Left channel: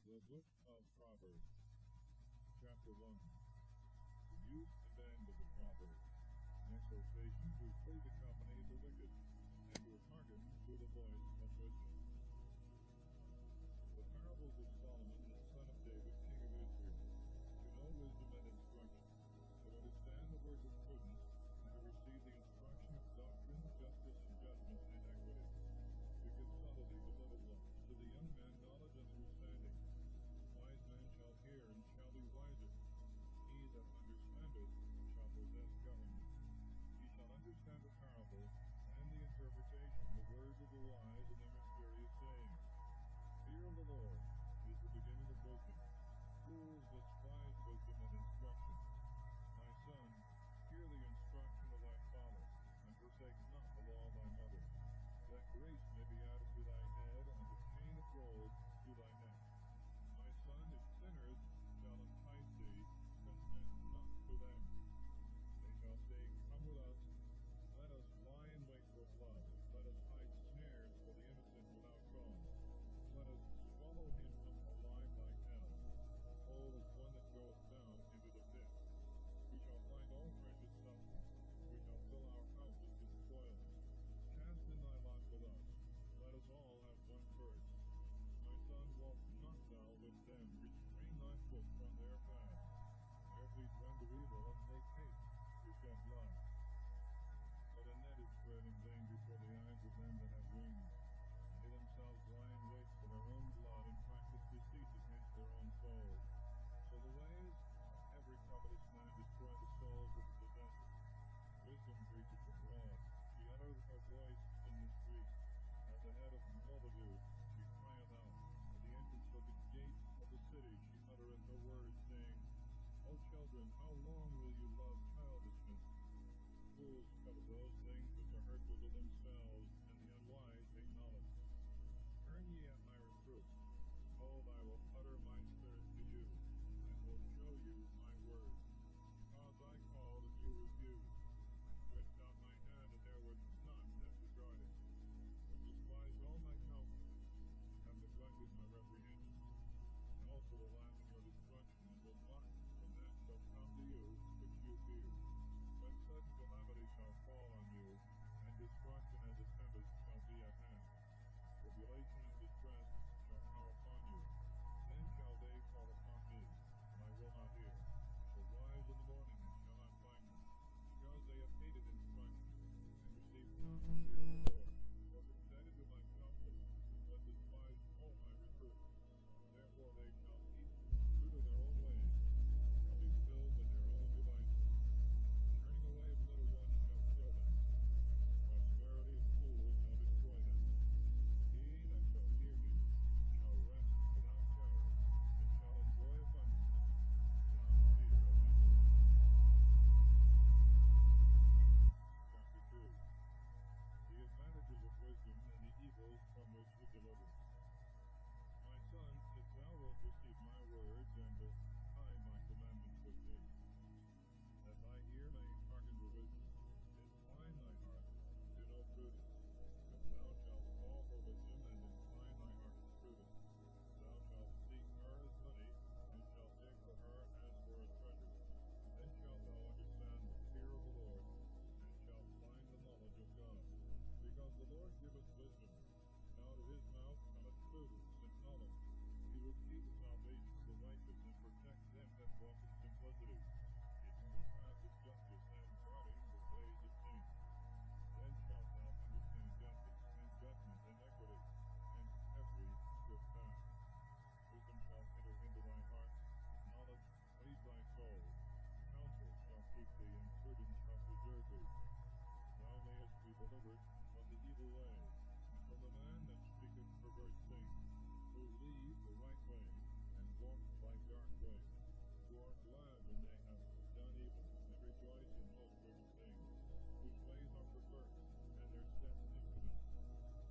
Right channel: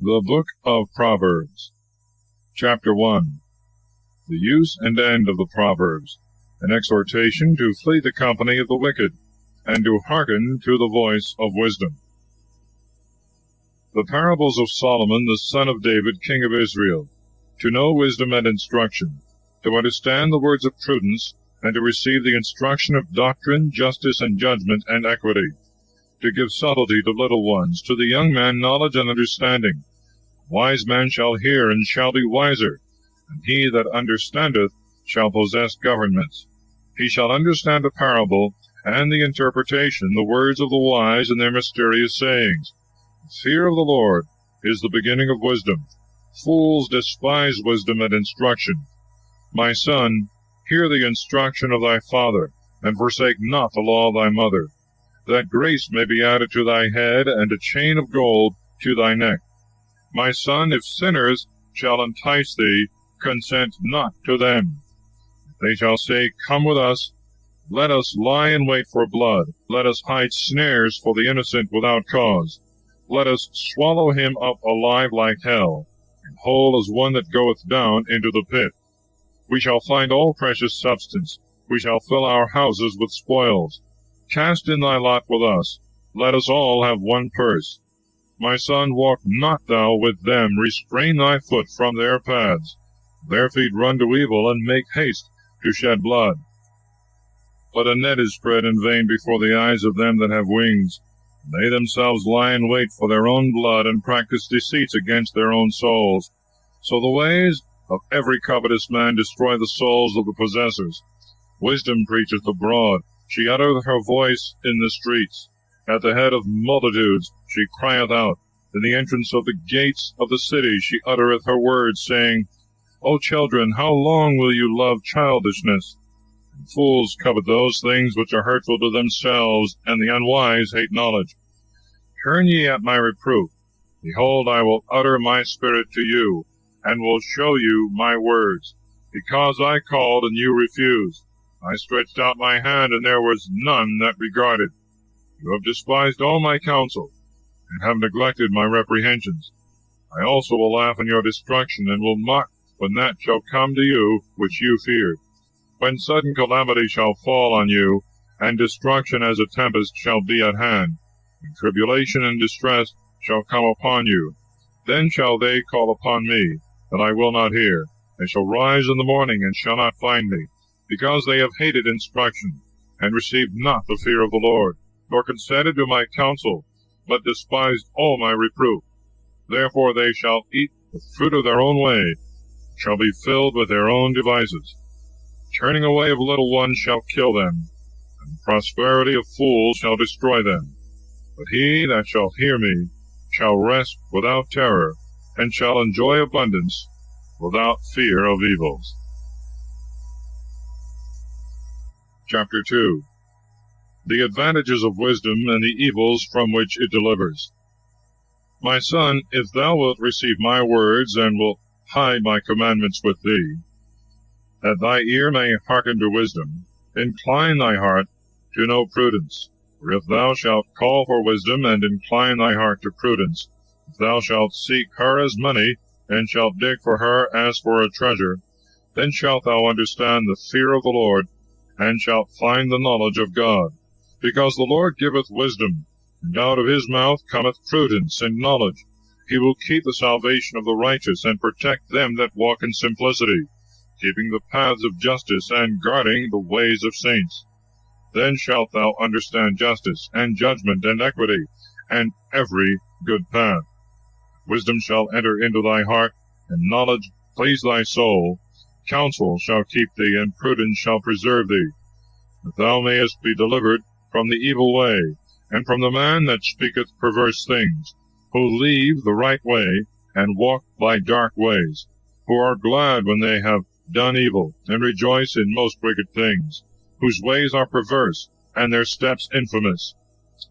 The Book of Proverbs, Chapter 1. The use and end of the Proverbs, an exhortation to flee the company of the wicked, and to hearken to the voice of wisdom. The parables of Solomon, the son of David, king of Israel, to know wisdom and instruction, to understand the words of prudence, and to receive the instruction of doctrine, justice, and judgment, and equity, to give subtlety to little ones, to the young man knowledge and understanding. Wise man shall hear, and shall be wiser, and he that understandeth shall possess governments. He shall understand a parable, and the interpretation, the words of the wise, and their mysterious sayings. The fear of the Lord is the beginning of wisdom. Fools despise wisdom and instruction. My son, hear the instruction of thy father, and forsake not the law of thy mother, that grace may be added to thy head, and a chain of gold to thy neck. My son, if sinners shall entice thee, consent not to them. They shall say, Come with us, let us lie in wait for blood, let us hide snares for the innocent without cause. Let us swallow him up alive like hell, and whole as one that goeth down into the pit. We shall find all precious substance, we shall fill our houses with spoils. Cast in thy lot with us, let us all have one purse. My son, walk not thou with them, restrain thy foot from their paths. Their feet run to evil, and make haste to shed blood. But a net is spread in vain before the eyes of them that have wings. They themselves lie in wait for their own blood, and practice deceits against their own souls. So the ways of every covetous man destroy the souls of the possessors. Wisdom preacheth abroad, she uttereth her voice in the streets. At the head of multitudes she crieth out. In the entrance of the gates of the city she uttereth her words, saying, O children, how long will you love childishness? And fools covet those things which are hurtful to themselves, and the unwise hate knowledge. Turn ye at my reproof. Behold, I will utter my spirit to you, and will show you my words. Because I called, and you refused. I stretched out my hand, and there was none that regarded. You have despised all my counsel, and have neglected my reprehensions. I also will laugh in your destruction, and will mock when that shall come to you which you feared. When sudden calamity shall fall on you, and destruction as a tempest shall be at hand, when tribulation and distress shall come upon you, then shall they call upon me, that I will not hear. They shall rise in the morning, and shall not find me, because they have hated instruction, and received not the fear of the Lord, nor consented to my counsel, but despised all my reproof. Therefore they shall eat the fruit of their own way, shall be filled with their own devices. Turning away of little ones shall kill them, and the prosperity of fools shall destroy them. But he that shall hear me shall rest without terror, and shall enjoy abundance without fear of evils. Chapter 2. The advantages of wisdom, and the evils from which it delivers. My son, if thou wilt receive my words, and wilt hide my commandments with thee, that thy ear may hearken to wisdom, incline thy heart to know prudence. For if thou shalt call for wisdom, and incline thy heart to prudence, if thou shalt seek her as money, and shalt dig for her as for a treasure, then shalt thou understand the fear of the Lord, and shalt find the knowledge of God. Because the Lord giveth wisdom, and out of his mouth cometh prudence and knowledge. He will keep the salvation of the righteous, and protect them that walk in simplicity, keeping the paths of justice, and guarding the ways of saints. Then shalt thou understand justice, and judgment, and equity, and every good path. Wisdom shall enter into thy heart, and knowledge please thy soul. Counsel shall keep thee, and prudence shall preserve thee, that thou mayest be delivered from the evil way, and from the man that speaketh perverse things, who leave the right way, and walk by dark ways, who are glad when they have done evil, and rejoice in most wicked things, whose ways are perverse, and their steps infamous,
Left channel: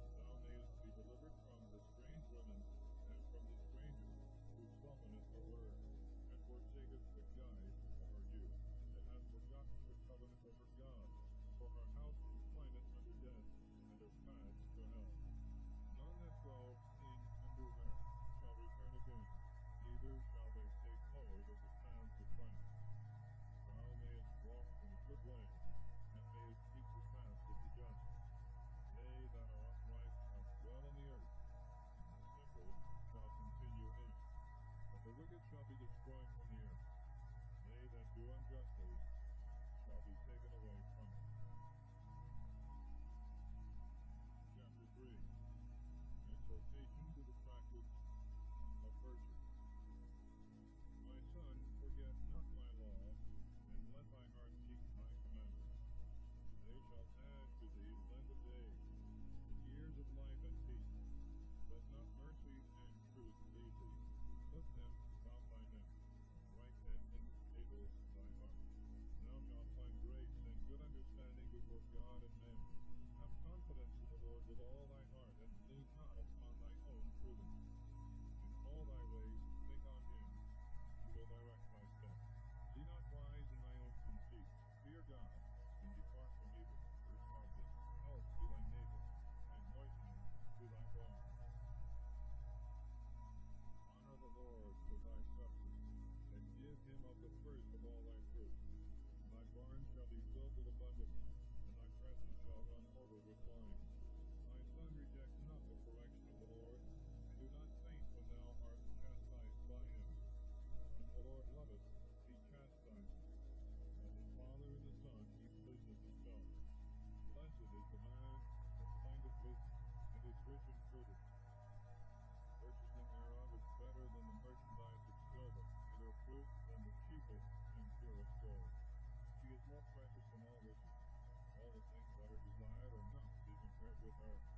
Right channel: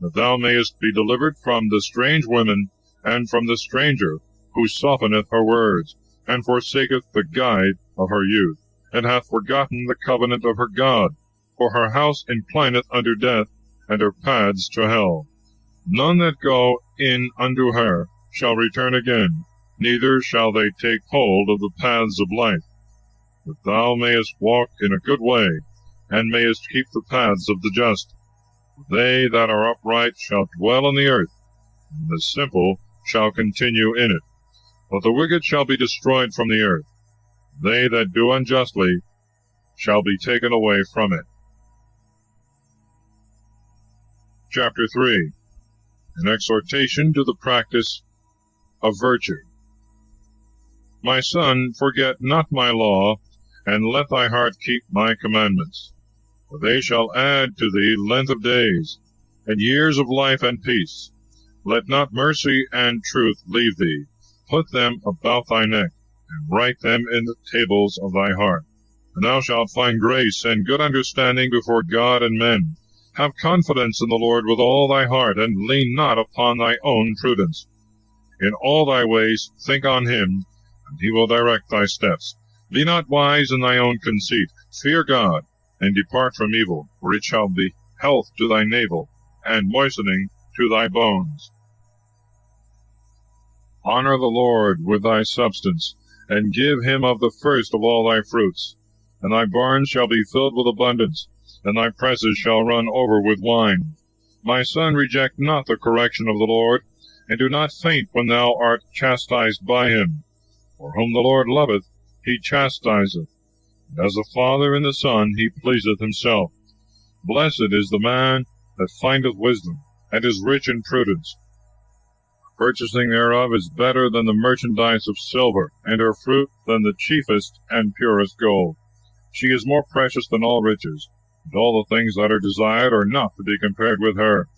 that thou mayest be delivered from the strange women, and from the stranger, who softeneth her words, and forsaketh the guide of her youth, and hath forgotten the covenant of her God. For her house inclineth unto death, and her paths to hell. None that go in unto her shall return again, neither shall they take hold of the paths of life. That thou mayest walk in a good way, and mayest keep the paths of the just. They that are upright shall dwell in the earth, and the simple shall continue in it. But the wicked shall be destroyed from the earth. They that do unjustly shall be taken away from it. Chapter 3. An exhortation to the practice of virtue. My son, forget not my law, and let thy heart keep my commandments. For they shall add to thee length of days, and years of life and peace. Let not mercy and truth leave thee. Put them about thy neck, and write them in the tables of thy heart. And thou shalt find grace and good understanding before God and men. Have confidence in the Lord with all thy heart, and lean not upon thy own prudence. In all thy ways think on him, and he will direct thy steps. Be not wise in thy own conceit. Fear God, and depart from evil, for it shall be health to thy navel, and moistening to thy bones. Honor the Lord with thy substance, and give him of the first of all thy fruits. And thy barns shall be filled with abundance, and thy presses shall run over with wine. My son, reject not the correction of the Lord, and do not faint when thou art chastised by him. For whom the Lord loveth, he chastiseth, and as the Father in the Son he pleaseth himself. Blessed is the man that findeth wisdom, and is rich in prudence. Purchasing thereof is better than the merchandise of silver, and her fruit than the chiefest and purest gold. She is more precious than all riches, and all the things that are desired are not to be compared with her.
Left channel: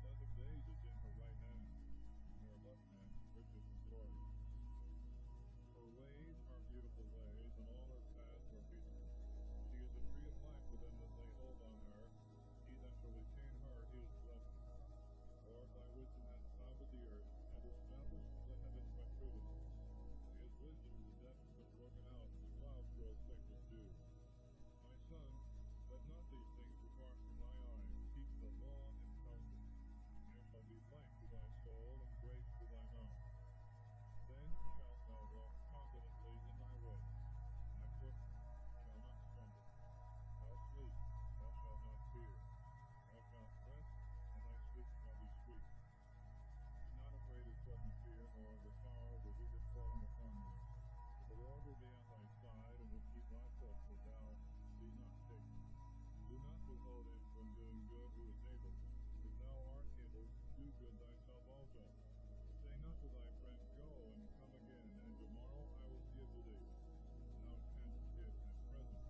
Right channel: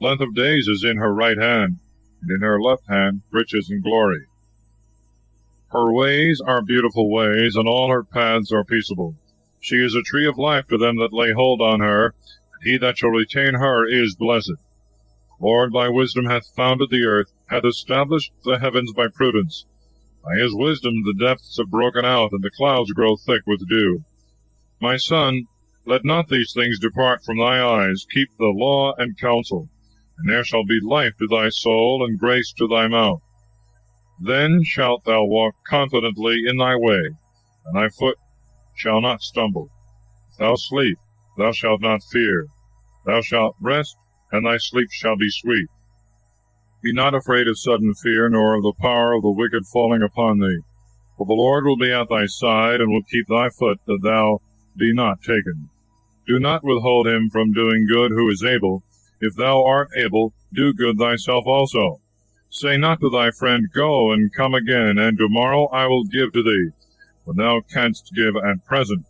Length of days is in her right hand, and in her left hand riches and glory. Her ways are beautiful ways, and all her paths are peaceable. She is a tree of life to them that lay hold on her, and he that shall retain her is blessed. The Lord by wisdom hath founded the earth, hath established the heavens by prudence. By his wisdom the depths have broken out, and the clouds grow thick with dew. My son, let not these things depart from thy eyes. Keep the law and counsel, and there shall be life to thy soul, and grace to thy mouth. Then shalt thou walk confidently in thy way, and thy foot shall not stumble. If thou sleep, thou shalt not fear. Thou shalt rest, and thy sleep shall be sweet. Be not afraid of sudden fear, nor of the power of the wicked falling upon thee. For the Lord will be at thy side, and will keep thy foot, that thou be not taken. Do not withhold him from doing good who is able. If thou art able, do good thyself also. Say not to thy friend, Go, and come again, and tomorrow I will give to thee, when thou canst give at present.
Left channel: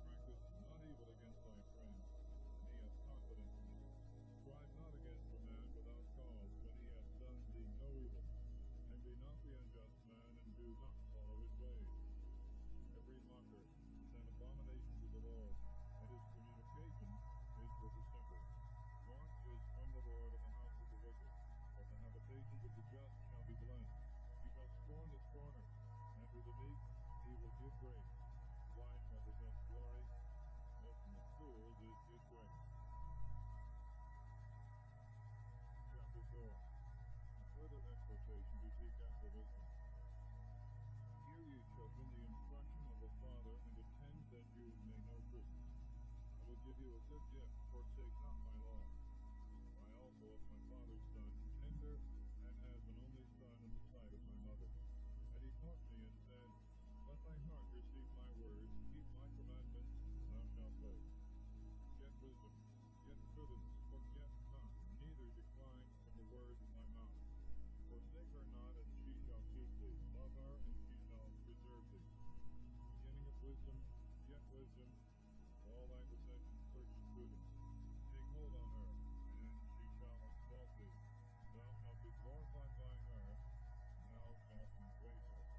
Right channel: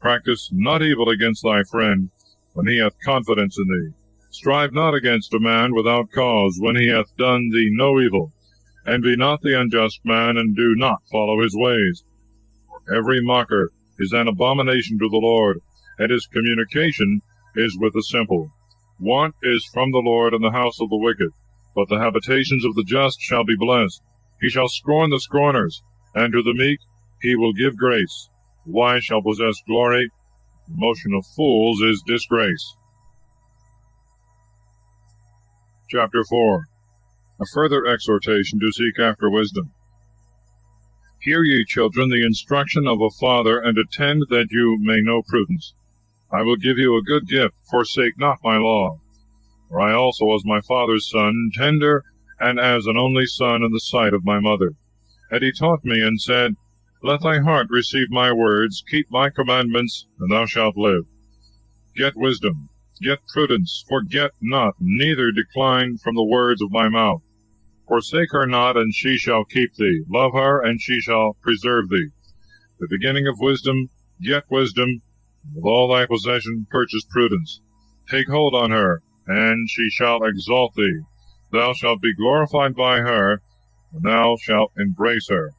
Practice not evil against thy friend, when he hath confidence in thee. Strive not against a man without cause, when he hath done thee no evil. Envy not the unjust man, and do not follow his ways. For every mocker is an abomination to the Lord, and his communication is with the simple. Want is from the Lord in the house of the wicked, but the habitations of the just shall be blessed. He shall scorn the scorners, and to the meek he will give grace. The wise shall possess glory. The motion of fools is disgrace. Chapter 4. A further exhortation to seek after wisdom. Hear ye, children, the instruction of a father, and attend that you may know prudence. I will give you a good gift, forsake not my law. For I also was my father's son, tender, and as an only son in the sight of my mother. And he taught me, and said, Let thy heart receive my words, keep my commandments, and thou shalt live. Get wisdom, get prudence, forget not, neither decline from the words of my mouth. Forsake her not, and she shall keep thee. Love her, and she shall preserve thee. The beginning of wisdom, get wisdom, and with all thy possession purchase prudence. Take hold on her, and she shall exalt thee. Thou shalt be glorified by her, and thou shalt embrace her.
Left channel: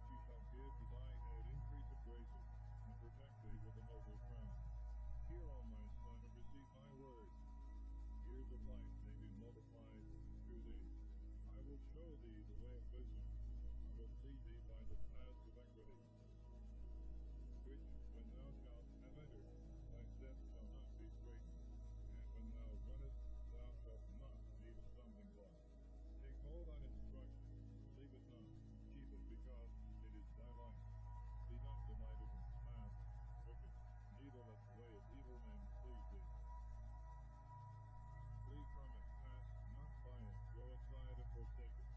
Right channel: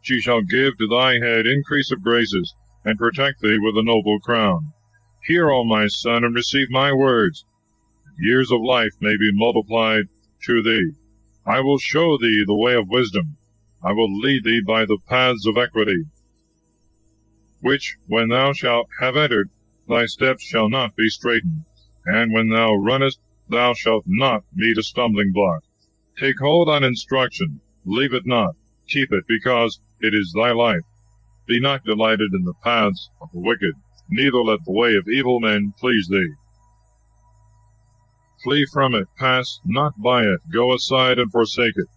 She shall give to thy head increase of graces, and protect thee with a noble crown. Hear, O my son, and receive my words. Years of life may be multiplied to thee. I will show thee the way of wisdom. I will lead thee by the paths of equity, which, when thou shalt have entered, thy steps shall not be straitened, and when thou runnest, thou shalt not meet a stumbling block. Take hold on instruction, leave it not, keep it, because it is thy life. Be not delighted in the paths of the wicked, neither let the way of evil men please thee. Flee from it, pass not by it, go aside and forsake it.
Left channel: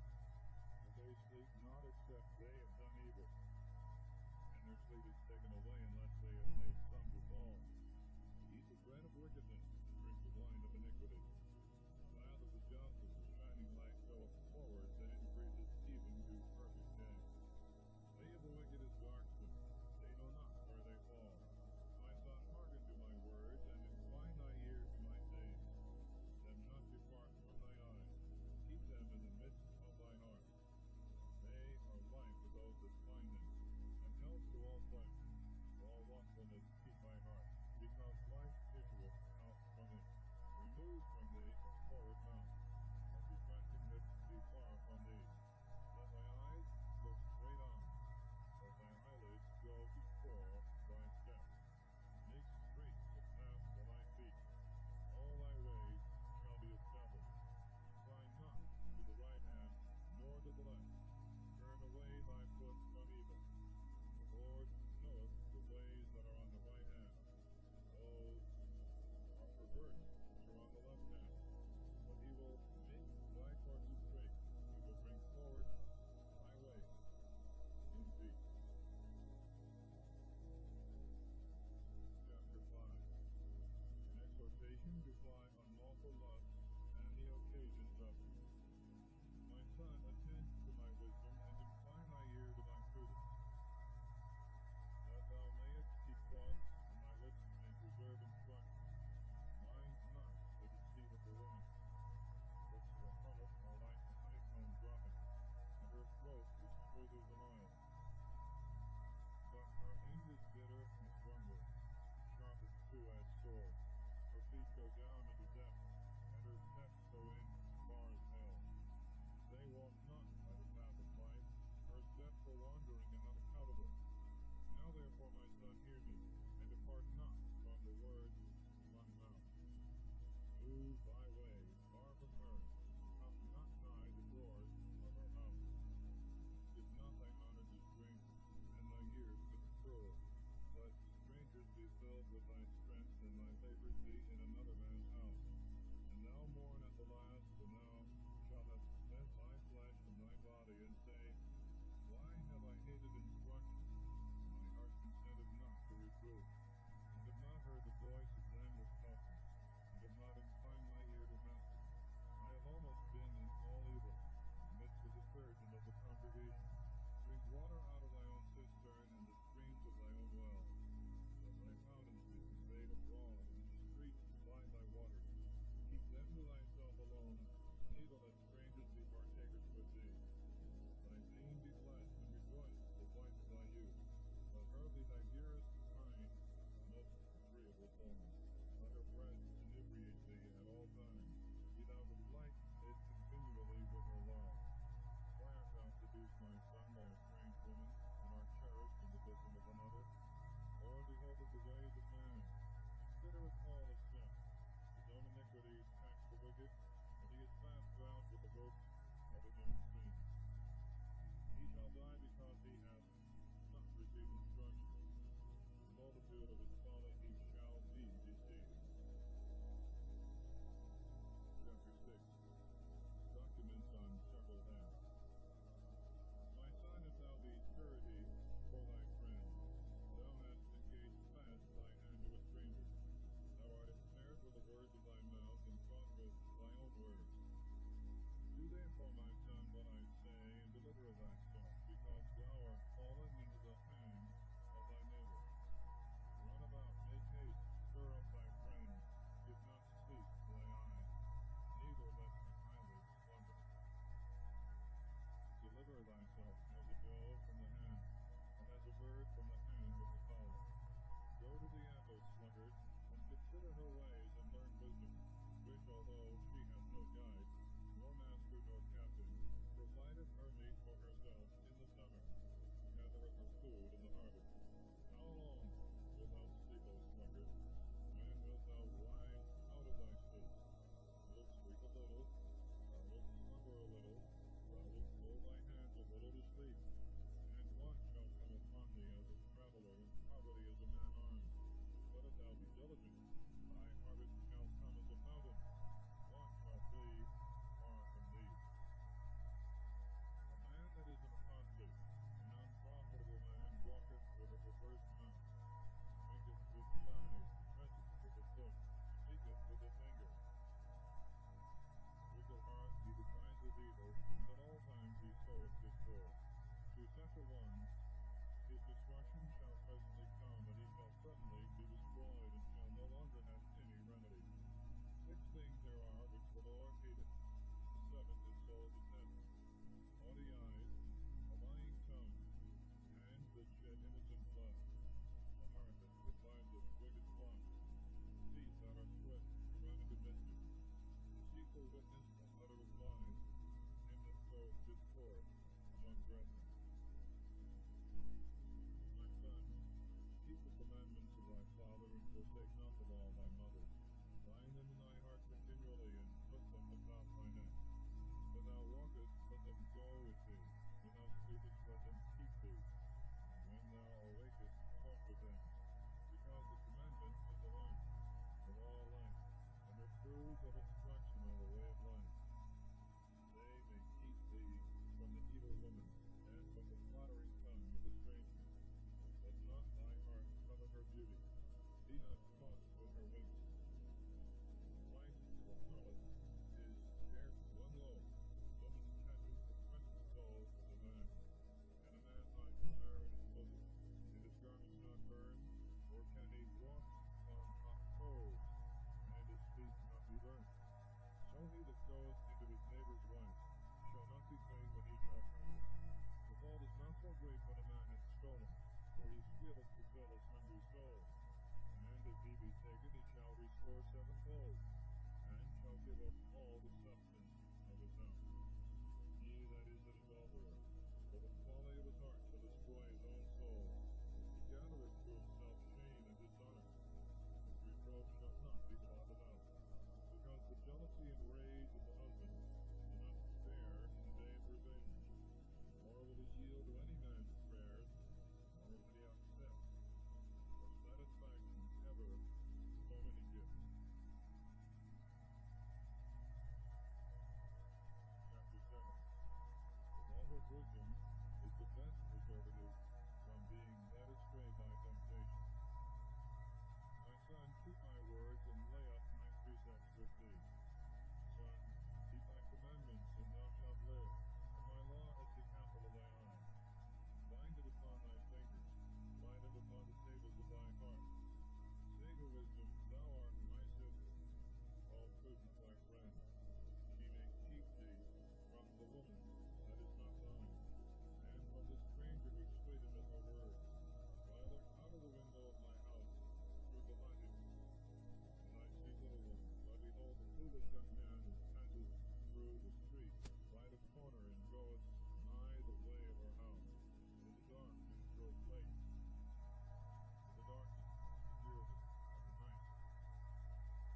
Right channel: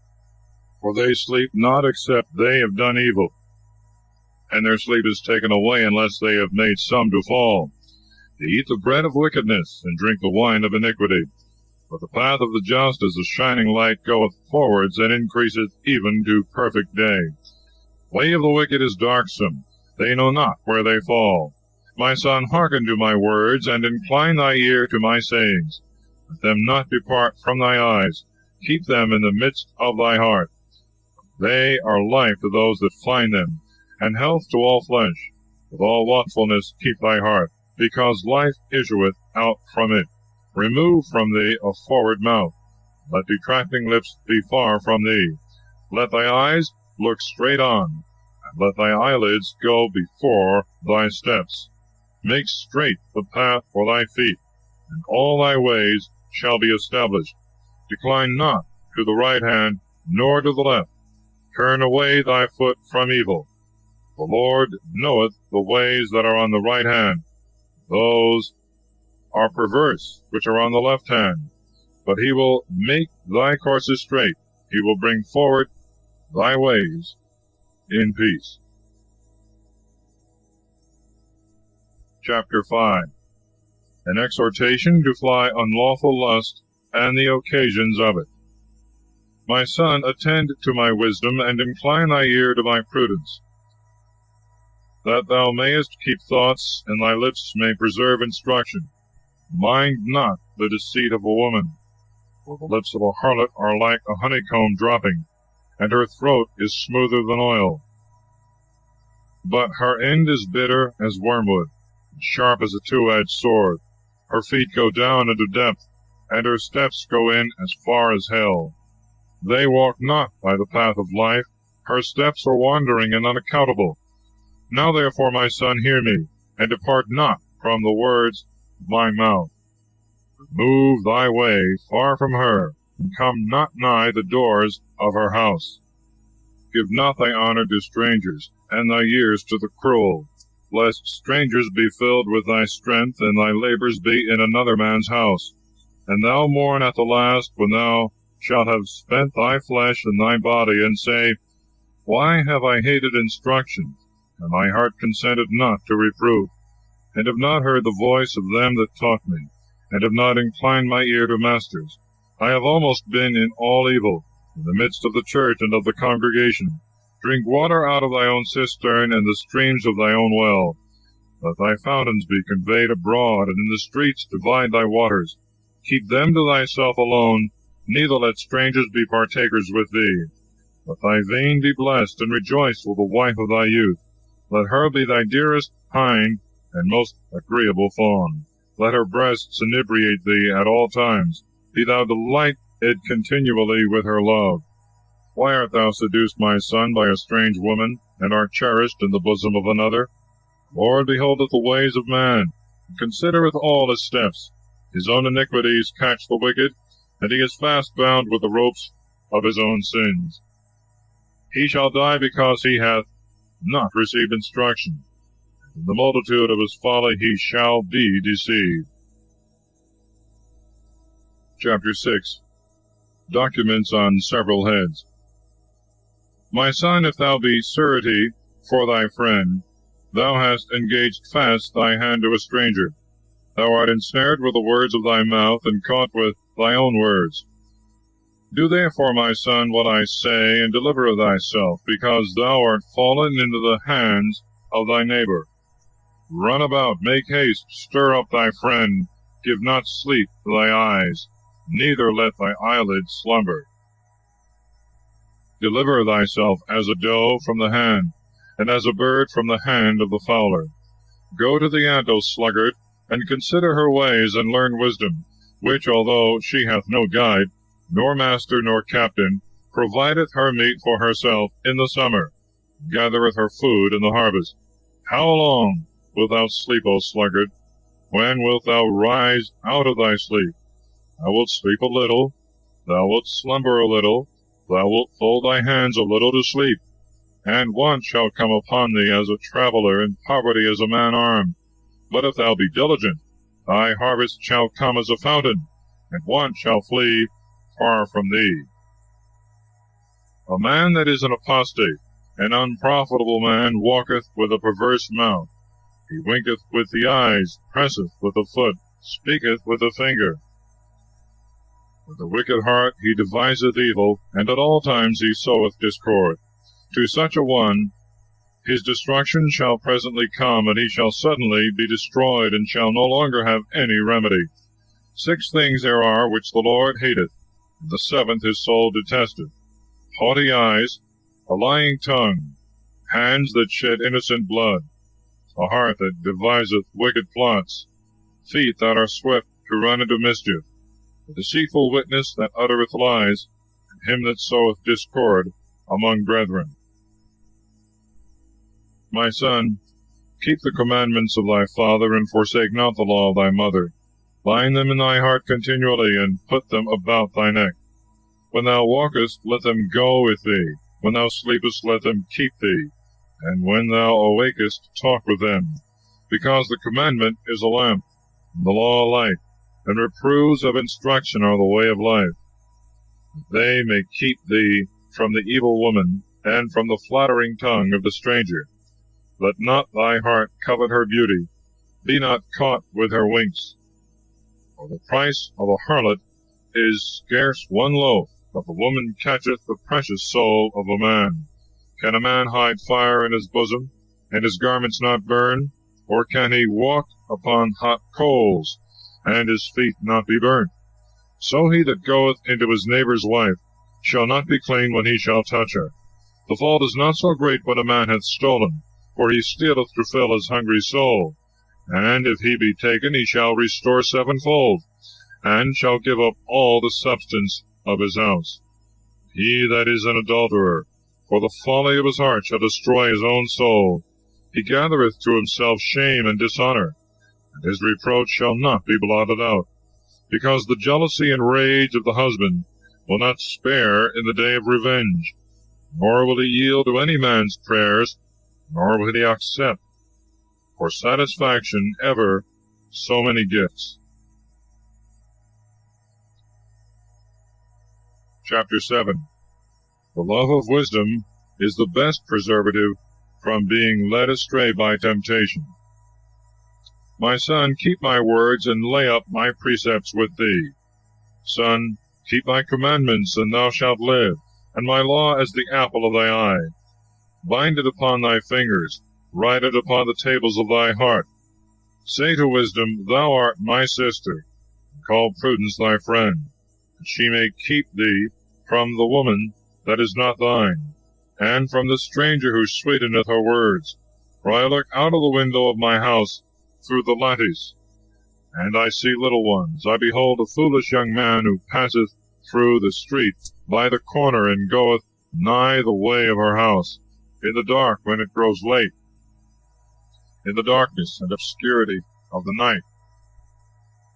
For they sleep not except they have done evil, and their sleep is taken away unless they have made some to fall. They eat the bread of wickedness, and drink the wine of iniquity. But the path of the just as a shining light goeth forwards, and increaseth even to perfect day. Way of the wicked is darksome, they know not where they fall. My son, hearken to my words, and incline thy ear to my sayings. Let them not depart from thy eyes, keep them in the midst of thy heart. They are life to those that find them, and health to all flesh. With all watchfulness keep thy heart, because life issueth out from it. Remove from thee a forward mouth. Let detracting lips be far from thee. Let thy eyes look straight on, and let thy eyelids go before thy steps. Make straight the path for thy feet, and all thy ways shall be established. Decline not to the right hand, nor to the left. Turn away thy foot from evil. The Lord knoweth the ways that are on the right hand. Those are perverse which are on the left hand. But he will make thy courses straight. He will bring forward thy ways in peace. Chapter 5. An exhortation to fly unlawful lust, and the occasions of it. My son, attend to my wisdom, and incline thy ear to my prudence, that thou mayest keep thoughts, and thy lips may preserve instruction. Mind not the deceit of a woman, for the lips of a harlot are like a honeycomb dropping, and her throat is smoother than oil. But her end is bitter as wormwood, and sharp as a two-edged sword. Her feet go down into depth, and her steps go in as far as hell. They walk not by the path of life, her steps are wandering and unaccountable. Now therefore, my son, hear me, and depart not from the words of my mouth. Move thy way far from her, and come not nigh the doors of her house. Give not thy honor to strangers, and thy years to the cruel, lest strangers be filled with thy strength, and thy labors be in another man's house. And thou mourn at the last, when thou shalt have spent thy flesh and thy body, and say, Why have I hated instruction, and my heart consented not to reproof, and have not heard the voice of them that taught me, and have not inclined my ear to masters? I have almost been in all evil, in the midst of the church and of the congregation. Drink water out of thy own cistern, and the streams of thy own well. Let thy fountains be conveyed abroad, and in the streets divide thy waters. Keep them to thyself alone, neither let strangers be partakers with thee. Let thy vein be blessed, and rejoice with the wife of thy youth. Let her be thy dearest hind, and most agreeable fawn. Let her breasts inebriate thee at all times. Be thou delighted continually with her love. Why art thou seduced, my son, by a strange woman, and art cherished in the bosom of another? The Lord beholdeth the ways of man, and considereth all his steps. His own iniquities catch the wicked, and he is fast bound with the ropes of his own sins. He shall die because he hath not received instruction. In the multitude of his folly he shall be deceived. Chapter 6. Documents on several heads. My son, if thou be surety for thy friend, thou hast engaged fast thy hand to a stranger. Thou art ensnared with the words of thy mouth, and caught with thy own words. Do therefore, my son, what I say, and deliver thyself, because thou art fallen into the hands of thy neighbor. Run about, make haste, stir up thy friend, give not sleep to thy eyes, neither let thy eyelids slumber. Deliver thyself as a doe from the hand, and as a bird from the hand of the fowler. Go to the ant, O sluggard, and consider her ways, and learn wisdom, which, although she hath no guide, nor master, nor captain, provideth her meat for herself in the summer, gathereth her food in the harvest. How long wilt thou sleep, O sluggard? When wilt thou rise out of thy sleep? Thou wilt sleep a little, Thou wilt slumber a little, thou wilt fold thy hands a little to sleep, and want shall come upon thee as a traveller, and poverty as a man armed. But if thou be diligent, thy harvest shall come as a fountain, and want shall flee far from thee. A man that is an apostate, an unprofitable man, walketh with a perverse mouth. He winketh with the eyes, presseth with the foot, speaketh with the finger. With a wicked heart he deviseth evil, and at all times he soweth discord. To such a one his destruction shall presently come, and he shall suddenly be destroyed, and shall no longer have any remedy. 6 things there are which the Lord hateth, and the 7th his soul detesteth: haughty eyes, a lying tongue, hands that shed innocent blood, a heart that deviseth wicked plots, feet that are swift to run into mischief, a deceitful witness that uttereth lies, and him that soweth discord among brethren. My son, keep the commandments of thy father, and forsake not the law of thy mother. Bind them in thy heart continually, and put them about thy neck. When thou walkest, let them go with thee. When thou sleepest, let them keep thee. And when thou awakest, talk with them. Because the commandment is a lamp, and the law a light, and reproofs of instruction are the way of life. They may keep thee from the evil woman, and from the flattering tongue of the stranger. Let not thy heart covet her beauty. Be not caught with her winks. For the price of a harlot is scarce 1 loaf, but the woman catcheth the precious soul of a man. Can a man hide fire in his bosom, and his garments not burn? Or can he walk upon hot coals, and his feet not be burnt? So he that goeth into his neighbour's wife shall not be clean when he shall touch her. The fault is not so great when a man hath stolen, for he stealeth to fill his hungry soul. And if he be taken, he shall restore 7-fold, and shall give up all the substance of his house. He that is an adulterer, for the folly of his heart, shall destroy his own soul. He gathereth to himself shame and dishonour, and his reproach shall not be blotted out. Because the jealousy and rage of the husband will not spare in the day of revenge, nor will he yield to any man's prayers, nor will he accept for satisfaction ever so many gifts. Chapter 7. The love of wisdom is the best preservative from being led astray by temptation. My son, keep my words, and lay up my precepts with thee. Son, keep my commandments, and thou shalt live, and my law as the apple of thy eye. Bind it upon thy fingers, write it upon the tables of thy heart. Say to wisdom, Thou art my sister, and call prudence thy friend, that she may keep thee from the woman that is not thine, and from the stranger who sweeteneth her words. For I look out of the window of my house through the lattice, and I see little ones. I behold a foolish young man who passeth through the street by the corner, and goeth nigh the way of her house, in the dark when it grows late, in the darkness and obscurity of the night.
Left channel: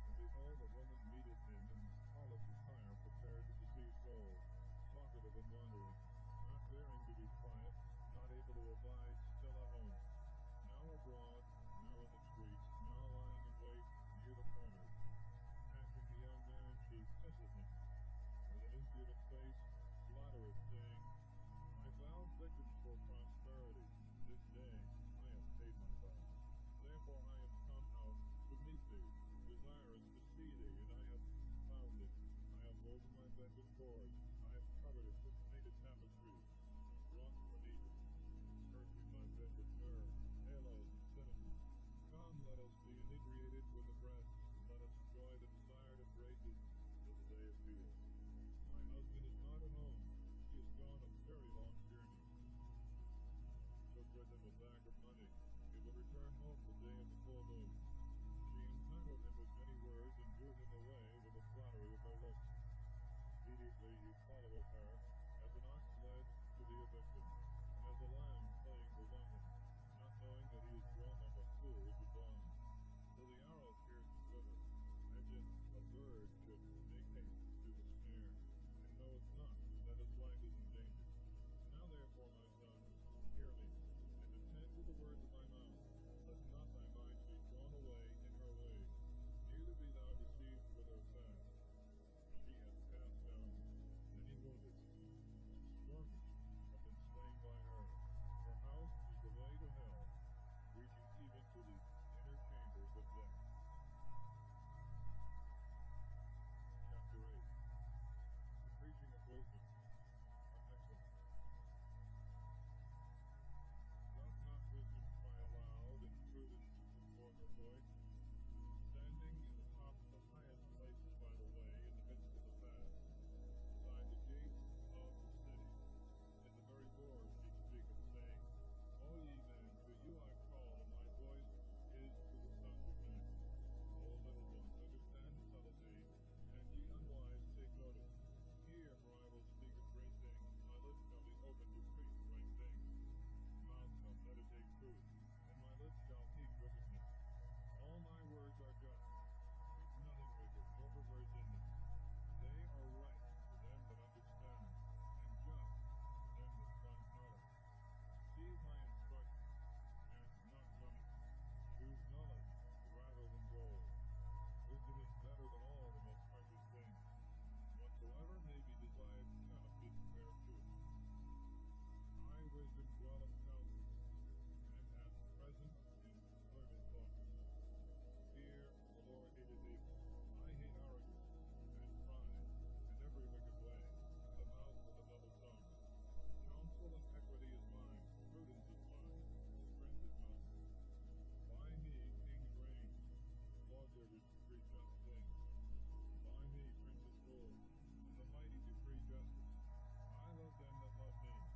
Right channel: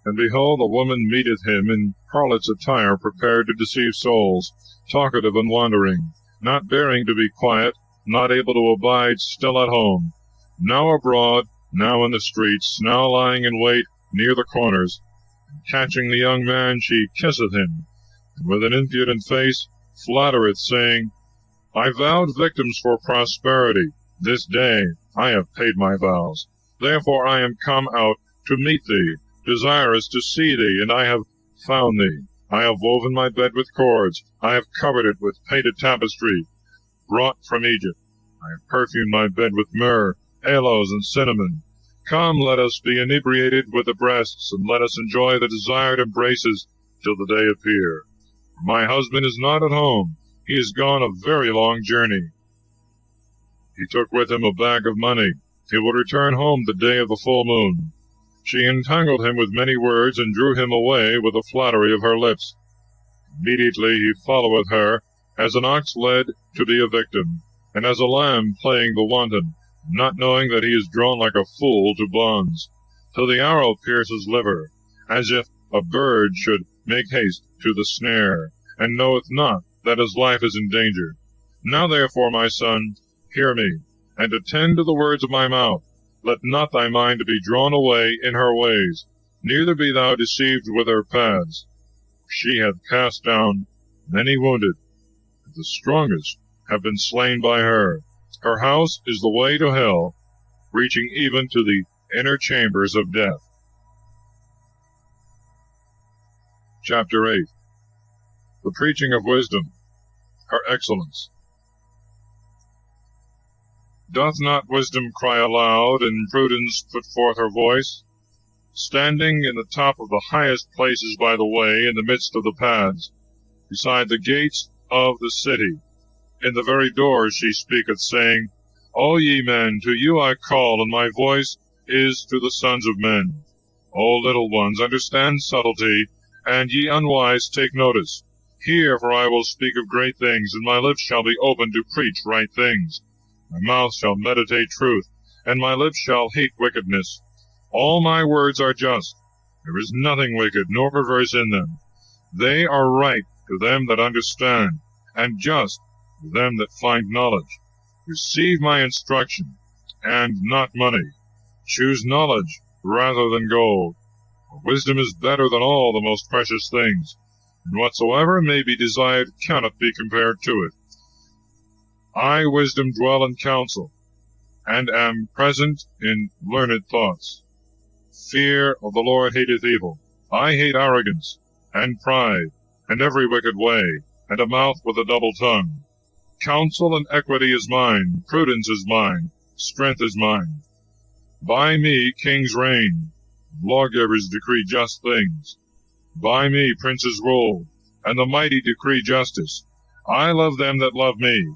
And behold, a woman meeteth him in harlot's attire, prepared to deceive souls, talkative and wandering, not bearing to be quiet, not able to abide still at home, now abroad, now in the streets, now lying in wait near the corners. And catching the young man, she kisseth him, and with an impudent face flattereth, saying, I vowed victims for prosperity. This day I have paid my vows. Therefore I am come out to meet thee, desirous to see thee, and I have found thee. I have woven my bed with cords. I have covered it with painted tapestry, brought from Egypt. I have perfumed my bed with myrrh, aloes, and cinnamon. Come, let us be inebriated with the breasts, and let us enjoy the desired embraces till the day appear. For my husband is not at home. He is gone a very long journey. He took with him a bag of money. He will return home the day of the full moon. She entangled him with many words, and drew him away with the flattery of her lips. Immediately he followeth her, as an ox led to be a victim, and as a lamb playing the wanton, not knowing that he is drawn like a fool to bonds, till the arrow pierce his liver, as if a bird should make haste to the snare, and knoweth not that his life is in danger. Now therefore, my son, hear me, and attend to the words of my mouth. Let not thy mind be drawn away in her ways, neither be thou deceived with her paths. She hath cast down many wounded, and the strongest have been slain by her. Her house is the way to hell, reaching even to the inner chambers of death. Chapter 8. The preaching of wisdom, her excellence. Doth not wisdom cry aloud, and prudence put forth her voice? Standing in the top of the highest places by the way, in the midst of the paths, beside the gates of the city, in the very doors she speaketh, saying, O ye men, to you I call, and my voice is to the sons of men. O little ones, understand subtlety, and ye unwise, take notice. Hear, for I will speak of great things, and my lips shall be open to preach right things. My mouth shall meditate truth, and my lips shall hate wickedness. All my words are just. There is nothing wicked, nor perverse in them. They are right to them that understand, and just to them that find knowledge. Receive my instruction, and not money. Choose knowledge rather than gold. For wisdom is better than all the most precious things, and whatsoever may be desired cannot be compared to it. I, wisdom, dwell in counsel, and am present in learned thoughts. Fear of the Lord hateth evil. I hate arrogance, and pride, and every wicked way, and a mouth with a double tongue. Counsel and equity is mine, prudence is mine, strength is mine. By me kings reign, lawgivers decree just things. By me princes rule, and the mighty decree justice. I love them that love me.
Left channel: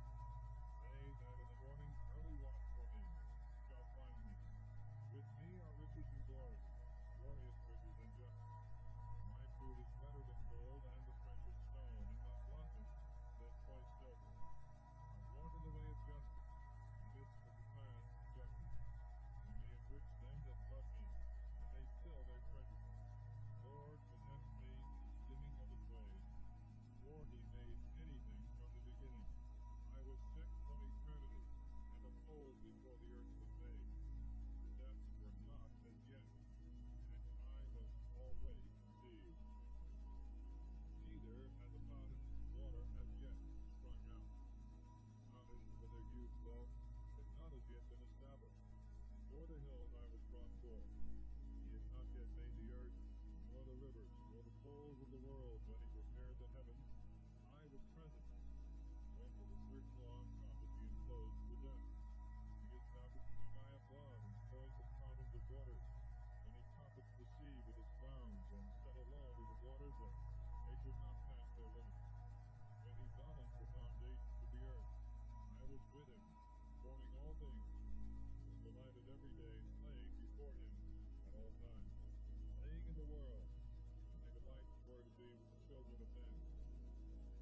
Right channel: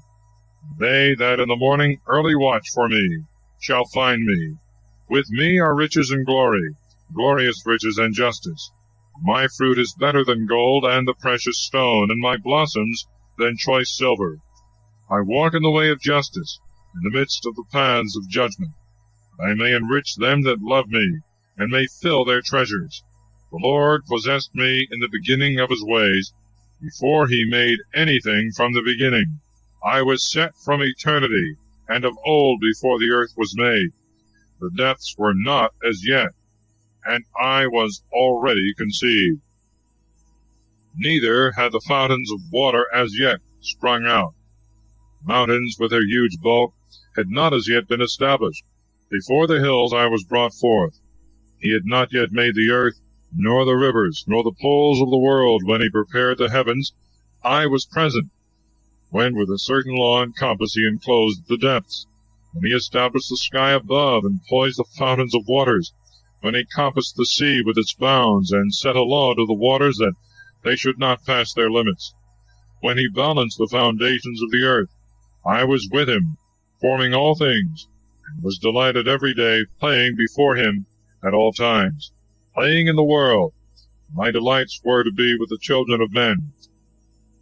They that in the morning early watch for me shall find me. With me are riches and glory, glorious riches and justice. My fruit is better than gold and the precious stone, and my blossoms than choice silver. I walk in the way of justice, in the midst of the paths of judgment. I may enrich them that love me, and may fill their treasures. The Lord possessed me in the beginning of his ways, before he made anything from the beginning. I was set from eternity, and of old before the earth was made. The depths were not as yet, and I was already conceived. Neither had the fountains of water as yet sprung out. Mountains with their huge bulk had not as yet been established. Before the hills I was brought forth. He had not yet made the earth, nor the rivers, nor the poles of the world. When he prepared the heavens, I was present. When with a certain law and compass he enclosed the depths. When he established the sky above, and poised the fountains of waters. When he compassed the sea with its bounds, and set a law to the waters that they should not pass their limits. When he balanced the foundations of the earth, I was with him, forming all things, and was delighted every day, playing before him at all times, playing in the world. My delights were to be with the children of men.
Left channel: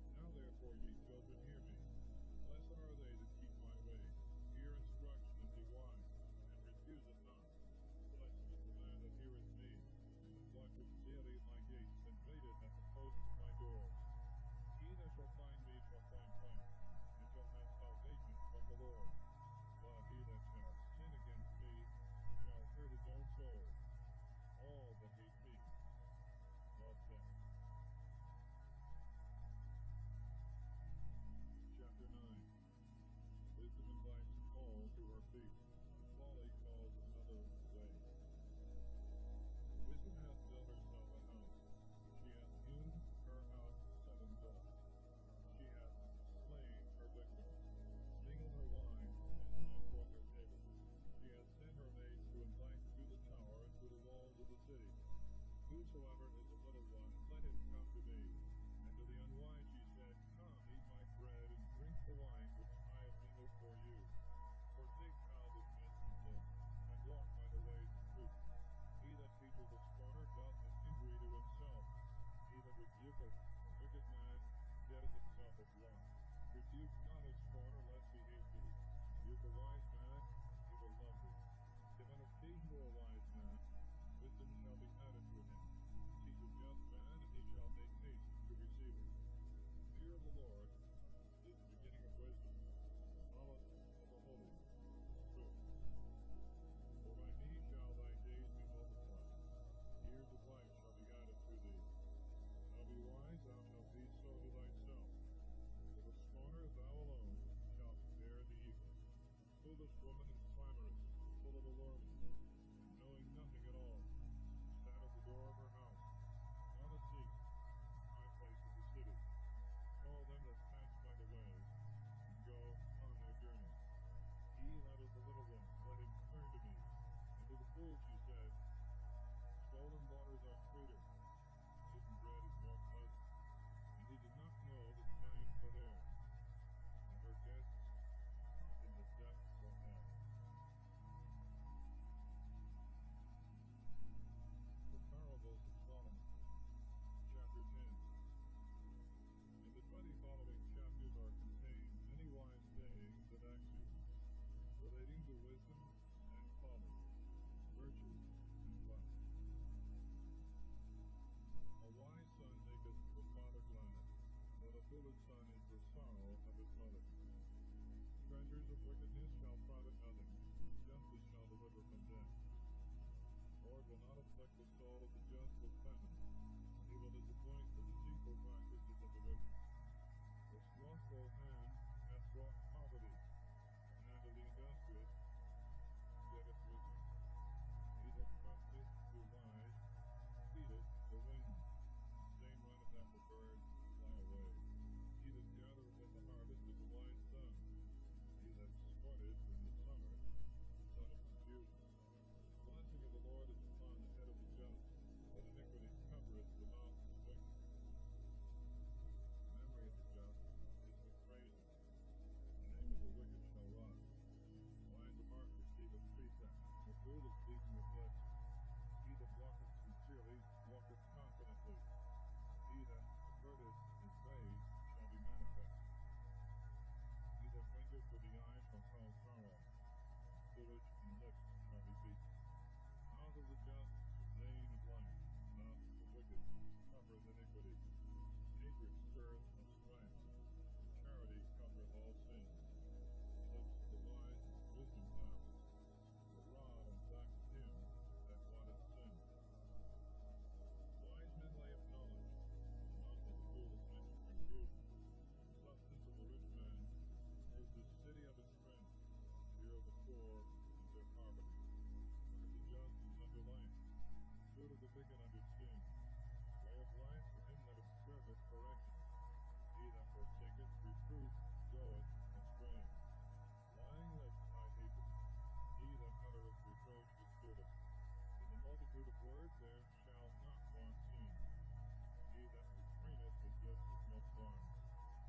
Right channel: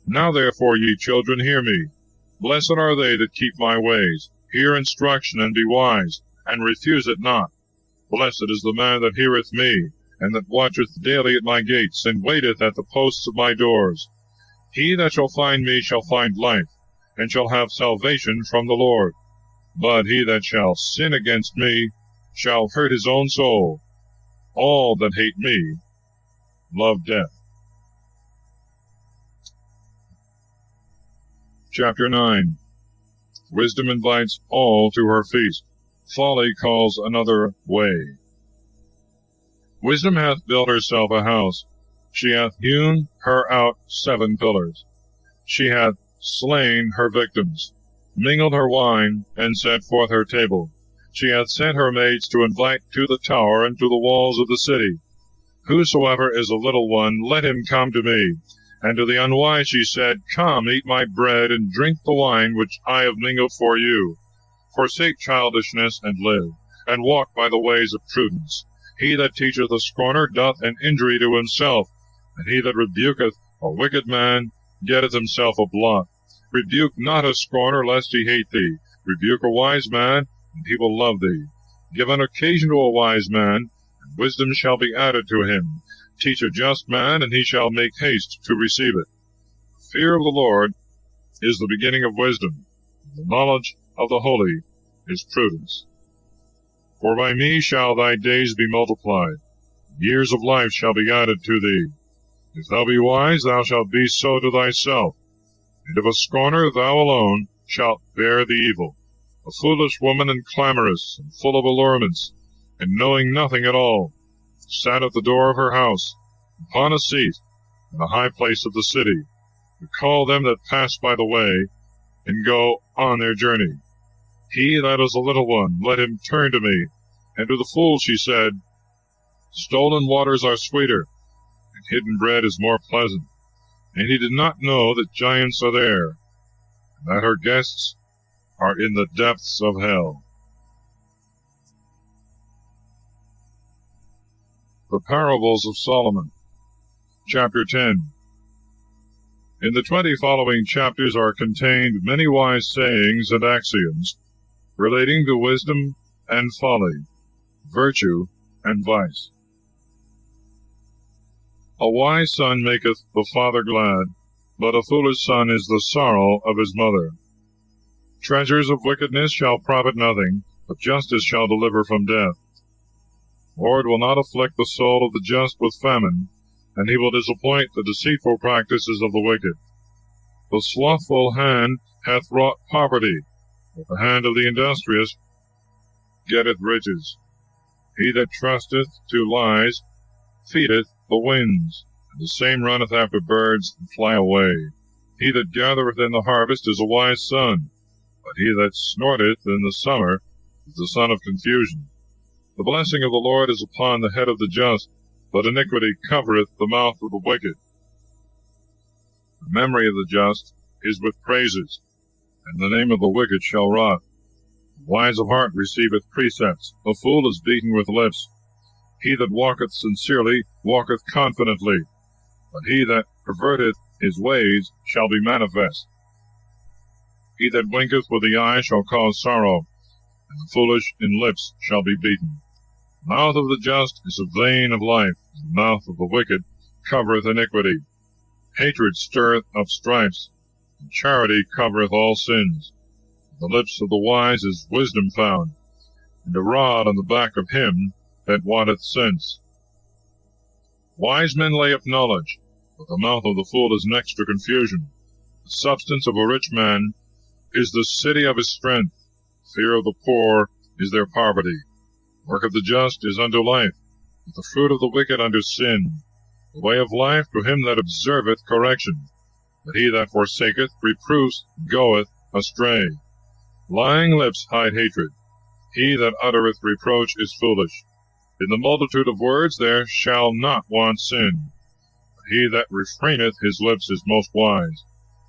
Now therefore, ye children, hear me. Blessed are they that keep my ways. Hear instruction, and be wise, and refuse it not. Blessed is the man that heareth me, and that watcheth daily at my gates, and waiteth at the posts of my doors. He that shall find me shall find life, and shall have salvation from the Lord. But he that shall sin against me shall hurt his own soul. All that hate me love death. Chapter 9. Wisdom invites all to her feast. Folly calls another way. Wisdom hath built herself a house. She hath hewn her out 7 pillars. She hath slain her victims, mingled her wine, and set forth her table. She hath sent her maids to invite to the tower and to the walls of the city. Whosoever is a little one, let him come to me. And to the unwise she said, Come, eat my bread, and drink the wine which I have mingled for you. Forsake childishness, and live, and walk by the ways of prudence. He that teacheth a scorner doth an injury to himself, and he that rebuketh a wicked man getteth himself a blot. Rebuke not a scorner, lest he hate thee. Rebuke a wise man, and he will love thee. Give an occasion to a wise man, and wisdom shall be added to him. Teach a just man, and he shall make haste to receive it. Fear of the Lord is the beginning of wisdom. The knowledge of the holy is prudence. For by me shall thy days be multiplied, years of life shall be added to thee. If thou be wise, thou shalt be so to thyself, and if a scorner, thou alone shalt bear the evil. A foolish woman, and clamorous, and full of allurements, and knowing nothing at all, sat at the door of her house, upon a seat, in the high place of the city, to call them that pass by the way, and go on their journey. He that is a little one, let him turn to me. And to the fool she said, Stolen waters are sweeter, and hidden bread is more pleasant. And he did not know that giants are there, and that her guests are in the depths of hell. The Parables of Solomon, Chapter 10. In the 20 following chapters are contained many wise sayings and axioms relating to wisdom and folly, virtue and vice. A wise son maketh the father glad, but a foolish son is the sorrow of his mother. Treasures of wickedness shall profit nothing, but justice shall deliver from death. The Lord will not afflict the soul of the just with famine, and he will disappoint the deceitful practices of the wicked. The slothful hand hath wrought poverty, but the hand of the industrious getteth riches. He that trusteth to lies feedeth the winds, and the same runneth after birds and fly away. He that gathereth in the harvest is a wise son, but he that snorteth in the summer is the son of confusion. The blessing of the Lord is upon the head of the just, but iniquity covereth the mouth of the wicked. The memory of the just is with praises, and the name of the wicked shall rot. The wise of heart receiveth precepts, the fool is beaten with lips. He that walketh sincerely walketh confidently, but he that perverteth his ways shall be manifest. He that winketh with the eye shall cause sorrow, and the foolish in lips shall be beaten. The mouth of the just is a vein of life, and the mouth of the wicked covereth iniquity. Hatred stirreth up strifes, and charity covereth all sins. In the lips of the wise is wisdom found, and a rod on the back of him that wanteth sense. Wise men lay up knowledge, but the mouth of the fool is next to confusion. The substance of a rich man is the city of his strength. Fear of the poor is their poverty. Work of the just is unto life, but the fruit of the wicked unto sin. The way of life to him that observeth correction, but he that forsaketh reproofs goeth astray. Lying lips hide hatred. He that uttereth reproach is foolish. In the multitude of words there shall not want sin, but he that refraineth his lips is most wise.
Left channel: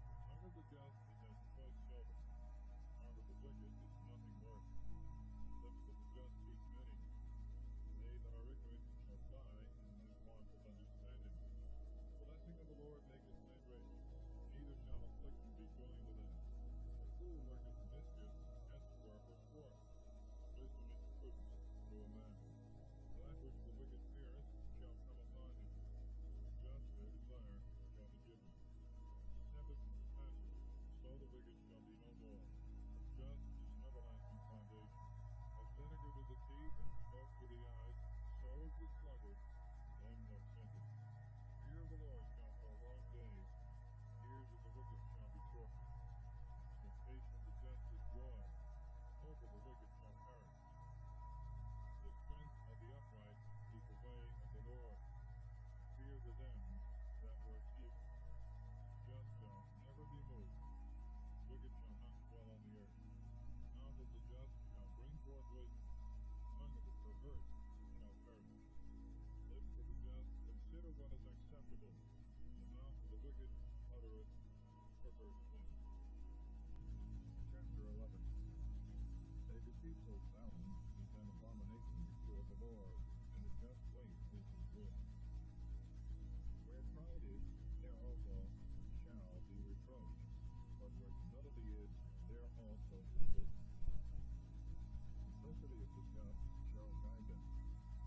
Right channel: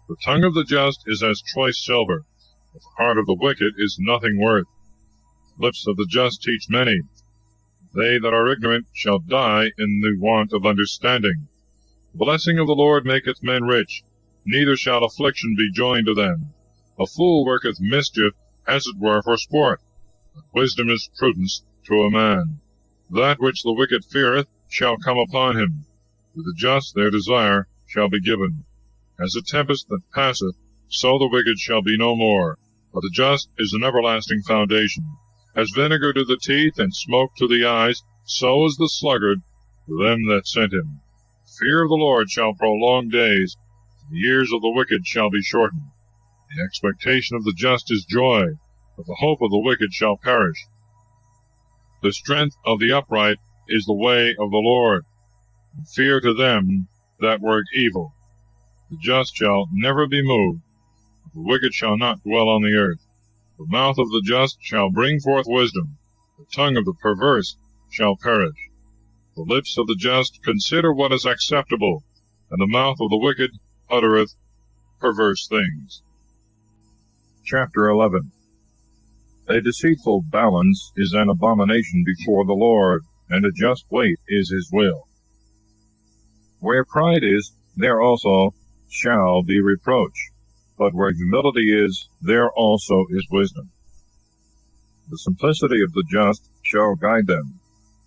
The tongue of the just is as choice silver, but the heart of the wicked is nothing worth. The lips of the just teach many. They that are ignorant shall die in the want of understanding. The blessing of the Lord maketh men rich, neither shall affliction be joined to them. A fool worketh mischief, as it were for sport, but wisdom is prudence to a man. That which the wicked feareth shall come upon him. To the just their desire shall be given. As a tempest that passeth, so the wicked shall be no more, but the just is an everlasting foundation. As vinegar to the teeth, and smoke to the eyes, so is the sluggard to them that sent him. Fear of the Lord shall prolong days, and the years of the wicked shall be shortened. The expectation of the just is joy, but the hope of the wicked shall perish. The strength of the upright is the way of the Lord, and fear to them that work evil. The just shall never be moved, but the wicked shall not dwell on the earth. The mouth of the just shall bring forth wisdom, the tongue of the perverse shall perish. The lips of the just consider what is acceptable, and the mouth of the wicked uttereth perverse things. Chapter 11. A deceitful balance is an abomination before the Lord, and a just weight is his will. Where pride is, there also shall be reproach, but where humility is, there also is wisdom. The simplicity of the just shall guide them,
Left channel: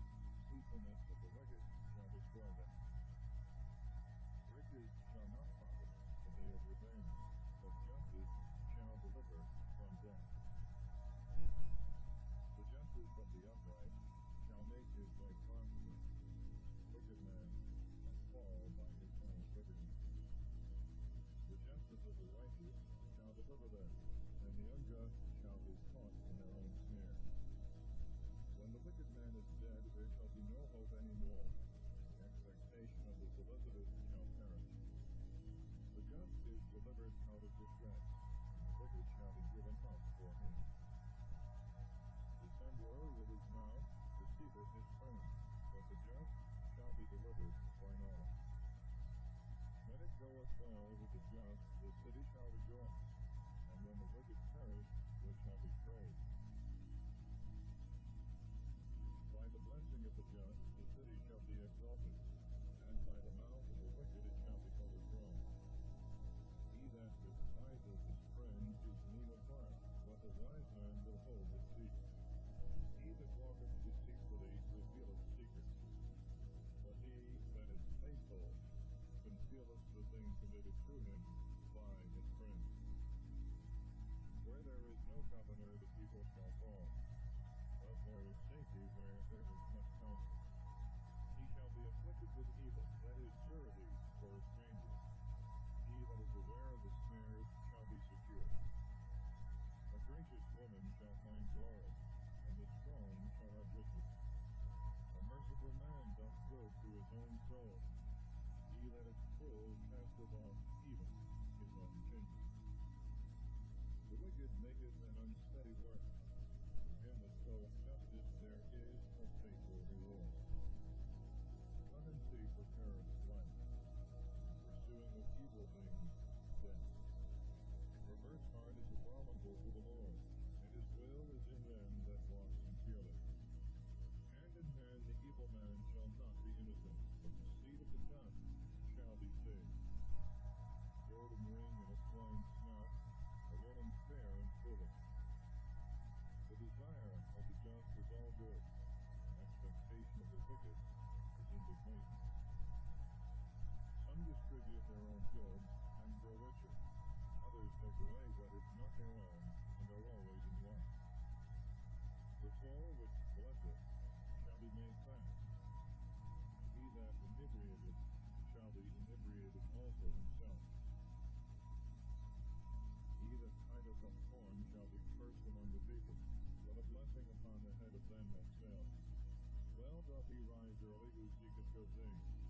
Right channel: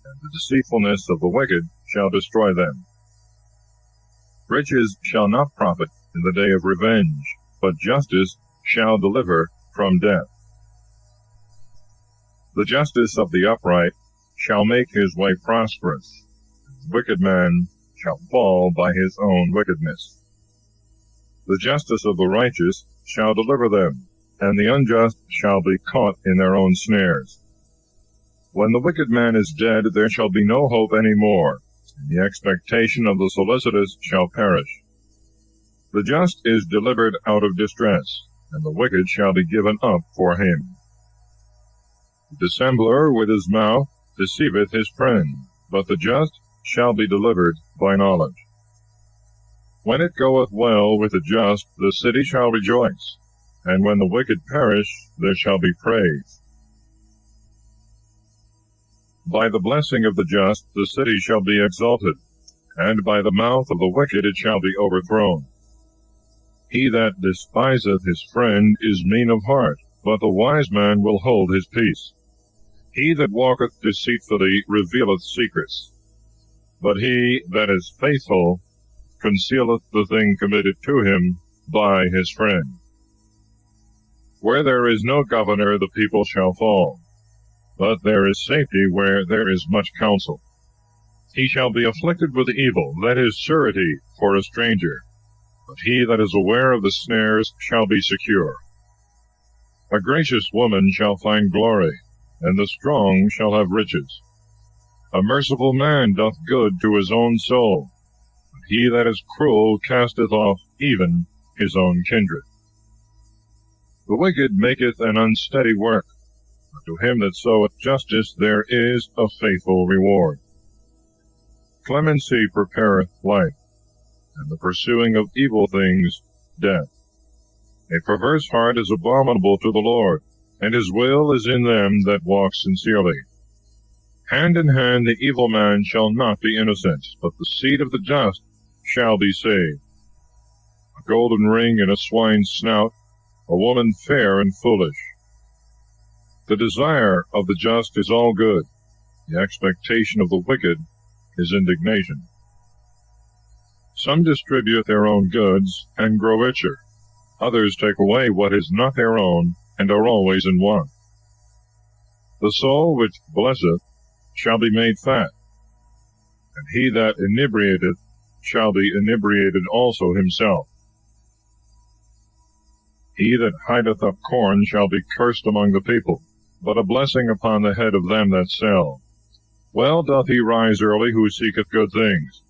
and the deceitfulness of the wicked shall destroy them. Riches shall not profit, in the day of revenge, but justice shall deliver from death. The justice of the upright shall make his way prosperous. The wicked man shall fall by his own wickedness. The justice of the righteous shall deliver them, and the unjust shall be caught in their own snares. When the wicked man is dead, there shall be no hope any more, and the expectation of the solicitous shall perish. The just is delivered out of distress, and the wicked shall be given up for him. The dissembler with his mouth deceiveth his friend, but the just shall be delivered by knowledge. When it goeth well with the just, the city shall rejoice, and when the wicked perish, there shall be praise. By the blessing of the just the city shall be exalted, and by the mouth of the wicked it shall be overthrown. He that despiseth his friend is mean of heart, but the wise man will hold his peace. He that walketh deceitfully revealeth secrets, but he that is faithful concealeth the thing committed to him by his friend. Where there is no governor, the people shall fall, but there is safety where there is much counsel. He shall be afflicted with evil, that is surety for a stranger, but he that is aware of the snares shall be secure. A gracious woman shall find glory, and the strong shall have riches. A merciful man doth good to his own soul, but he that is cruel casteth off even his own kindred. The wicked maketh an unsteady work, but to him that soweth justice there is a faithful reward. Clemency prepareth life, and the pursuing of evil things death. A perverse heart is abominable to the Lord, and his will is in them that walk sincerely. Hand in hand the evil man shall not be innocent, but the seed of the just shall be saved. A golden ring in a swine's snout, a woman fair and foolish. The desire of the just is all good, the expectation of the wicked is indignation. Some distribute their own goods and grow richer. Others take away what is not their own, and are always in want. The soul which blesseth shall be made fat, and he that inebriateth shall be inebriated also himself. He that hideth up corn shall be cursed among the people, but a blessing upon the head of them that sell. Well doth he rise early who seeketh good things,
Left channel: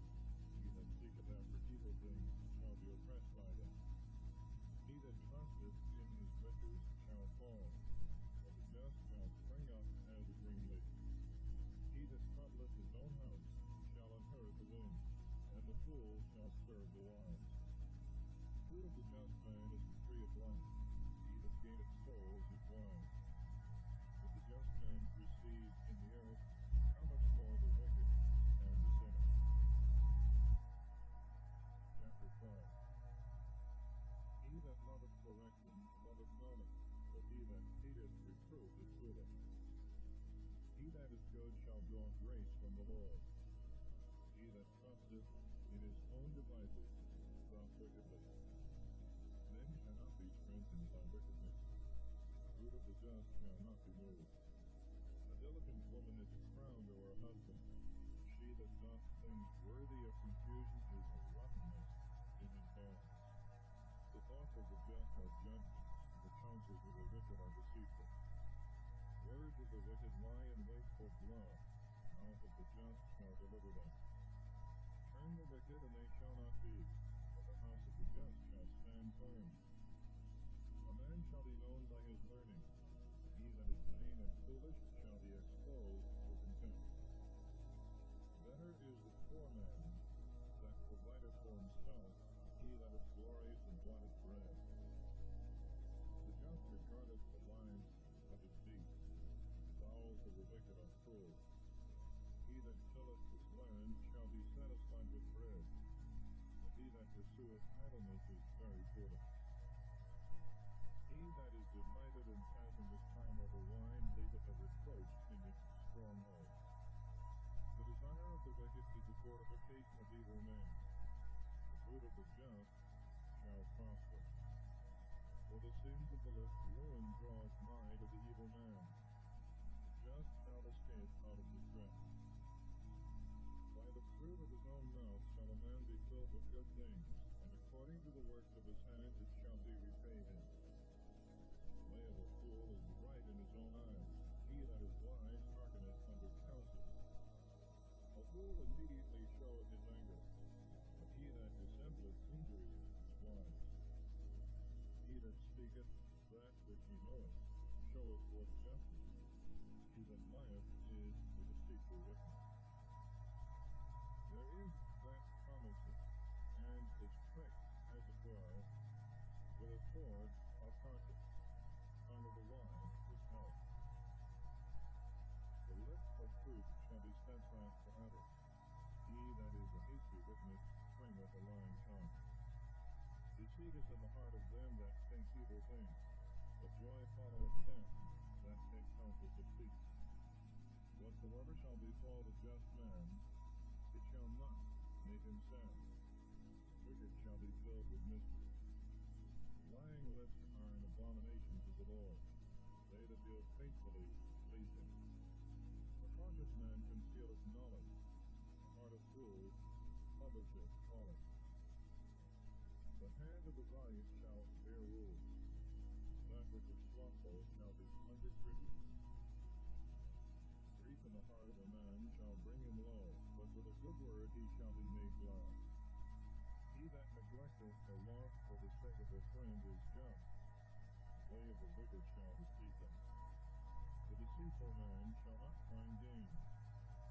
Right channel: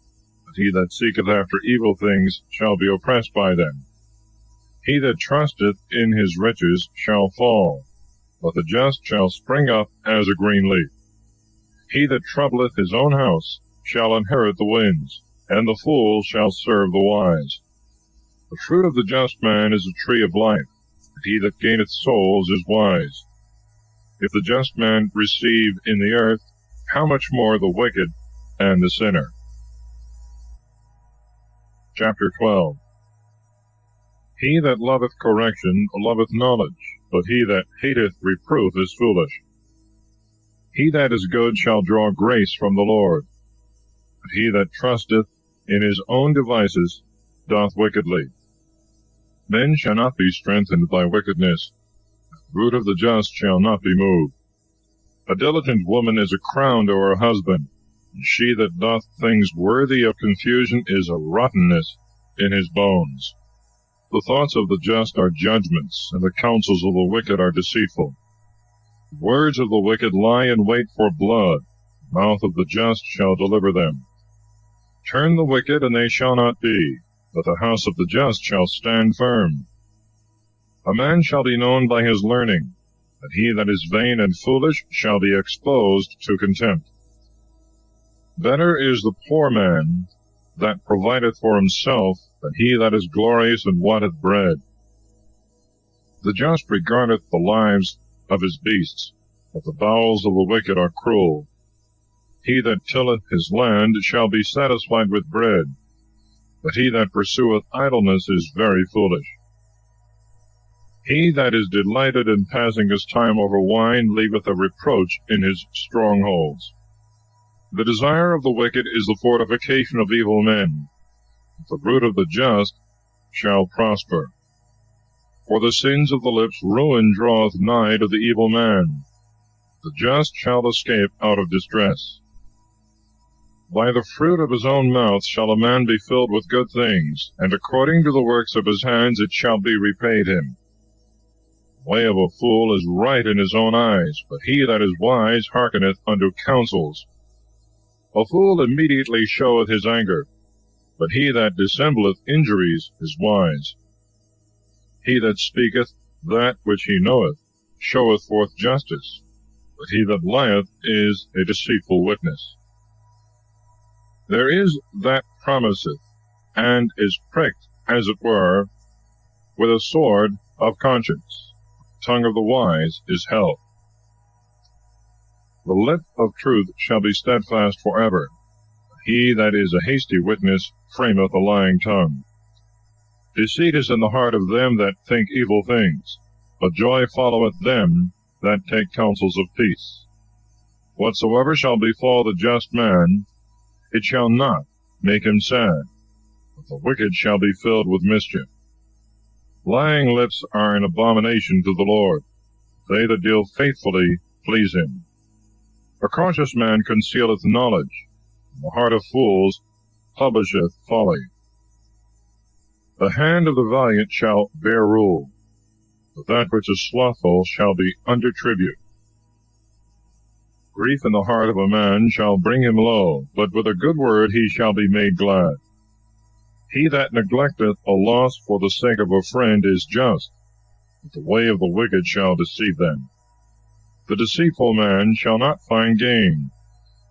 but he that seeketh after evil things shall be oppressed by them. He that trusteth in his riches shall fall, but the just shall spring up as a green leaf. He that troubleth his own house shall inherit the winds, and the fool shall serve the wise. The fruit of the just man is a tree of life, but he that gaineth souls is wise. If the just man receive in the earth, how much more the wicked and the sinner? Chapter 12. He that loveth correction loveth knowledge, but he that hateth reproof is foolish. He that is good shall draw grace from the Lord, but he that trusteth in his own devices doth wickedly. Men shall not be strengthened by wickedness, the root of the just shall not be moved. A diligent woman is a crown to her husband, and she that doth things worthy of confusion is a rottenness in his bones. The thoughts of the just are judgments, and the counsels of the wicked are deceitful. The words of the wicked lie in wait for blood, the mouth of the just shall deliver them. Turn the wicked, and they shall not be, but the house of the just shall stand firm. A man shall be known by his learning, but he that is vain and foolish shall be exposed to contempt. Better is the poor man that provideth for himself than he that is glorious and wanteth bread. The just regardeth the lives of his beasts, but the bowels of the wicked are cruel. He that tilleth his land shall be satisfied with bread, but he that pursueth idleness is very foolish. He that is delighted in passing his time over wine leaveth a reproach in his strongholds. The desire of the wicked is the fortification of evil men, but the root of the just shall prosper. For the sins of the lips ruin draweth nigh to the evil man. The just shall escape out of distress. By the fruit of his own mouth shall a man be filled with good things, and according to the works of his hands it shall be repaid him. The way of a fool is right in his own eyes, but he that is wise hearkeneth unto counsels. A fool immediately showeth his anger, but he that dissembleth injuries is wise. He that speaketh that which he knoweth showeth forth justice, but he that lieth is a deceitful witness. There is that promiseth, and is pricked, as it were, with a sword of conscience. The tongue of the wise is health. The lip of truth shall be steadfast forever. He that is a hasty witness frameth a lying tongue. Deceit is in the heart of them that think evil things, but joy followeth them that take counsels of peace. Whatsoever shall befall the just man, it shall not make him sad, but the wicked shall be filled with mischief. Lying lips are an abomination to the Lord. They that deal faithfully please him. A cautious man concealeth knowledge, and the heart of fools publisheth folly. The hand of the valiant shall bear rule, but that which is slothful shall be under tribute. Grief in the heart of a man shall bring him low, but with a good word he shall be made glad. He that neglecteth a loss for the sake of a friend is just, but the way of the wicked shall deceive them. The deceitful man shall not find gain,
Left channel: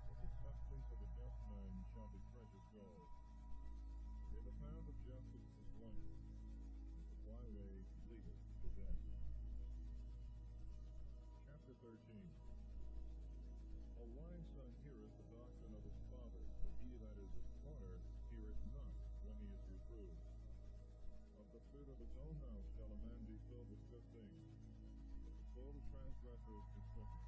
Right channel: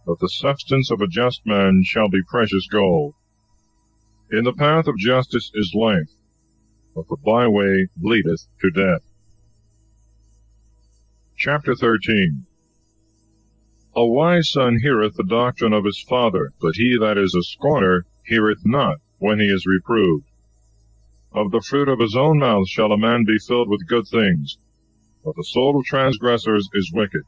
but the substance of a just man shall be precious gold. In the path of justice is life, but the byway leadeth to death. Chapter 13. A wise son heareth the doctrine of his father, but he that is a scorner heareth not when he is reproved. Of the fruit of his own mouth shall a man be filled with good things, but the soul of transgressors is wicked.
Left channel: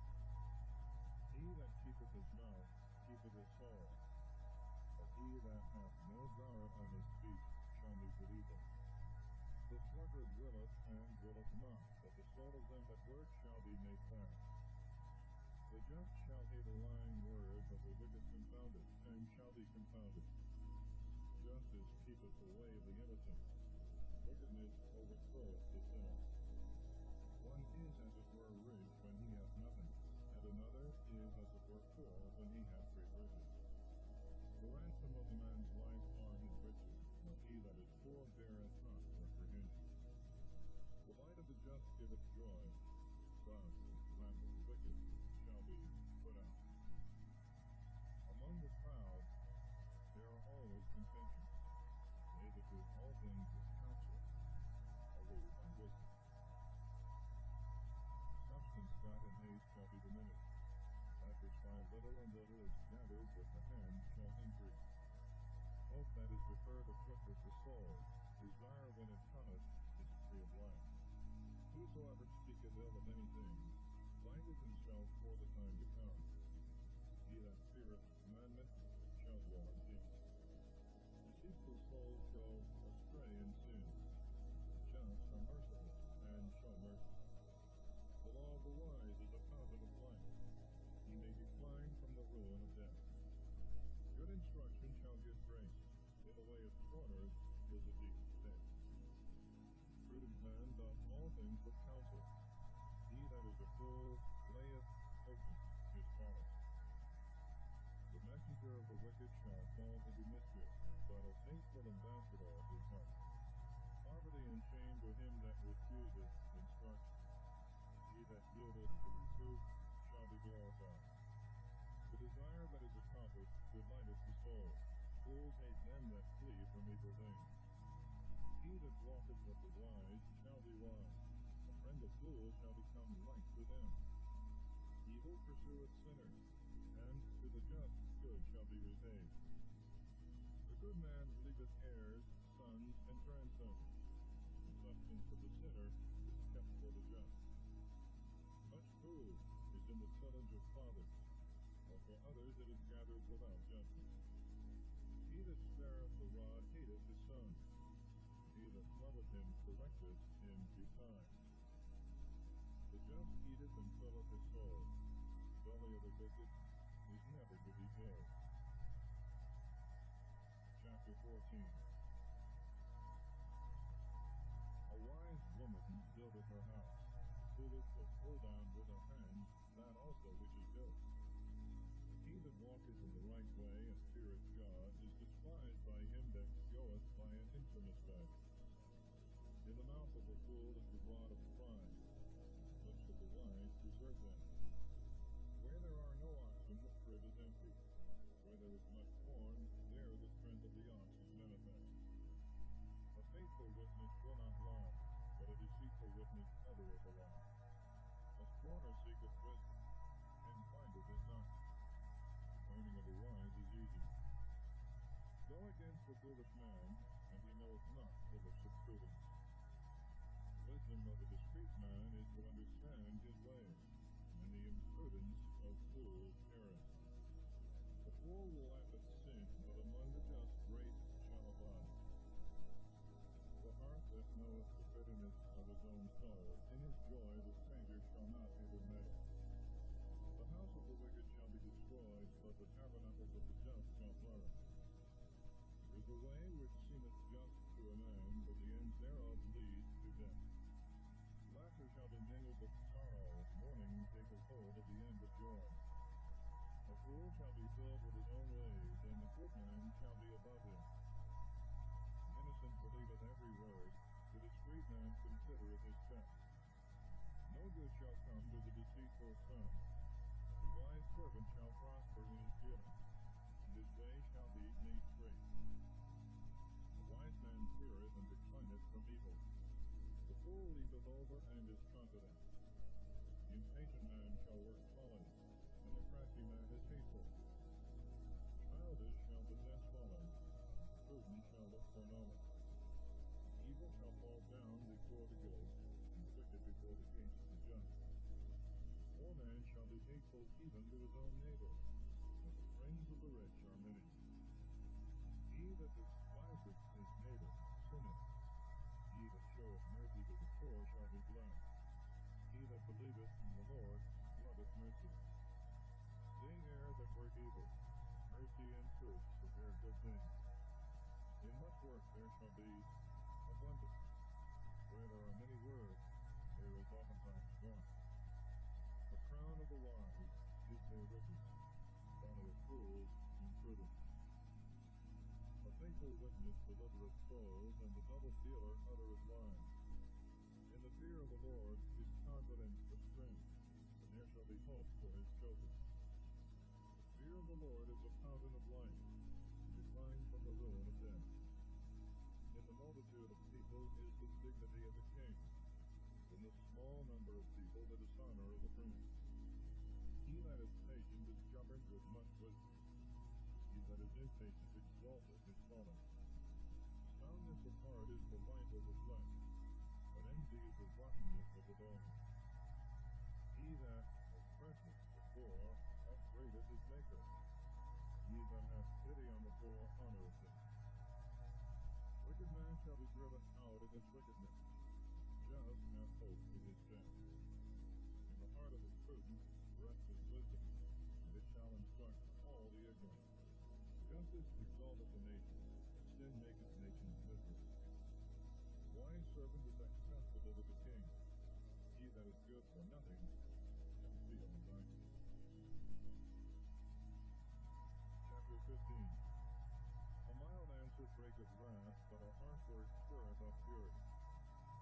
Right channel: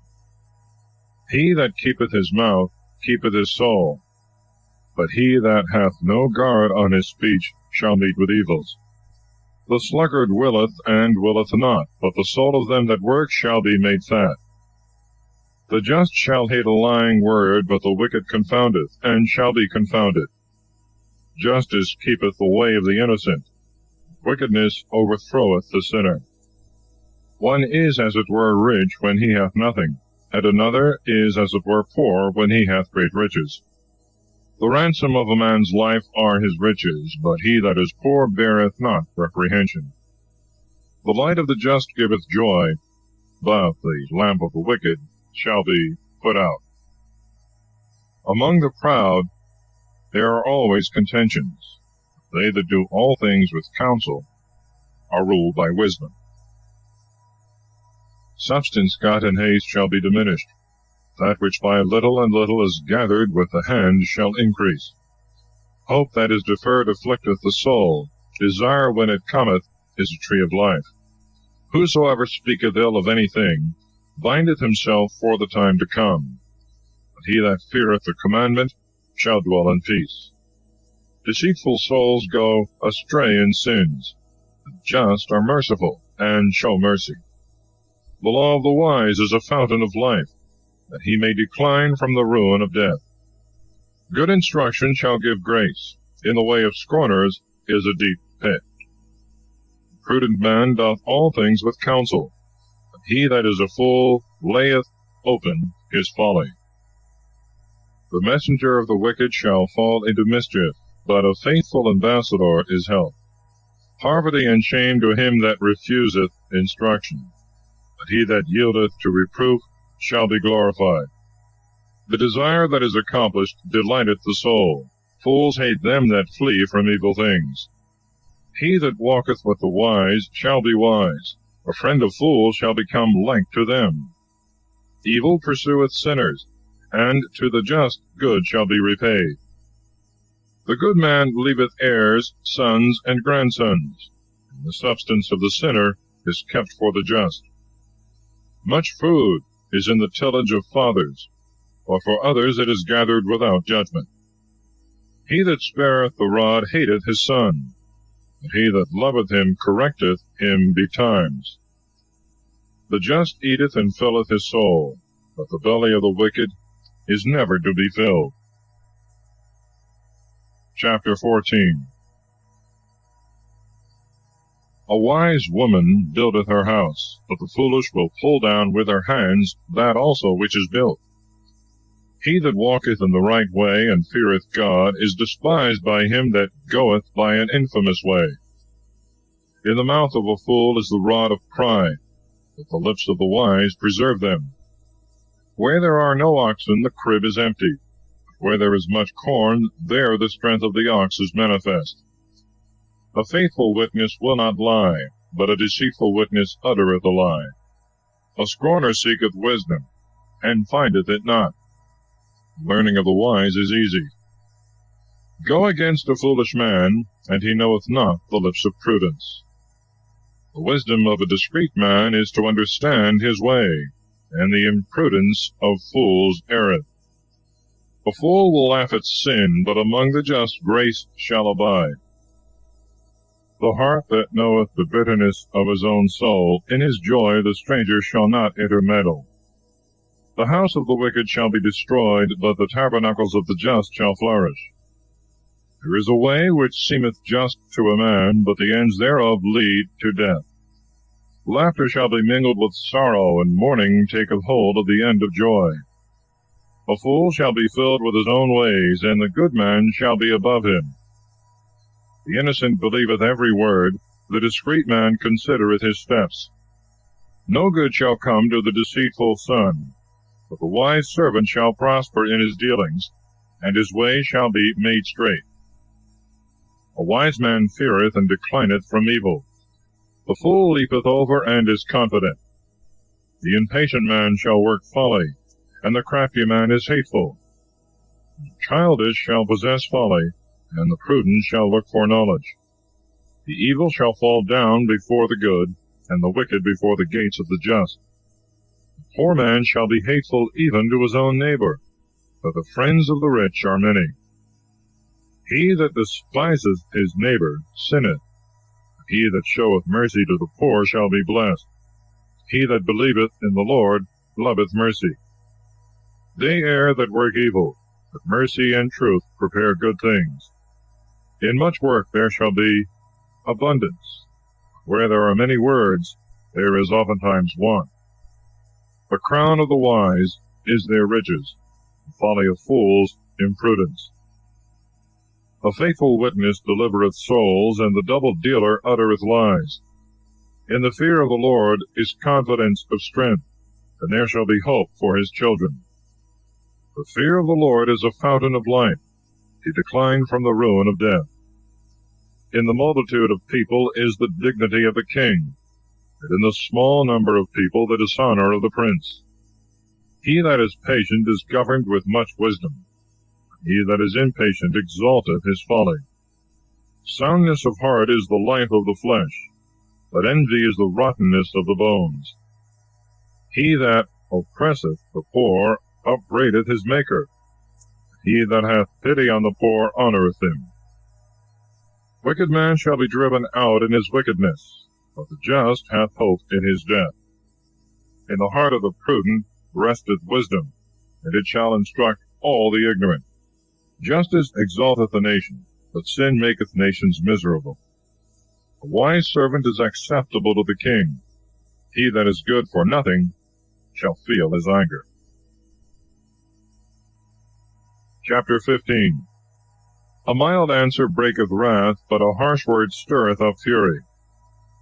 He that keepeth his mouth keepeth his soul, but he that hath no guard on his speech shall meet with evils. The sluggard willeth and willeth not, but the soul of them that work shall be made fat. The just shall hate a lying word, but the wicked confoundeth, and shall be confounded. Justice keepeth the way of the innocent, wickedness overthroweth the sinner. One is as it were rich when he hath nothing, and another is as it were poor when he hath great riches. The ransom of a man's life are his riches, but he that is poor beareth not reprehension. The light of the just giveth joy, but the lamp of the wicked shall be put out. Among the proud there are always contentions. They that do all things with counsel are ruled by wisdom. Substance got in haste shall be diminished. That which by little and little is gathered with the hand shall increase. Hope that is deferred afflicteth the soul. Desire when it cometh is a tree of life. Whosoever speaketh ill of anything bindeth himself for the time to come. But he that feareth the commandment shall dwell in peace. Deceitful souls go astray in sins. The just are merciful, and show mercy. The law of the wise is a fountain of life, that he may decline from the ruin of death. Good instruction shall give grace. In the way of scorners is a deep pit. The prudent man doth all things with counsel, but he that is a fool layeth open his folly. The messenger of the wicked shall fall into mischief, but a faithful ambassador is health. Poverty and shame to him that refuseth instruction, but he that yieldeth to reproof shall be glorified. The desire that is accomplished delighteth the soul. Fools hate them that flee from evil things. He that walketh with the wise shall be wise. A friend of fools shall become like to them. Evil pursueth sinners, and to the just good shall be repaid. The good man leaveth heirs, sons, and grandsons, and the substance of the sinner is kept for the just. Much food is in the tillage of fathers, or for others it is gathered without judgment. He that spareth the rod hateth his son, but he that loveth him correcteth him betimes. The just eateth and filleth his soul, but the belly of the wicked is never to be filled. Chapter 14. A wise woman buildeth her house, but the foolish will pull down with her hands that also which is built. He that walketh in the right way and feareth God is despised by him that goeth by an infamous way. In the mouth of a fool is the rod of pride, but the lips of the wise preserve them. Where there are no oxen, the crib is empty. Where there is much corn, there the strength of the ox is manifest. A faithful witness will not lie, but a deceitful witness uttereth a lie. A scorner seeketh wisdom, and findeth it not. Learning of the wise is easy. Go against a foolish man, and he knoweth not the lips of prudence. The wisdom of a discreet man is to understand his way, and the imprudence of fools erreth. A fool will laugh at sin, but among the just grace shall abide. The heart that knoweth the bitterness of his own soul, in his joy the stranger shall not intermeddle. The house of the wicked shall be destroyed, but the tabernacles of the just shall flourish. There is a way which seemeth just to a man, but the ends thereof lead to death. Laughter shall be mingled with sorrow, and mourning taketh hold of the end of joy. A fool shall be filled with his own ways, and the good man shall be above him. The innocent believeth every word, the discreet man considereth his steps. No good shall come to the deceitful son, but the wise servant shall prosper in his dealings, and his way shall be made straight. A wise man feareth and declineth from evil. The fool leapeth over and is confident. The impatient man shall work folly, and the crafty man is hateful. The childish shall possess folly, and the prudent shall look for knowledge. The evil shall fall down before the good, and the wicked before the gates of the just. The poor man shall be hateful even to his own neighbor, but the friends of the rich are many. He that despiseth his neighbor sinneth. He that showeth mercy to the poor shall be blessed. He that believeth in the Lord loveth mercy. They err that work evil, but mercy and truth prepare good things. In much work there shall be abundance. Where there are many words, there is oftentimes want. The crown of the wise is their riches, the folly of fools imprudence. A faithful witness delivereth souls, and the double dealer uttereth lies. In the fear of the Lord is confidence of strength, and there shall be hope for his children. The fear of the Lord is a fountain of life. He declined from the ruin of death. In the multitude of people is the dignity of the king, and in the small number of people the dishonor of the prince. He that is patient is governed with much wisdom. He that is impatient exalteth his folly. Soundness of heart is the life of the flesh, but envy is the rottenness of the bones. He that oppresseth the poor upbraideth his Maker. He that hath pity on the poor honoureth him. Wicked man shall be driven out in his wickedness, but the just hath hope in his death. In the heart of the prudent resteth wisdom, and it shall instruct all the ignorant. Justice exalteth a nation, but sin maketh nations miserable. A wise servant is acceptable to the king. He that is good for nothing shall feel his anger. Chapter 15. A mild answer breaketh wrath, but a harsh word stirreth up fury.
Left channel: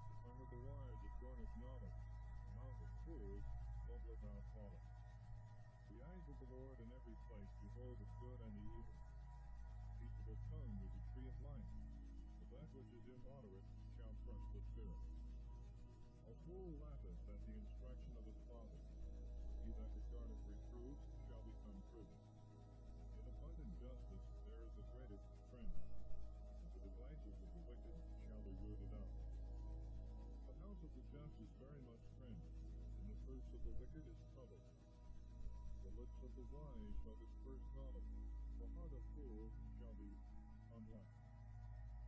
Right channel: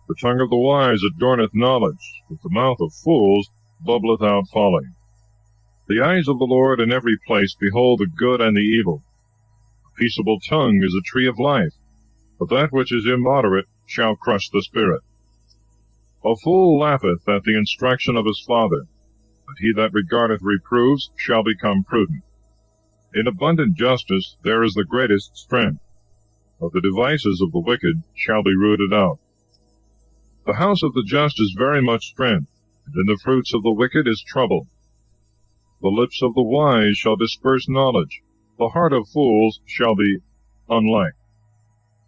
The tongue of the wise adorneth knowledge, but the mouth of fools bubbleth out folly. The eyes of the Lord in every place behold the good and the evil. A peaceable tongue is a tree of life, but that which is immoderate shall crush the spirit. A fool laugheth at the instruction of his father, but he that regardeth reproofs shall become prudent. In abundant justice there is the greatest strength, but the devices of the wicked shall be rooted out. The house of the just is very much strength, and in the fruits of the wicked is trouble. The lips of the wise shall disperse knowledge, the heart of fools shall be unliked.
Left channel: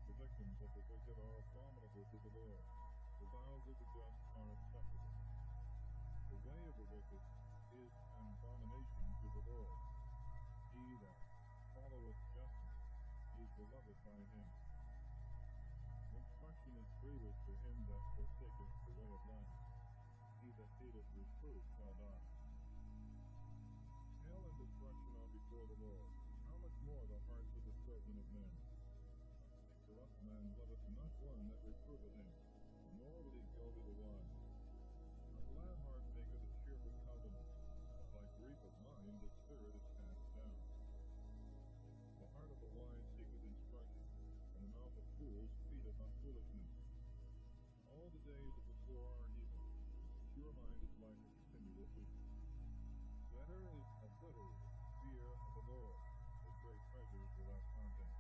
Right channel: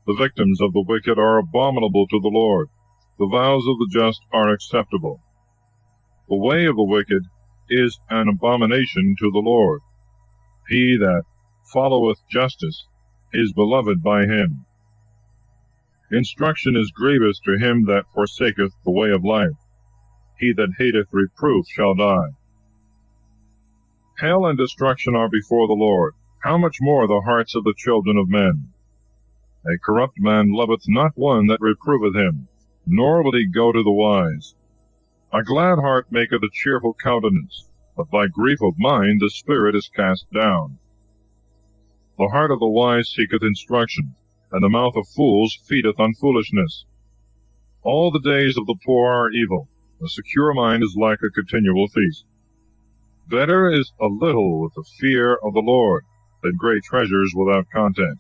The victims of the wicked are abominable to the Lord. The vows of the just are acceptable. The way of the wicked is an abomination to the Lord. He that followeth justice is beloved by him. Instruction is grievous to him that forsaketh the way of life. He that hateth reproof shall die. Hell and destruction are before the Lord. How much more the hearts of the children of men? A corrupt man loveth not one that reproveth him, nor will he go to the wise. A glad heart maketh a cheerful countenance, but by grief of mind the spirit is cast down. The heart of the wise seeketh instruction, and the mouth of fools feedeth on foolishness. All the days of the poor are evil. A secure mind is like a continual feast. Better is a little with the fear of the Lord than great treasures without content.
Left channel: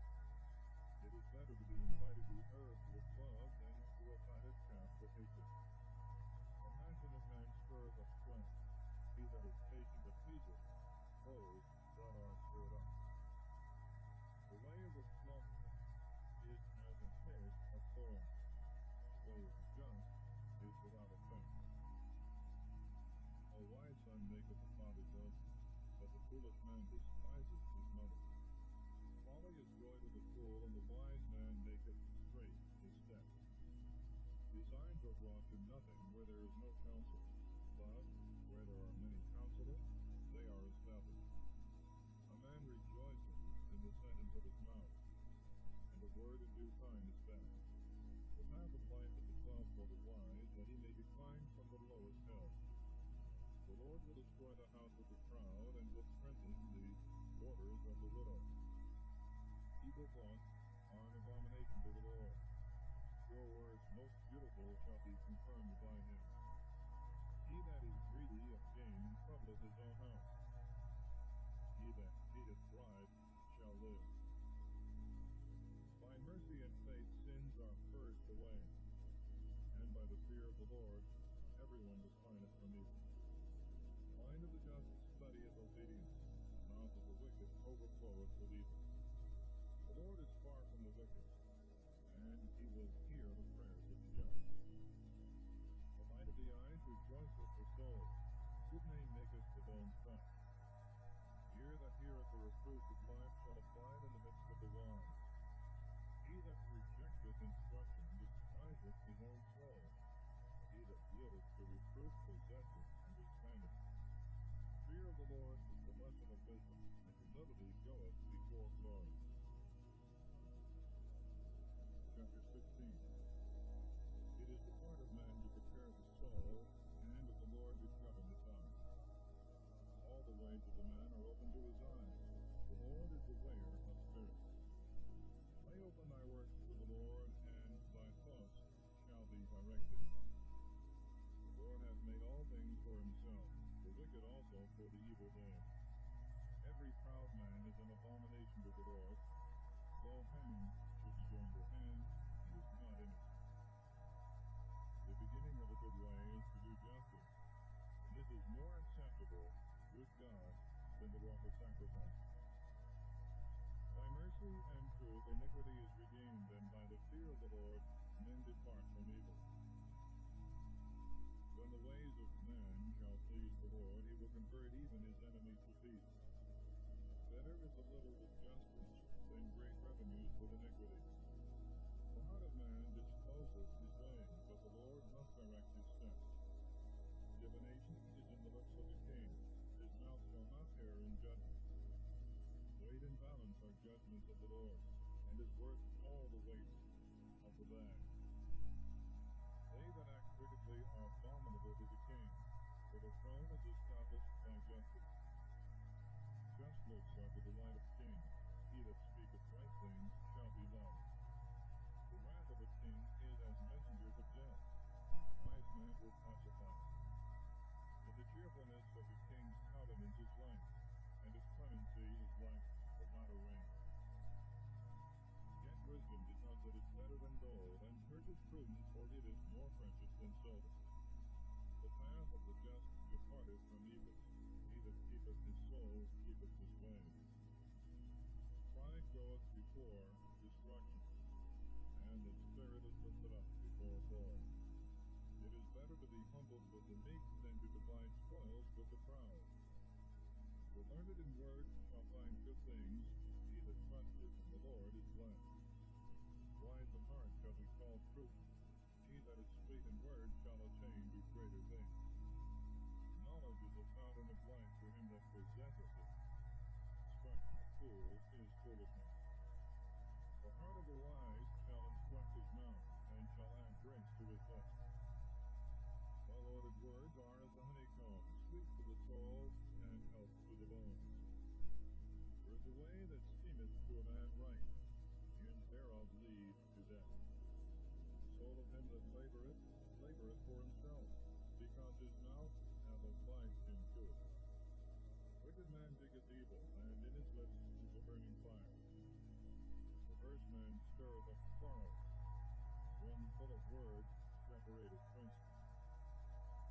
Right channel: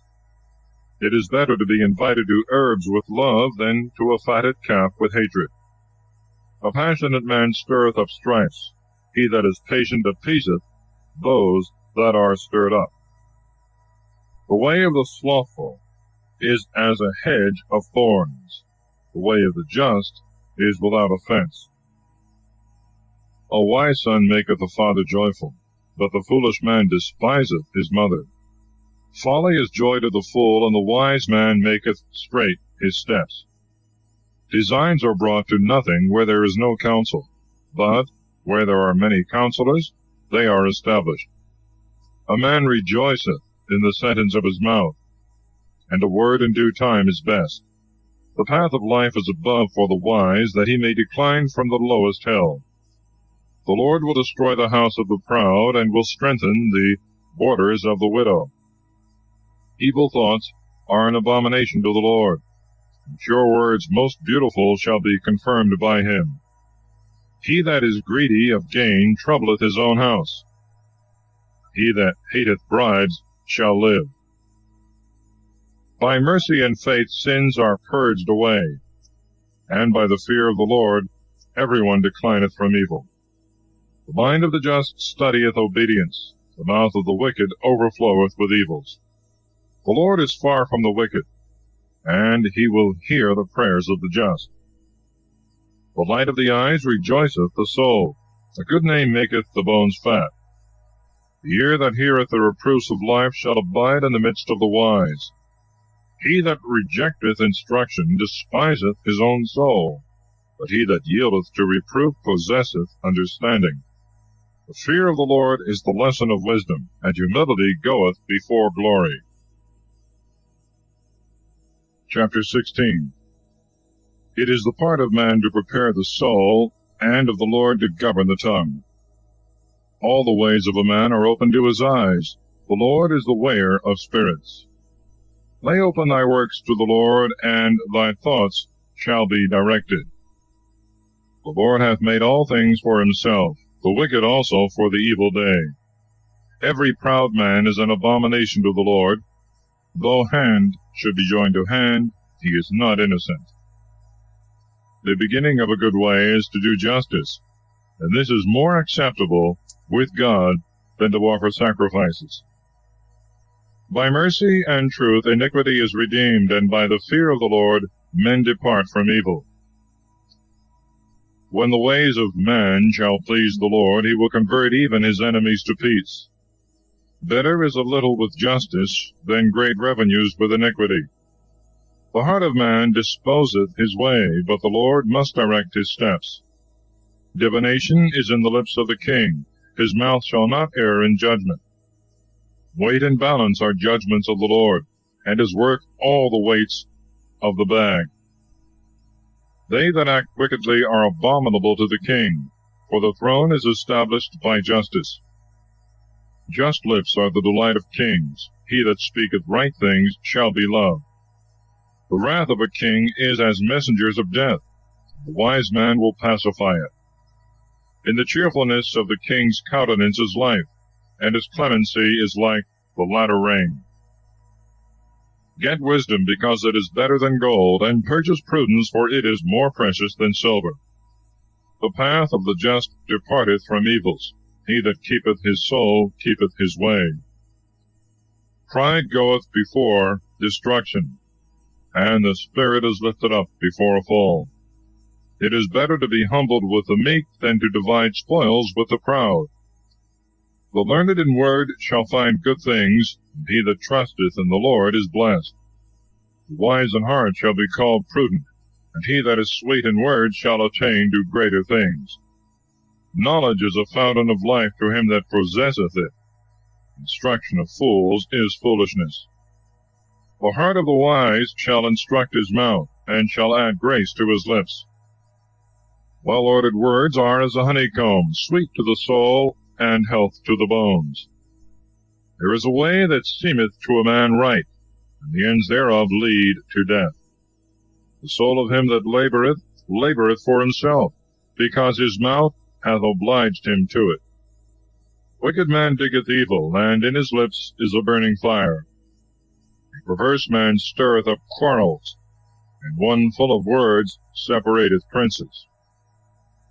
It is better to be invited to herbs with love than to a fatted calf with hatred. A passionate man stirreth up strifes. He that is patient appeaseth those that are stirred up. The way of the slothful is as a hedge of thorns. The way of the just is without offense. A wise son maketh a father joyful, but the foolish man despiseth his mother. Folly is joy to the fool, and the wise man maketh straight his steps. Designs are brought to nothing where there is no counsel, but where there are many counselors, they are established. A man rejoiceth in the sentence of his mouth, and a word in due time is best. The path of life is above for the wise, that he may decline from the lowest hell. The Lord will destroy the house of the proud, and will strengthen the borders of the widow. Evil thoughts are an abomination to the Lord. Pure words most beautiful shall be confirmed by him. He that is greedy of gain troubleth his own house. He that hateth bribes shall live. By mercy and faith sins are purged away, and by the fear of the Lord every one declineth from evil. The mind of the just studieth obedience, the mouth of the wicked overfloweth with evils. The Lord is far from the wicked, and he will hear the prayers of the just. The light of the eyes rejoiceth the soul. A good name maketh the bones fat. The ear that heareth the reproofs of life shall abide in the midst of the wise. He that rejecteth instruction despiseth his own soul, but he that yieldeth to reproof possesseth understanding. The fear of the Lord is the lesson of wisdom, and humility goeth before glory. Chapter 16. It is the part of man to prepare the soul, and of the Lord to govern the tongue. All the ways of a man are open to his eyes. The Lord is the weigher of spirits. Lay open thy works to the Lord, and thy thoughts shall be directed. The Lord hath made all things for himself, the wicked also for the evil day. Every proud man is an abomination to the Lord. Though hand should be joined to hand, he is not innocent. The beginning of a good way is to do justice, and this is more acceptable with God than to offer sacrifices. By mercy and truth iniquity is redeemed, and by the fear of the Lord men depart from evil. When the ways of man shall please the Lord, he will convert even his enemies to peace. Better is a little with justice than great revenues with iniquity. The heart of man disposeth his way, but the Lord must direct his steps. Divination is in the lips of the king. His mouth shall not err in judgment. Weight and balance are judgments of the Lord, and his work all the weights of the bag. They that act wickedly are abominable to the king, for the throne is established by justice. Just lips are the delight of kings. He that speaketh right things shall be loved. The wrath of a king is as messengers of death. The wise man will pacify it. In the cheerfulness of the king's countenance is life, and his clemency is like the latter rain. Get wisdom, because it is better than gold, and purchase prudence, for it is more precious than silver. The path of the just departeth from evils. He that keepeth his soul keepeth his way. Pride goeth before destruction, and the spirit is lifted up before a fall. It is better to be humbled with the meek than to divide spoils with the proud. The learned in word shall find good things, and he that trusteth in the Lord is blessed. The wise in heart shall be called prudent, and he that is sweet in word shall attain to greater things. Knowledge is a fountain of life to him that possesseth it. Instruction of fools is foolishness. The heart of the wise shall instruct his mouth, and shall add grace to his lips. Well-ordered words are as a honeycomb, sweet to the soul, and health to the bones. There is a way that seemeth to a man right, and the ends thereof lead to death. The soul of him that laboureth for himself, because his mouth hath obliged him to it. Wicked man diggeth evil, and in his lips is a burning fire. A perverse man stirreth up quarrels, and one full of words separateth princes.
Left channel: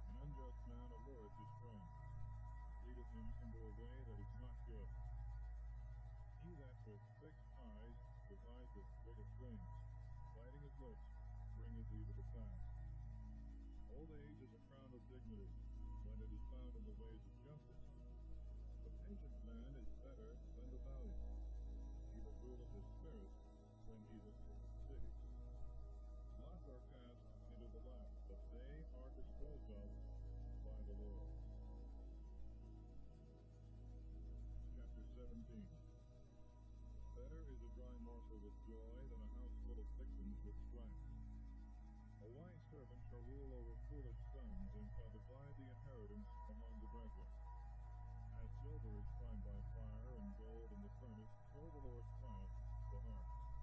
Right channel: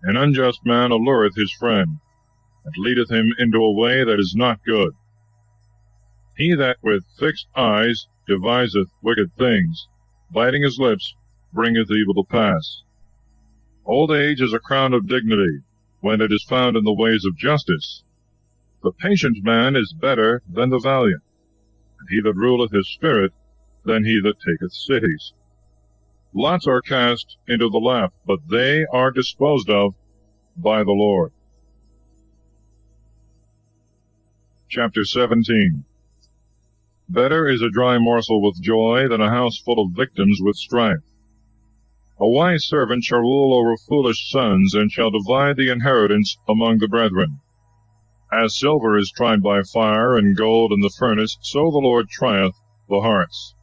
An unjust man allureth his friend, and leadeth him into a way that is not good. He that with fixed eyes deviseth wicked things, biting his lips, bringeth evil to pass. Old age is a crown of dignity, when it is found in the ways of justice. The patient man is better than the valiant, and he that ruleth his spirit than he that taketh cities. Lots are cast into the lap, but they are disposed of by the Lord. Chapter 17. Better is a dry morsel with joy than a house full of victims with strife. A wise servant shall rule over foolish sons, and shall divide the inheritance among the brethren. As silver is tried by fire, and gold in the furnace, so the Lord trieth the hearts.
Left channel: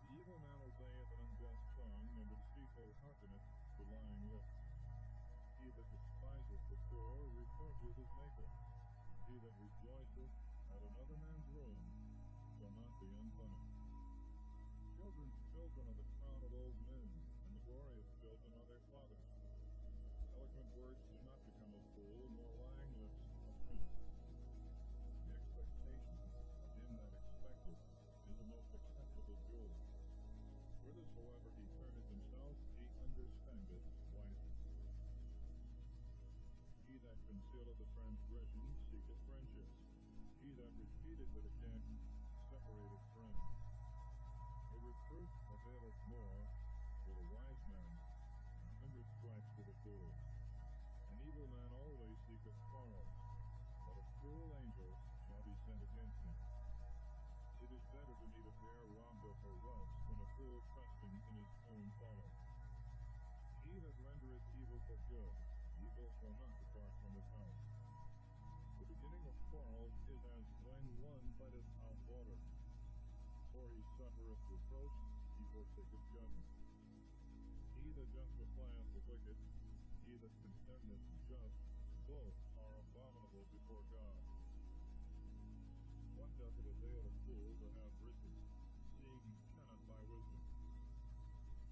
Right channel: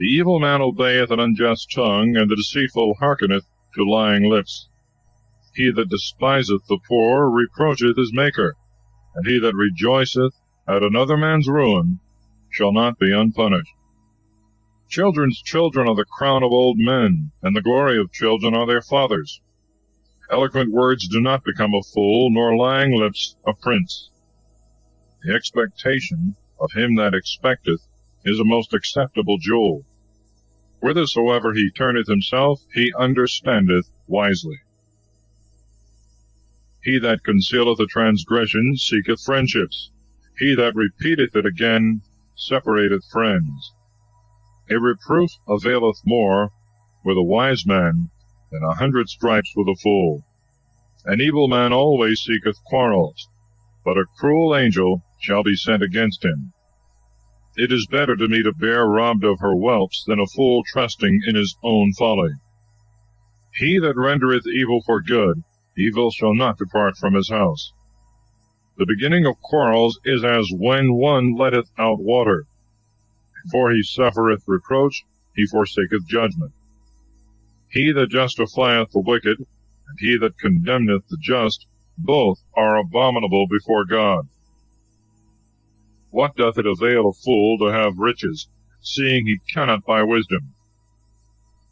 The evil man obeyeth an unjust tongue, and the deceitful hearkeneth to lying lips. He that despiseth the poor reproacheth his Maker, and he that rejoiceth at another man's ruin shall not be unpunished. Children's children are the crown of old men, and the glory of children are their fathers. Eloquent words do not become a fool, nor lying lips a prince. The expectation of him that expecteth is a most acceptable jewel. Whithersoever he turneth himself, he understandeth wisely. He that concealeth a transgression seeketh friendships. He that repeateth it again separateth friends. A reproof availeth more with a wise man than 100 stripes with a fool. An evil man always seeketh quarrels, but a cruel angel shall be sent against him. It is better to meet a bear robbed of her whelps than a fool trusting in his own folly. He that rendereth evil for good, evil shall not depart from his house. The beginning of quarrels is as when one letteth out water. Before he suffereth reproach, he forsaketh judgment. He that justifieth the wicked, and he that condemneth the just, both are abominable before God. What doth it avail a fool to have riches, seeing he cannot buy wisdom?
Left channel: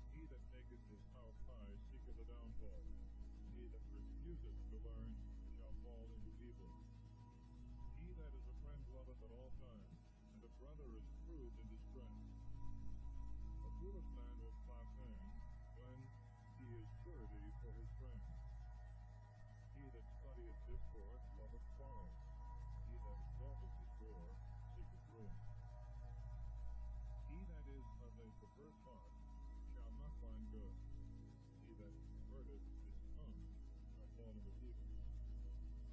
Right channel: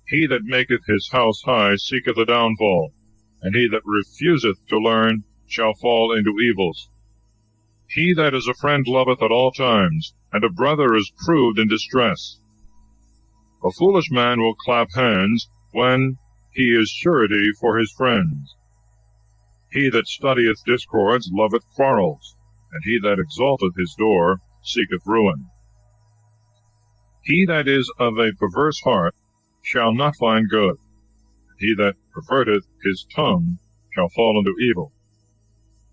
He that maketh his house high seeketh a downfall, and he that refuseth to learn shall fall into evils. He that is a friend loveth at all times, and a brother is proved in distress. A foolish man will clap hands when he is surety for his friends. He that studieth discords loveth quarrels, and he that exalteth his door seeketh ruin. He that is of a perverse heart shall not find good, and he that perverteth his tongue shall fall into evil.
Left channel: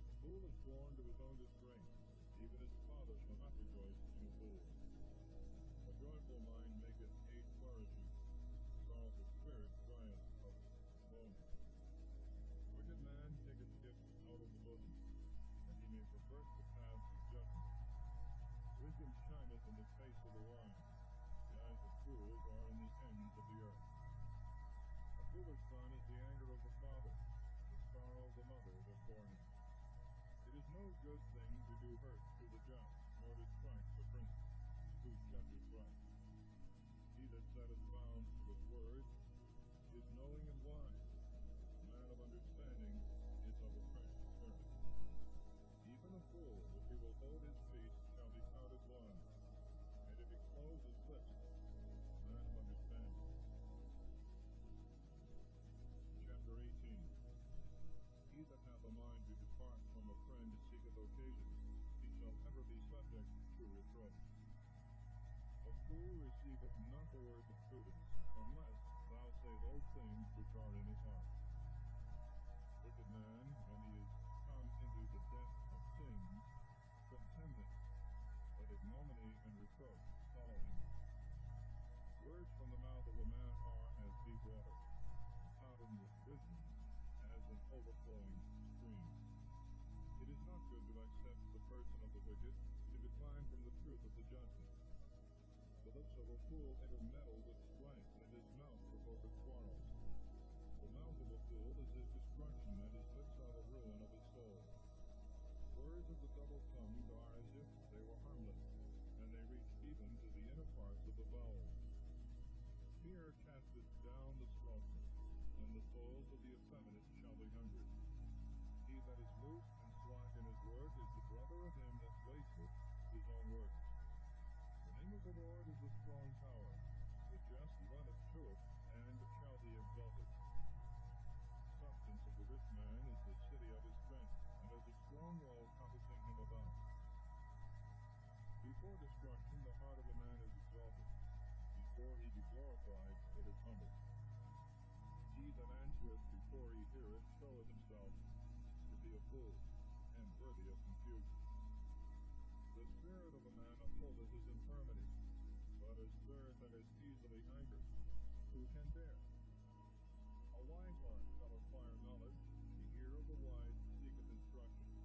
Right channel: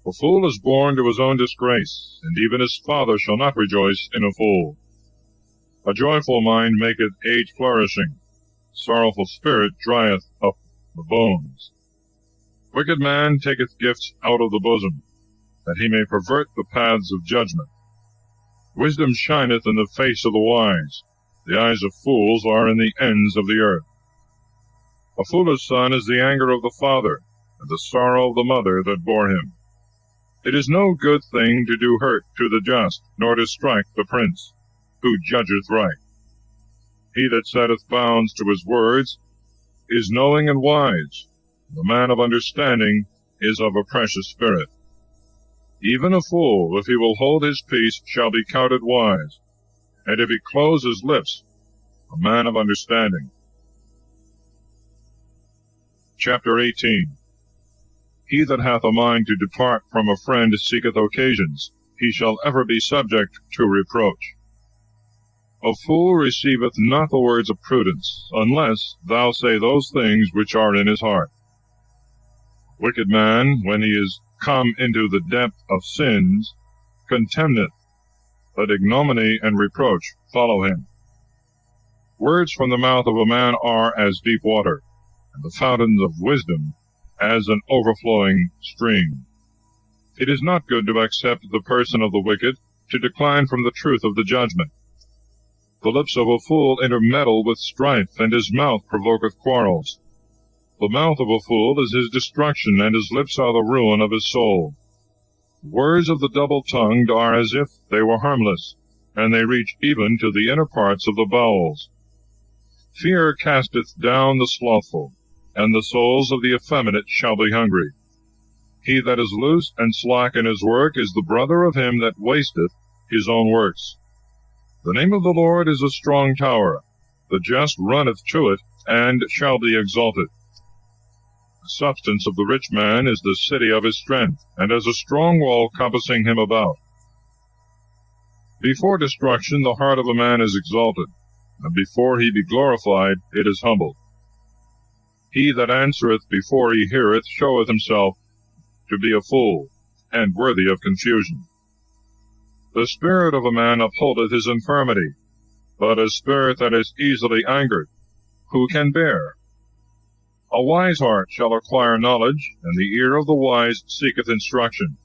A fool is born to his own disgrace, and even his father shall not rejoice in a fool. A joyful mind maketh age flourishing, sorrowful spirit drieth up the bones. Wicked man taketh gifts out of the bosom, that he may pervert the paths of judgment. Wisdom shineth in the face of the wise, the eyes of fools are in the ends of the earth. A foolish son is the anger of the father, and the sorrow of the mother that bore him. It is no good thing to do hurt to the just, nor to strike the prince, who judgeth right. He that setteth bounds to his words is knowing and wise. The man of understanding is of a precious spirit. Even a fool, if he will hold his peace, shall be counted wise, and if he close his lips, a man of understanding. Chapter 18. He that hath a mind to depart from a friend seeketh occasions. He shall ever be subject to reproach. A fool receiveth not the words of prudence, unless thou say those things which are in his heart. Wicked man, when he is come into the depth of sins, contemneth, but ignominy and reproach follow him. Words from the mouth of a man are as deep water, and the fountains of wisdom as an overflowing stream. It is not good to accept the person of the wicked, to decline from the truth of the judgment. The lips of a fool intermeddle with strife, and his mouth provoketh quarrels. The mouth of a fool is his destruction, and his lips are the ruin of his soul. The words of the double-tongued are as if they were harmless, and they reach even to the inner parts of the bowels. Fear casteth down the slothful, and the souls of the effeminate shall be hungry. He that is loose and slack in his work is the brother of him that wasteth his own works. The name of the Lord is a strong tower. The just runneth to it, and shall be exalted. The substance of the rich man is the city of his strength, and as a strong wall compassing him about. Before destruction the heart of a man is exalted, and before he be glorified it is humbled. He that answereth before he heareth showeth himself to be a fool, and worthy of confusion. The spirit of a man upholdeth his infirmity, but a spirit that is easily angered, who can bear? A wise heart shall acquire knowledge, and the ear of the wise seeketh instruction.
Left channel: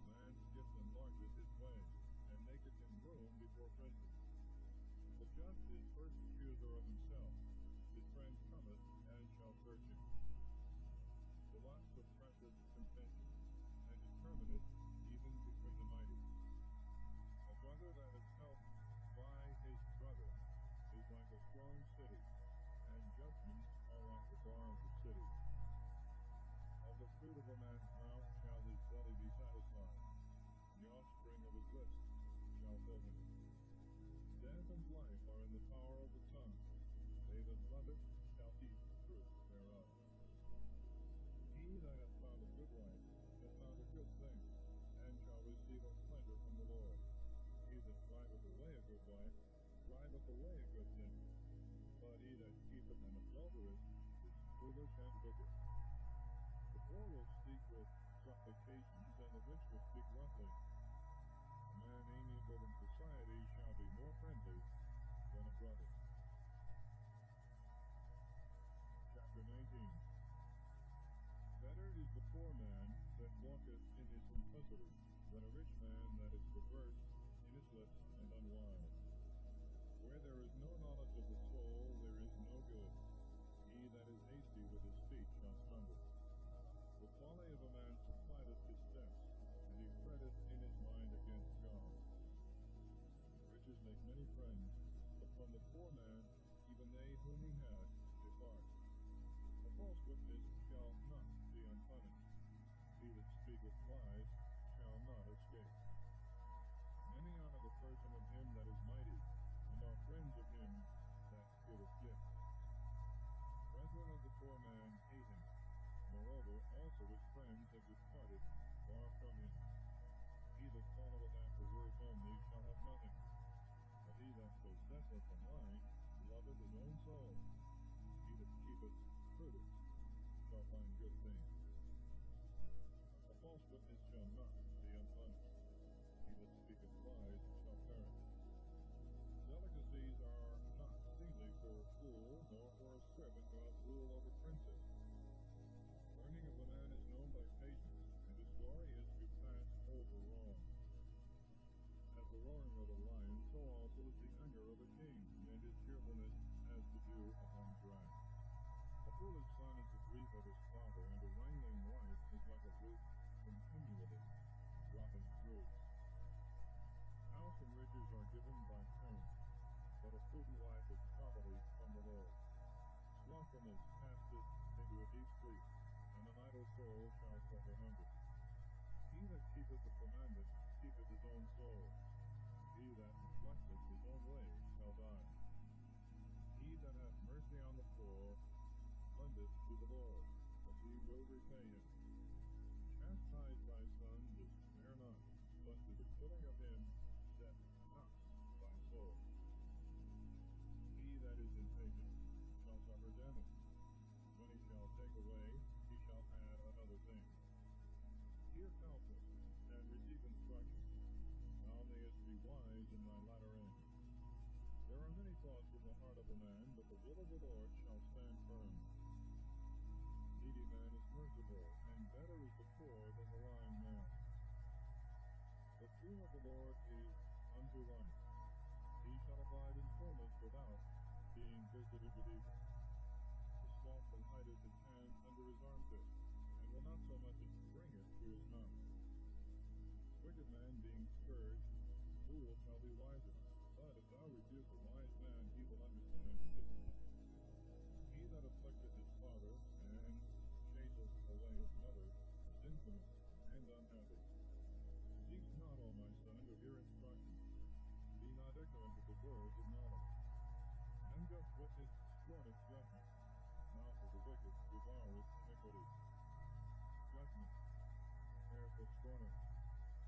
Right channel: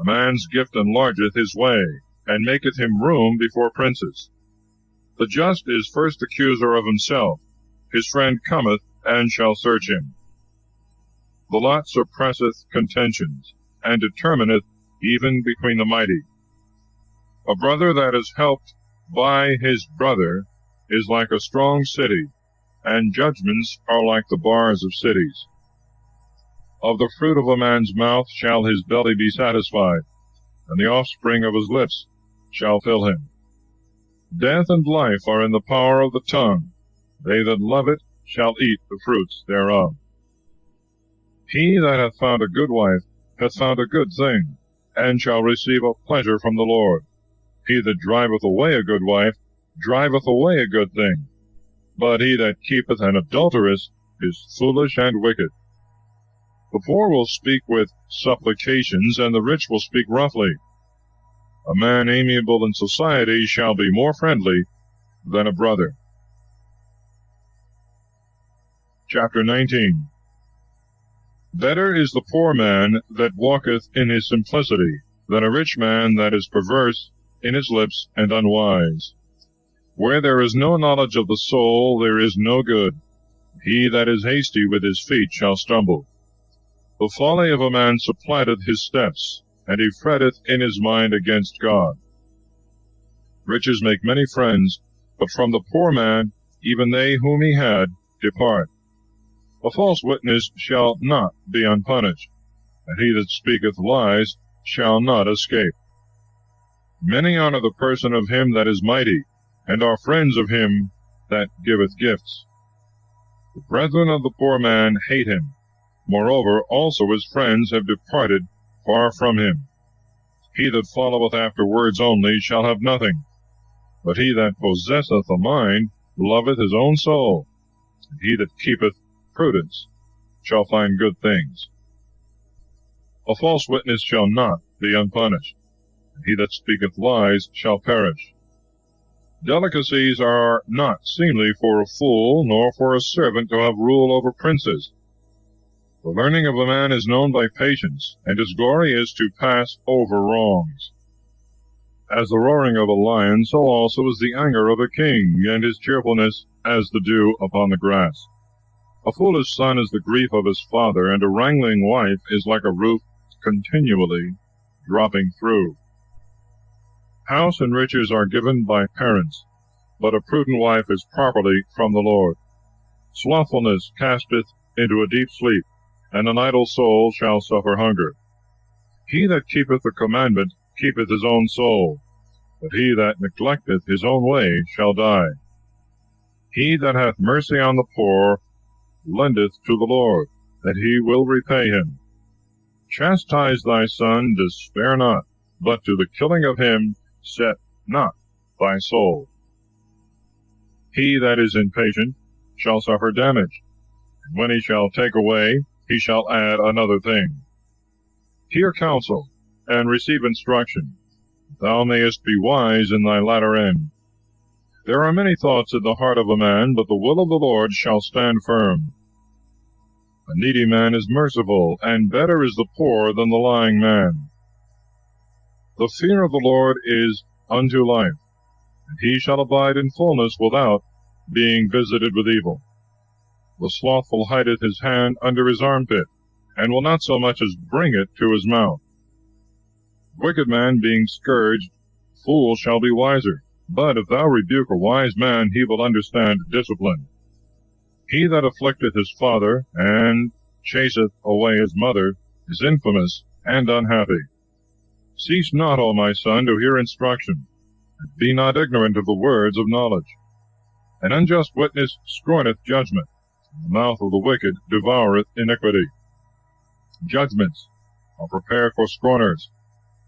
A man's gift enlargeth his way, and maketh him room before princes. The just is first accuser of himself. His friend cometh, and shall search him. The lot suppresseth contentions, and determineth even between the mighty. A brother that is helped by his brother is like a strong city, and judgments are like the bars of cities. Of the fruit of a man's mouth shall his belly be satisfied, and the offspring of his lips shall fill him. Death and life are in the power of the tongue. They that love it shall eat the fruits thereof. He that hath found a good wife hath found a good thing, and shall receive a pleasure from the Lord. He that driveth away a good wife driveth away a good thing, but he that keepeth an adulteress is foolish and wicked. The poor will speak with supplications, and the rich will speak roughly. A man amiable in society shall be more friendly than a brother. Chapter 19. Better is the poor man that walketh in his simplicity, than a rich man that is perverse in his lips and unwise. Where there is no knowledge of the soul, there is no good. He that is hasty with his feet shall stumble. The folly of a man supplanteth his steps, and he fretteth in his mind against God. Riches make many friends, but from the poor man, even they whom he had, depart. A false witness shall not be unpunished, and he that speaketh lies shall not escape. Many honor the person of him that is mighty, and are friends of him that giveth gifts. The brethren of the poor man hate him. Moreover, also his friends have departed far from him. He that followeth after words only shall have nothing, but he that possesseth a mind loveth his own soul, and he that keepeth prudence shall find good things. A false witness shall not be unpunished, and he that speaketh lies shall perish. Delicacies are not seemly for a fool, nor for a servant to have rule over princes. The learning of a man is known by patience, and his glory is to pass over wrongs. As the roaring of a lion, so also is the anger of a king, and his cheerfulness as the dew upon the grass. A foolish son is the grief of his father, and a wrangling wife is like a roof continually dropping through. House and riches are given by parents, but a prudent wife is properly from the Lord. Slothfulness casteth into a deep sleep, and an idle soul shall suffer hunger. He that keepeth the commandment keepeth his own soul, but he that neglecteth his own way shall die. He that hath mercy on the poor lendeth to the Lord, that he will repay him. Chastise thy son, despair not, but to the killing of him set not thy soul. He that is impatient shall suffer damage, and when he shall take away, he shall add another thing. Hear counsel, and receive instruction, thou mayest be wise in thy latter end. There are many thoughts in the heart of a man, but the will of the Lord shall stand firm. A needy man is merciful, and better is the poor than the lying man. The fear of the Lord is unto life, and he shall abide in fullness without being visited with evil. The slothful hideth his hand under his armpit, and will not so much as bring it to his mouth. Wicked man being scourged, fool shall be wiser, but if thou rebuke a wise man, he will understand discipline. He that afflicteth his father, and chaseth away his mother, is infamous and unhappy. Cease not, O my son, to hear instruction, and be not ignorant of the words of knowledge. An unjust witness scorneth judgment, and the mouth of the wicked devoureth iniquity. Judgments are prepared for scorners,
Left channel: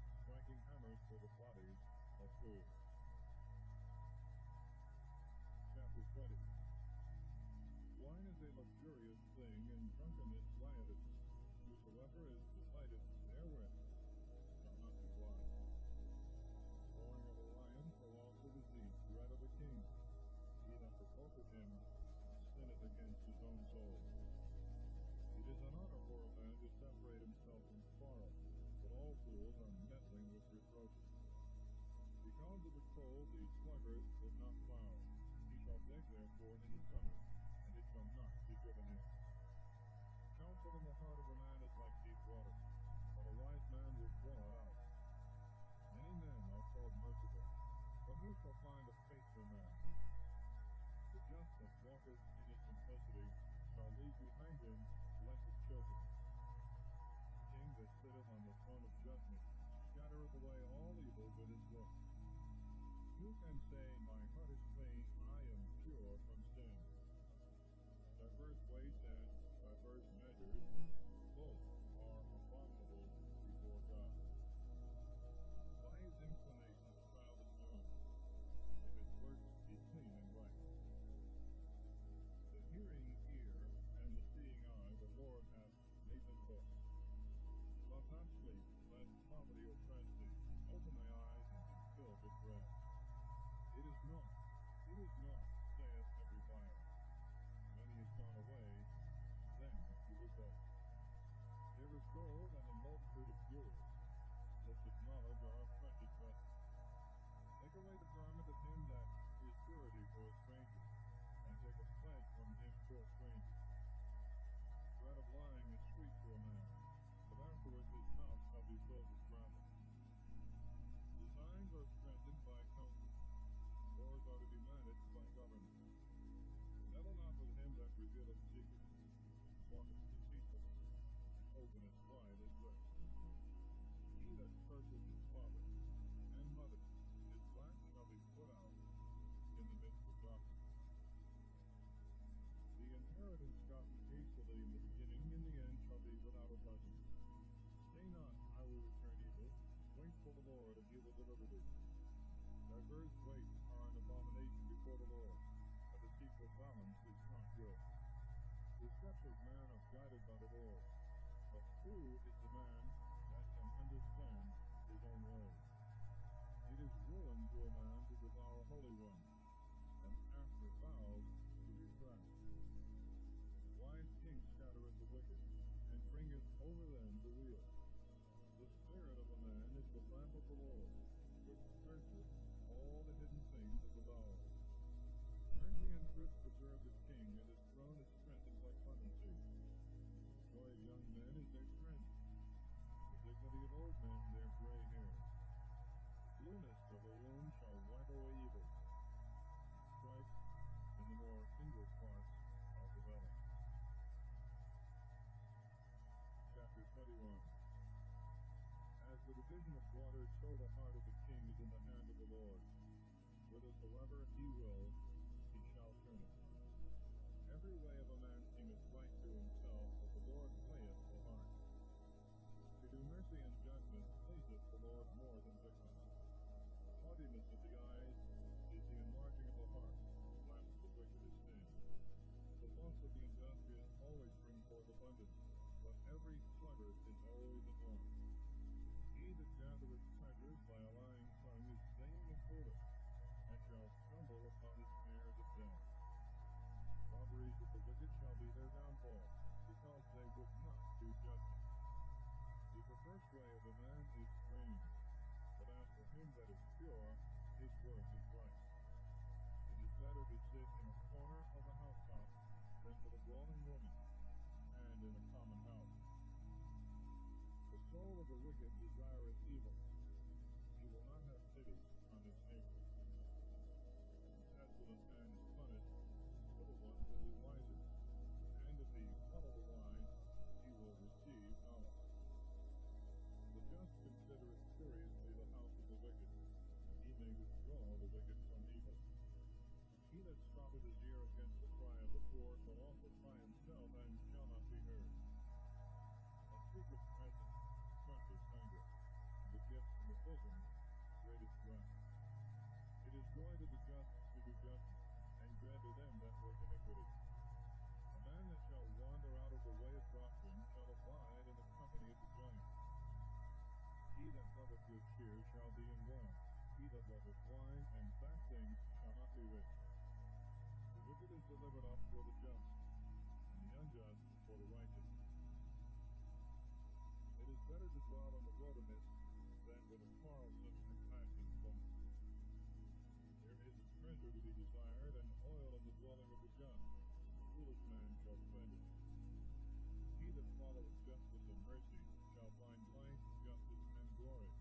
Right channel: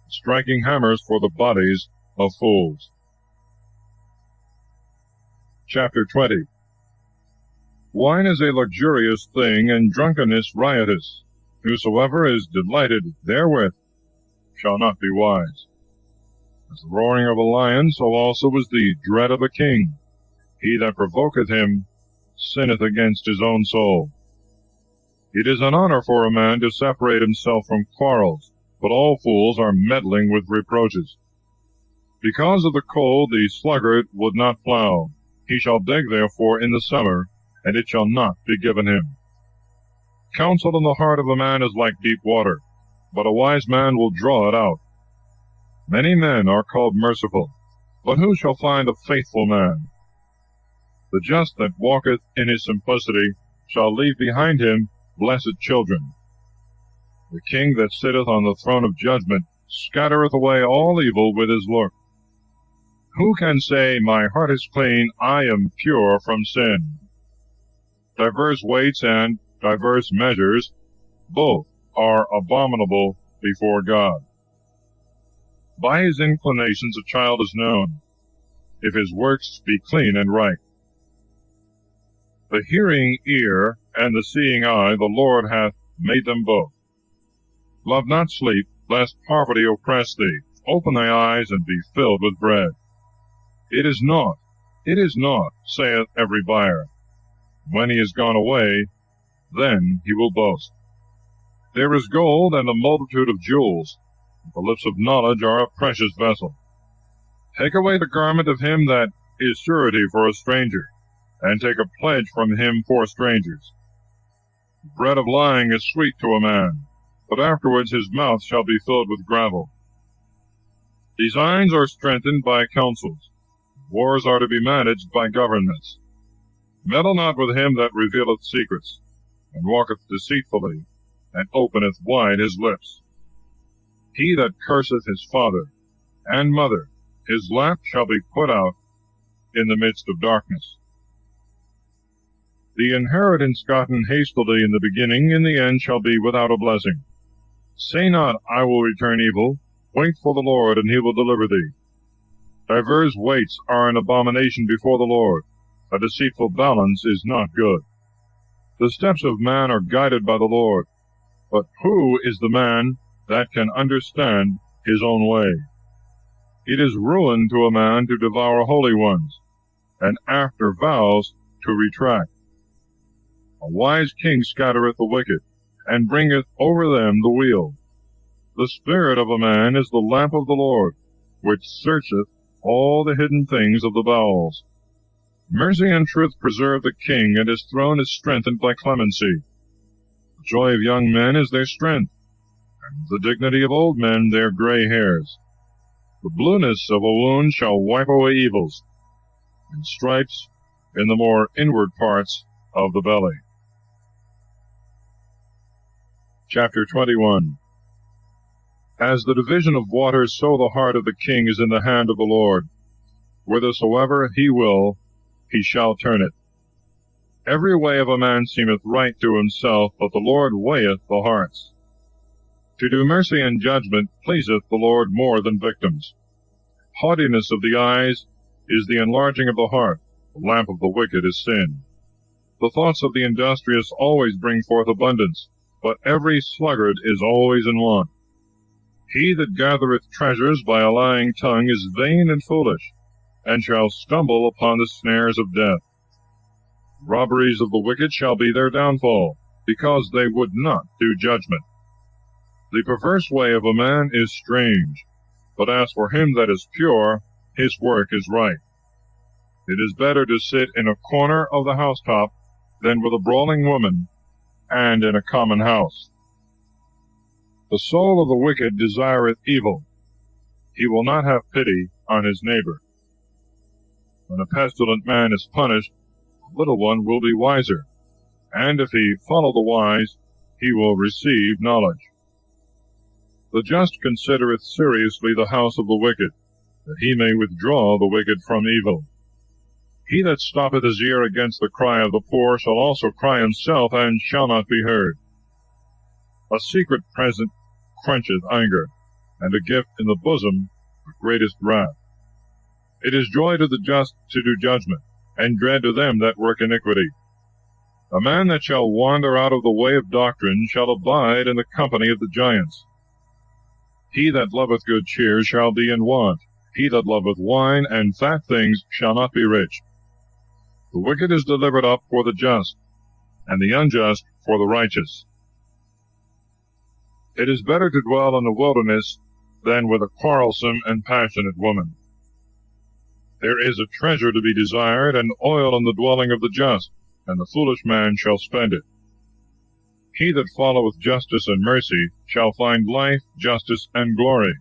striking hammers for the bodies of fools. Chapter 20. Wine is a luxurious thing, and drunkenness riotous. Whosoever is delighted therewith shall not be wise. As the roaring of a lion, so also is the dread of a king. He that provoketh him sinneth against his own soul. It is an honor for a man to separate himself from quarrels, but all fools are meddling with reproaches. Because of the cold the sluggard would not plow. He shall dig therefore in the summer, and it shall not be given him. Counsel in the heart of a man is like deep water, but a wise man will draw it out. Many men are called merciful, but who shall find a faithful man? The just that walketh in his simplicity shall leave behind him blessed children. The king that sitteth on the throne of judgment scattereth away all evil with his look. Who can say, My heart is clean, I am pure from sin? Diverse weights and diverse measures, both are abominable before God. By his inclinations a child is known, if his works be clean and right. The hearing ear and the seeing eye the Lord hath made them both. Love not sleep, lest poverty oppress thee. Open thy eyes, and be filled with bread. It is naught, saith every buyer. When he is gone away, then he will boast. There is gold and a multitude of jewels. The lips of knowledge are a precious vessel. Take away the garment of him that is surety for a stranger, and take a pledge from him for strangers. The bread of lying is sweet to a man, but afterwards his mouth shall be filled with gravel. Designs are strengthened by counsels. Wars are to be managed by governments. Meddle not with him that revealeth secrets, and walketh deceitfully, and openeth wide his lips. He that curseth his father and mother, his lamp shall be put out in the midst of darkness. The inheritance gotten hastily in the beginning, in the end shall be without a blessing. Say not, I will return evil. Wait for the Lord, and he will deliver thee. Divers weights are an abomination before the Lord. A deceitful balance is not good. The steps of man are guided by the Lord, but who is the man that can understand his own way? It is ruin to a man to devour holy ones, and after vows to retract. A wise king scattereth the wicked, and bringeth over them the weal. The spirit of a man is the lamp of the Lord, which searcheth all the hidden things of the bowels. Mercy and truth preserve the king, and his throne is strengthened by clemency. The joy of young men is their strength, and the dignity of old men their gray hairs. The blueness of a wound shall wipe away evils, and stripes in the more inward parts of the belly. Chapter 21. As the division of waters, so the heart of the king is in the hand of the Lord. Whithersoever he will, he shall turn it. Every way of a man seemeth right to himself, but the Lord weigheth the hearts. To do mercy and judgment pleaseth the Lord more than victims. Haughtiness of the eyes is the enlarging of the heart. The lamp of the wicked is sin. The thoughts of the industrious always bring forth abundance, but every sluggard is always in want. He that gathereth treasures by a lying tongue is vain and foolish, and shall stumble upon the snares of death. Robberies of the wicked shall be their downfall, because they would not do judgment. The perverse way of a man is strange, but as for him that is pure, his work is right. It is better to sit in a corner of the housetop than with a brawling woman, and in a common house. The soul of the wicked desireth evil. He will not have pity on his neighbor. When a pestilent man is punished, the little one will be wiser, and if he follow the wise, he will receive knowledge. The just considereth seriously the house of the wicked, that he may withdraw the wicked from evil. He that stoppeth his ear against the cry of the poor shall also cry himself, and shall not be heard. A secret present quencheth anger, and a gift in the bosom the greatest wrath. It is joy to the just to do judgment, and dread to them that work iniquity. A man that shall wander out of the way of doctrine shall abide in the company of the giants. He that loveth good cheer shall be in want. He that loveth wine and fat things shall not be rich. The wicked is delivered up for the just, and the unjust for the righteous. It is better to dwell in the wilderness than with a quarrelsome and passionate woman. There is a treasure to be desired, and oil in the dwelling of the just, and the foolish man shall spend it. He that followeth justice and mercy shall find life, justice, and glory.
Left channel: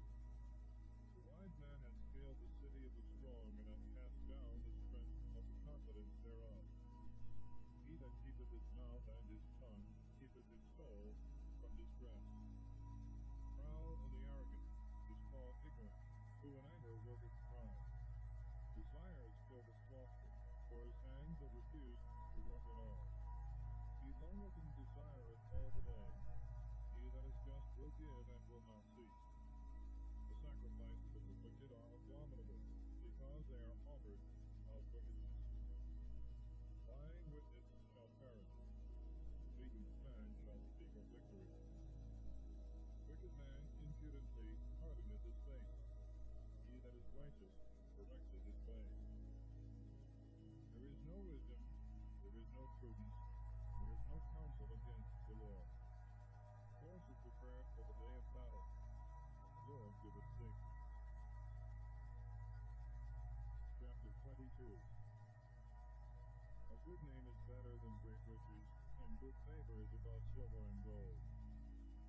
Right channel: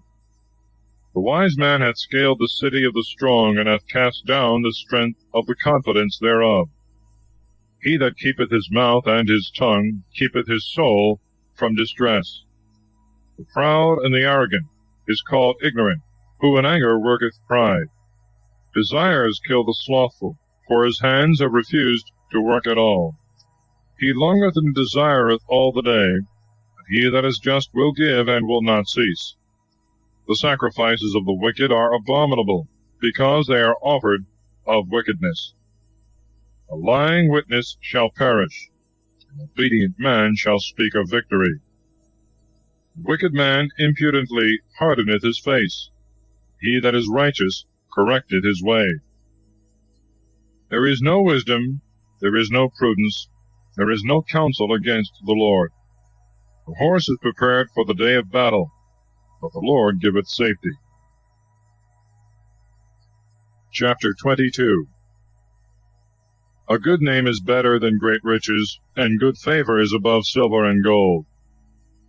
The wise man hath scaled the city of the strong, and hath cast down the strength of the confidence thereof. He that keepeth his mouth and his tongue keepeth his soul from distress. The proud and the arrogant is called ignorant, who in anger worketh pride. Desires kill the slothful, for his hands have refused to work at all. He longeth and desireth all the day, but he that is just will give and will not cease. The sacrifices of the wicked are abominable, because they are offered of wickedness. A lying witness shall perish, an obedient man shall speak of victory. The wicked man impudently hardeneth his face. He that is righteous correcteth his way. There is no wisdom, there is no prudence, there is no counsel against the Lord. The horse is prepared for the day of battle, but the Lord giveth safety. Chapter 22. A good name is better than great riches, and good favor is above silver and gold.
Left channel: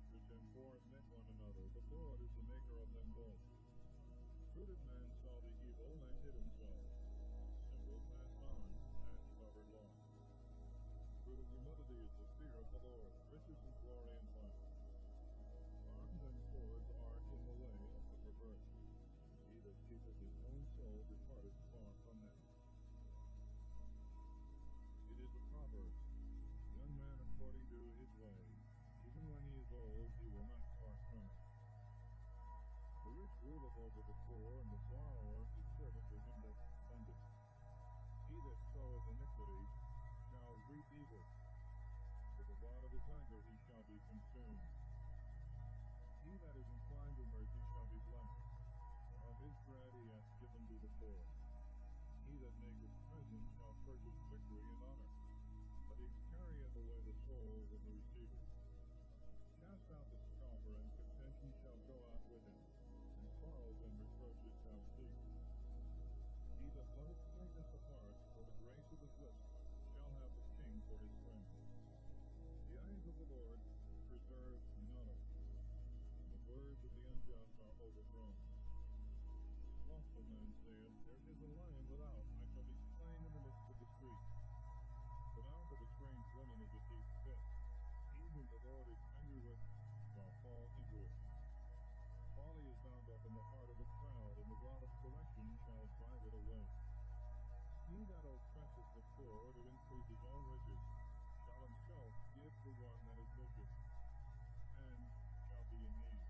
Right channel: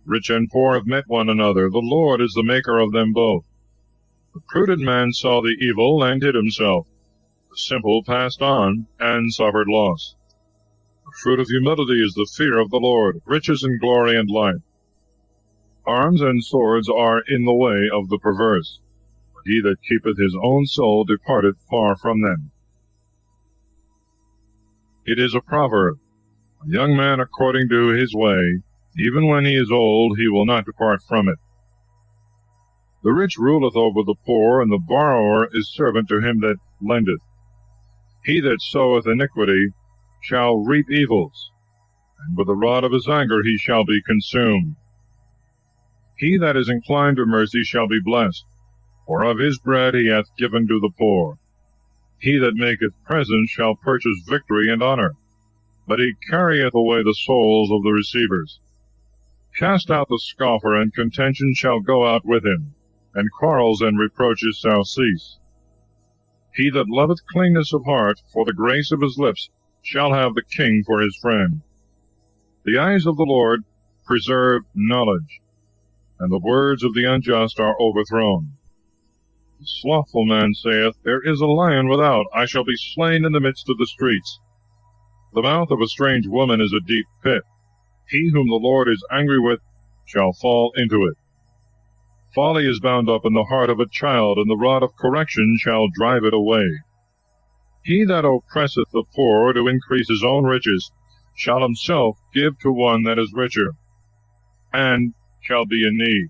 Rich and poor have met one another, the Lord is the maker of them both. The prudent man saw the evil, and hid himself. The simple passed on, and suffered loss. The fruit of humility is the fear of the Lord, riches and glory and life. Arms and swords are in the way of the perverse, but he that keepeth his own soul departeth far from them. It is a proverb, a young man according to his way, even when he is old, he will not depart from it. The rich ruleth over the poor, and the borrower is servant to him that lendeth. He that soweth iniquity shall reap evils, and with the rod of his anger he shall be consumed. He that is inclined to mercy shall be blessed, for of his bread he hath given to the poor. He that maketh presents shall purchase victory and honor, but he carrieth away the souls of the receivers. Cast out the scoffer, and contention shall go out with him, and quarrels and reproaches shall cease. He that loveth cleanness of heart, for the grace of his lips, shall have the king for his friend. The eyes of the Lord preserve knowledge, and the words of the unjust are overthrown. The slothful man saith, There is a lion without, I shall be slain in the midst of the streets. The mouth of a strange woman is a deep pit. He whom the Lord is angry with shall fall into it. Folly is bound up in the heart of a child, and the rod of correction shall drive it away. He that oppresseth the poor to increase his own riches shall himself give to one that is richer, and shall be in need.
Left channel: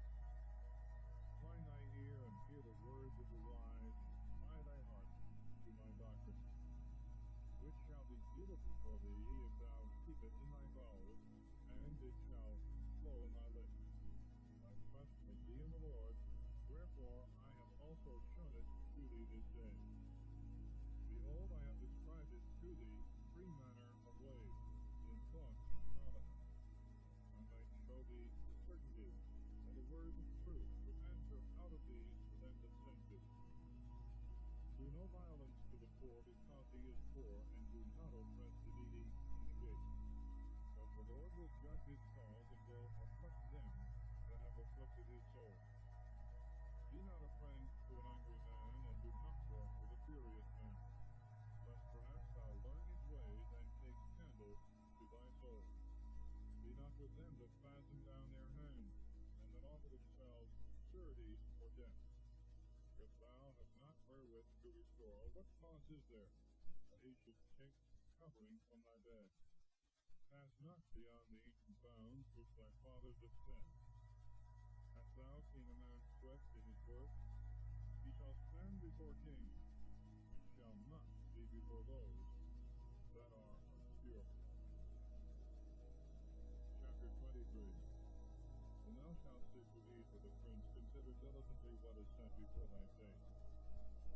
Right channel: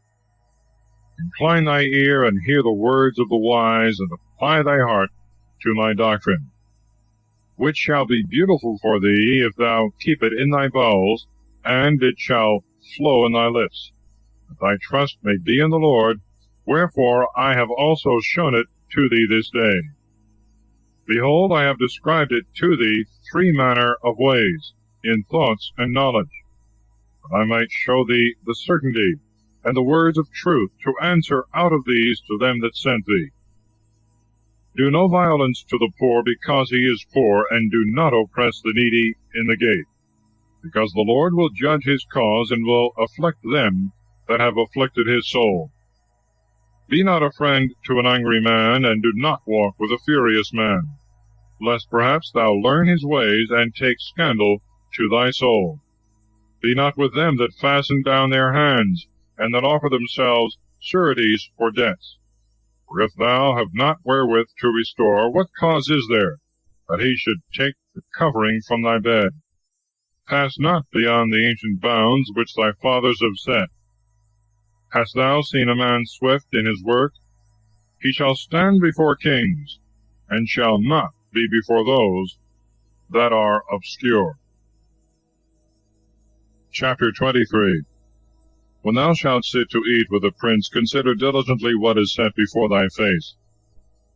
Incline thy ear, and hear the words of the wise, and apply thy heart to my doctrine, which shall be beautiful for thee if thou keep it in thy bowels, and it shall flow in thy lips, that thy trust may be in the Lord. Wherefore I have also shown it to thee this day. Behold, I have described it to thee 3 manner of ways, in thoughts and knowledge, that I might show thee the certainty and the words of truth, to answer out of these to them that sent thee. Do no violence to the poor because he is poor, and do not oppress the needy in the gate, because the Lord will judge his cause, and will afflict them that have afflicted his soul. Be not a friend to an angry man, and do not walk with a furious man, lest perhaps thou learn his ways, and take scandal to thy soul. Be not with them that fasten down their hands, and that offer themselves sureties for debts. For if thou have not wherewith to restore, what cause is there that he should take the covering from thy bed? Pass not beyond the ancient bounds which thy fathers have set. Hast thou seen a man swift in his work? He shall stand before kings, and shall not be before those that are obscure. Chapter 23. When thou shalt sit to eat with a prince, consider diligently what is set before thy face,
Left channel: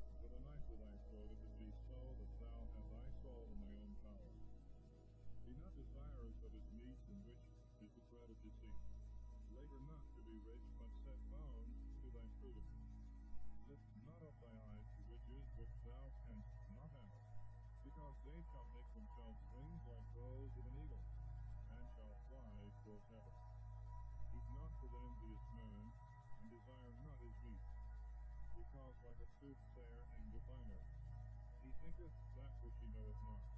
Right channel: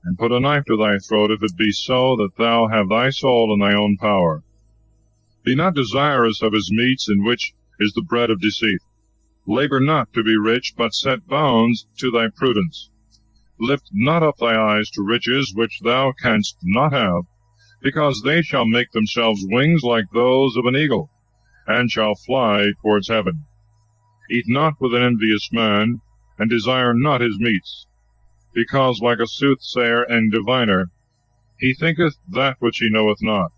and put a knife to thy throat, if it be so that thou have thy soul in thy own power. Be not desirous of his meats, in which is the bread of deceit. Labor not to be rich, but set bounds to thy prudence. Lift not up thy eyes to riches which thou canst not have, because they shall make themselves wings like those of an eagle, and shall fly towards heaven. Eat not with an envious man, and desire not his meats, because like a soothsayer and diviner, he thinketh that which he knoweth not.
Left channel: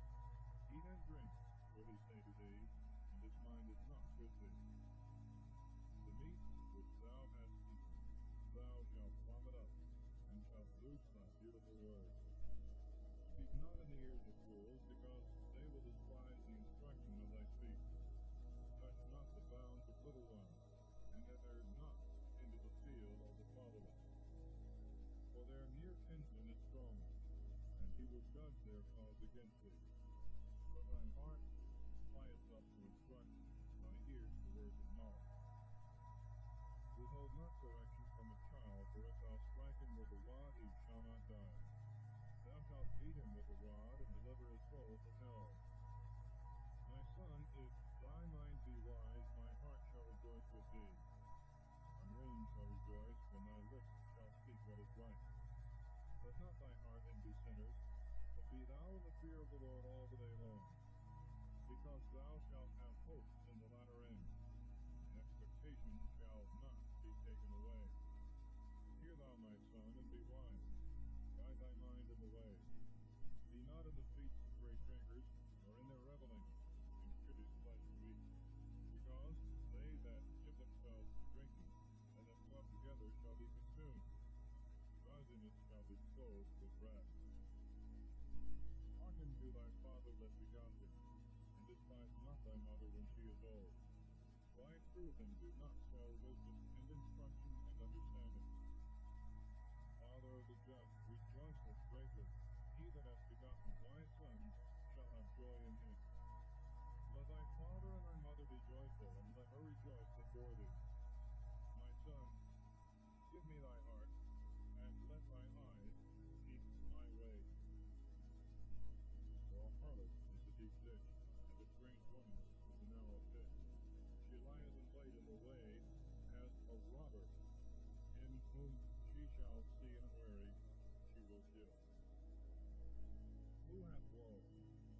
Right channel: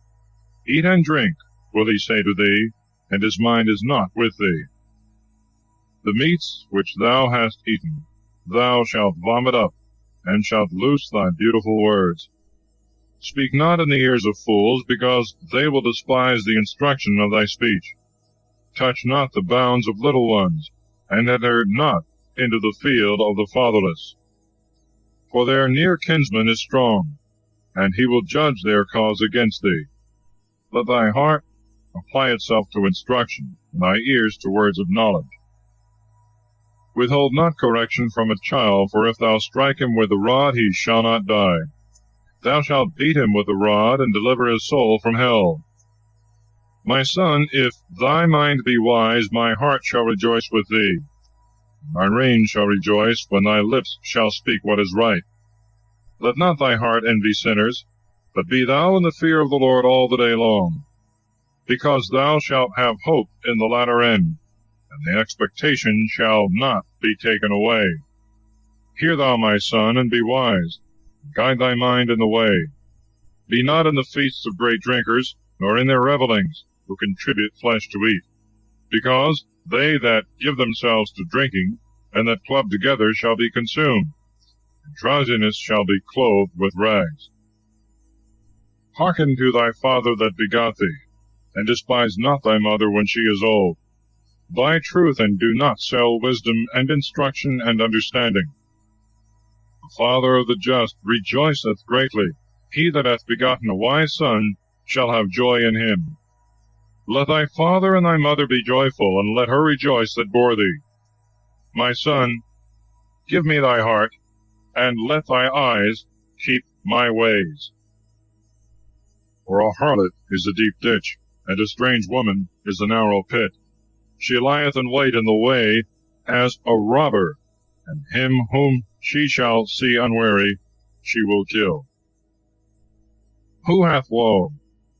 Eat and drink, will he say to thee, and his mind is not with thee. The meats which thou hast eaten, thou shalt vomit up, and shalt loose thy beautiful words. Speak not in the ears of fools, because they will despise the instruction of thy speech. Touch not the bounds of little ones, and enter not into the field of the fatherless. For their near kinsman is strong, and he will judge their cause against thee. Let thy heart apply itself to instruction, and thy ears to words of knowledge. Withhold not correction from a child, for if thou strike him with the rod, he shall not die. Thou shalt beat him with the rod, and deliver his soul from hell. My son, if thy mind be wise, my heart shall rejoice with thee. My reins shall rejoice when thy lips shall speak what is right. Let not thy heart envy sinners, but be thou in the fear of the Lord all the day long, because thou shalt have hope in the latter end, and the expectation shall not be taken away. Hear thou, my son, and be wise. Guide thy mind in the way. Be not in the feasts of great drinkers, nor in their revellings, who contribute flesh to eat, because they that give themselves to drinking, and that club together, shall be consumed, and drowsiness shall be clothed with rags. Hearken to thy father that begot thee, and despise not thy mother when she is old. Buy truth, and do not sell wisdom, and instruction, and understanding. The father of the just rejoiceth greatly. He that hath begotten a wise son shall have joy in him. Let thy father and thy mother be joyful, and let her rejoice that bore thee. My son, give me thy heart, and let thy eyes keep my ways. For a harlot is a deep ditch, and a strange woman is a narrow pit. She lieth in wait in the way as a robber, and him whom she shall see unwary she will kill. Who hath woe?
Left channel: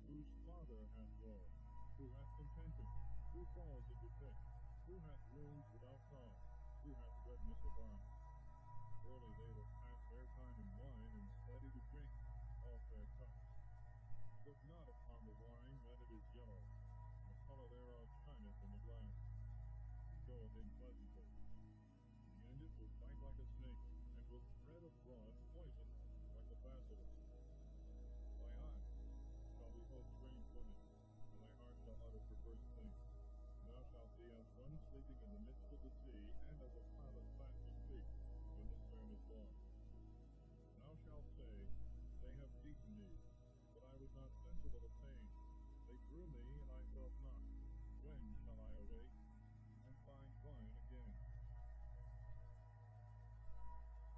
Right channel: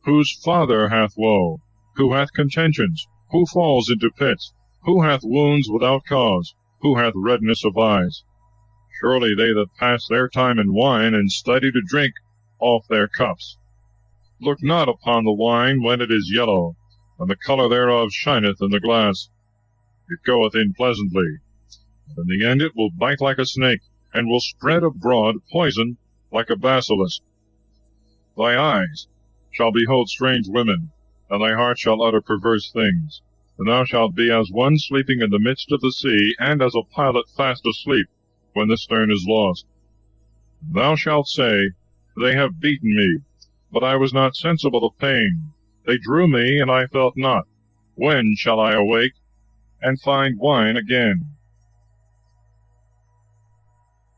Whose father hath woe? Who hath contentions? Who falls into pits? Who hath wounds without cause? Who hath redness of eyes? Surely they that pass their time in wine, and study to drink off their cups. Look not upon the wine when it is yellow, and the colour thereof shineth in the glass. It goeth in pleasantly, but in the end it will bite like a snake, and will spread abroad poison like a basilisk. Thy eyes shall behold strange women, and thy heart shall utter perverse things. And thou shalt be as one sleeping in the midst of the sea, and as a pilot fast asleep, when the stern is lost. Thou shalt say, They have beaten me, but I was not sensible of pain. They drew me, and I felt not. When shall I awake, and find wine again?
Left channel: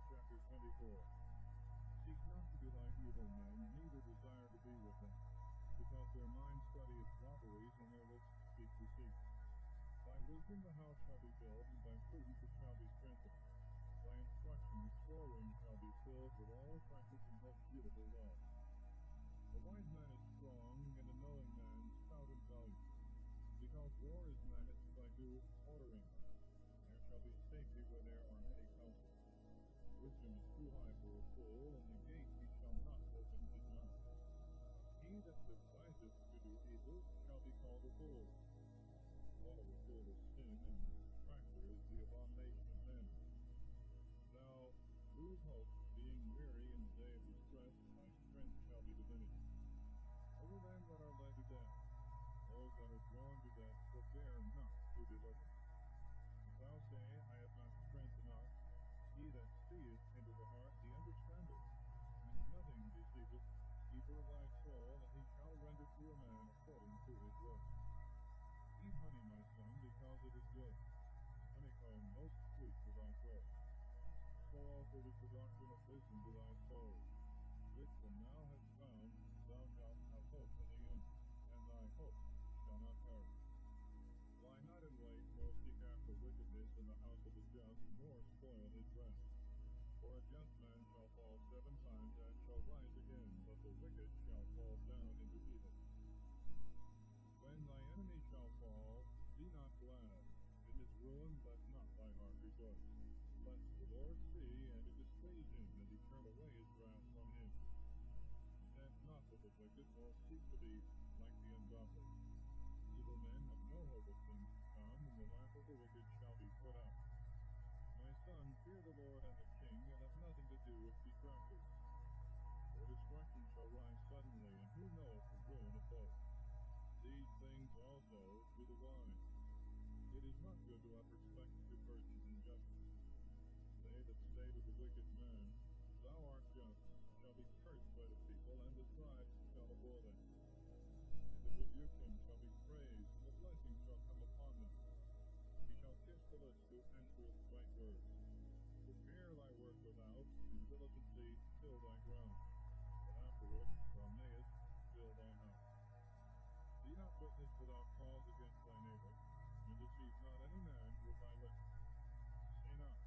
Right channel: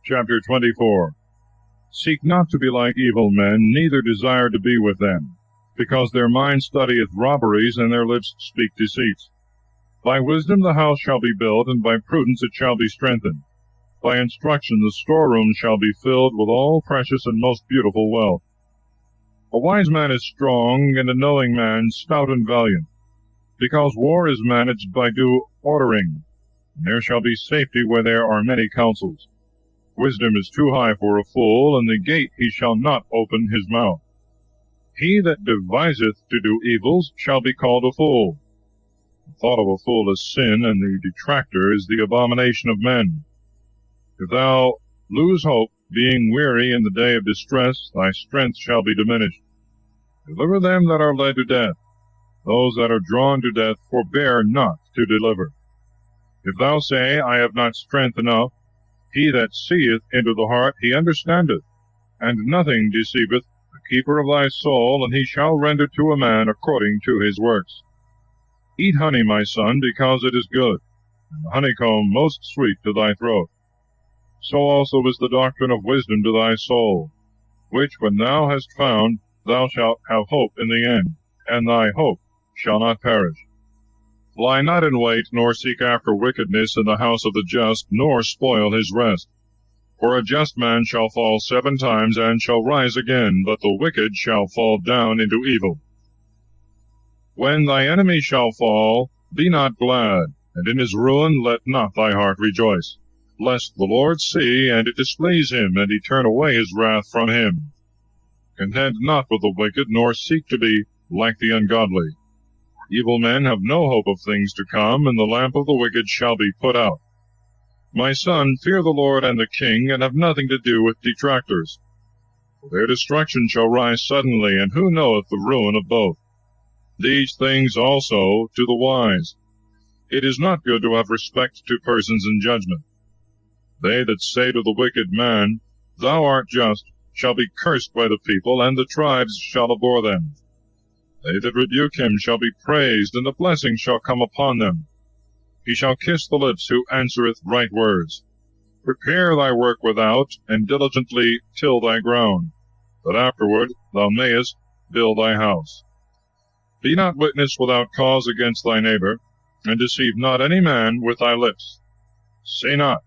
Chapter 24. Seek not to be like evil men, neither desire to be with them, because their mind studieth robberies, and their lips speak deceits. By wisdom the house shall be built, and by prudence it shall be strengthened. By instruction the storeroom shall be filled with all precious and most beautiful wealth. A wise man is strong, and a knowing man stout and valiant, because war is managed by due ordering, and there shall be safety where there are many counsels. Wisdom is too high for a fool, and the gate he shall not open his mouth. He that deviseth to do evils shall be called a fool. The thought of a fool is sin, and the detractor is the abomination of men. If thou lose hope, being weary in the day of distress, thy strength shall be diminished. Deliver them that are led to death. Those that are drawn to death forbear not to deliver. If thou say, I have not strength enough, he that seeth into the heart, he understandeth, and nothing deceiveth the keeper of thy soul, and he shall render to a man according to his works. Eat honey, my son, because it is good, and the honeycomb most sweet to thy throat. So also is the doctrine of wisdom to thy soul, which when thou hast found, thou shalt have hope in the end, and thy hope shall not perish. Lie not in wait, nor seek after wickedness in the house of the just, nor spoil his rest. For a just man shall fall 7 times, and shall rise again, but the wicked shall fall down into evil. When thy enemy shall fall, be not glad, and in his ruin let not thy heart rejoice, lest the Lord see, and it displease him, and he turn away his wrath from him. Contend not with the wicked, nor seek to be like the ungodly. Evil men have no hope of things to come, and the lamp of the wicked shall be put out. My son, fear the Lord and the king, and have nothing to do with detractors. For their destruction shall rise suddenly, and who knoweth the ruin of both? These things also to the wise. It is not good to have respect to persons in judgment. They that say to the wicked man, Thou art just, shall be cursed by the people, and the tribes shall abhor them. They that rebuke him shall be praised, and the blessing shall come upon them. He shall kiss the lips who answereth right words. Prepare thy work without, and diligently till thy ground, that afterward thou mayest build thy house. Be not witness without cause against thy neighbor, and deceive not any man with thy lips. Say not,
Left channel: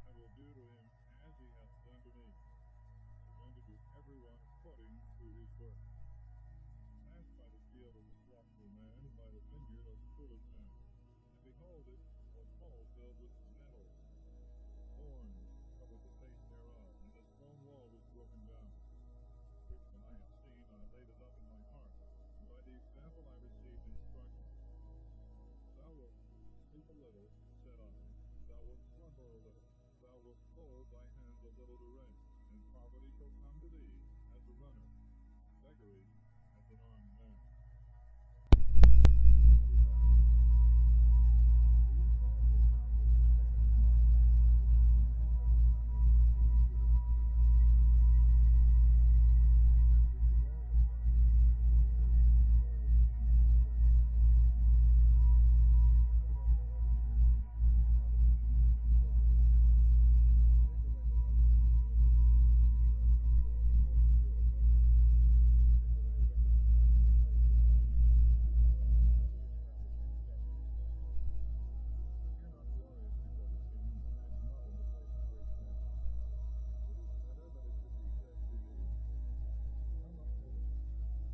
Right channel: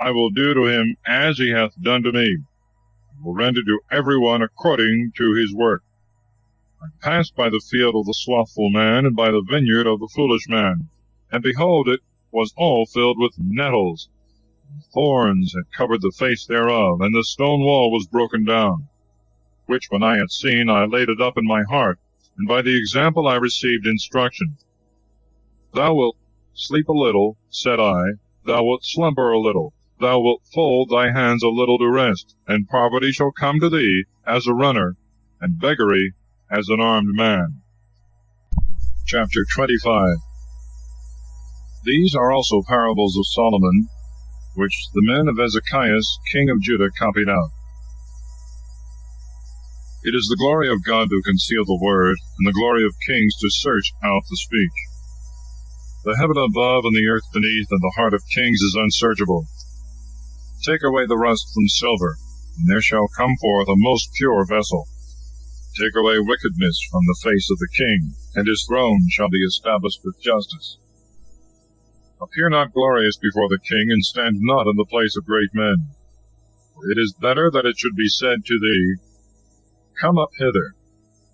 I will do to him as he hath done to me. I will render to every one according to his work. I passed by the field of the slothful man, and by the vineyard of the foolish man, and behold, it was all filled with nettles. Thorns had covered the face thereof, and the stone wall was broken down. Which when I had seen, I laid it up in my heart, and by the example I received instruction. Thou wilt sleep a little, said I, thou wilt slumber a little, thou wilt fold thy hands a little to rest, and poverty shall come to thee as a runner, and beggary as an armed man. Chapter 25. These are also parables of Solomon, which the men of Ezekias, king of Judah, copied out. It is the glory of God to conceal the word, and the glory of kings to search out the speech. The heaven above and the earth beneath, and the heart of kings is unsearchable. Take away the rust from silver, and there shall come forth a most pure vessel. Take away wickedness from the face of the king, and his throne shall be established with justice. Appear not glorious before the king, and stand not in the place of great men. For it is better that it should be said to thee, Come up hither,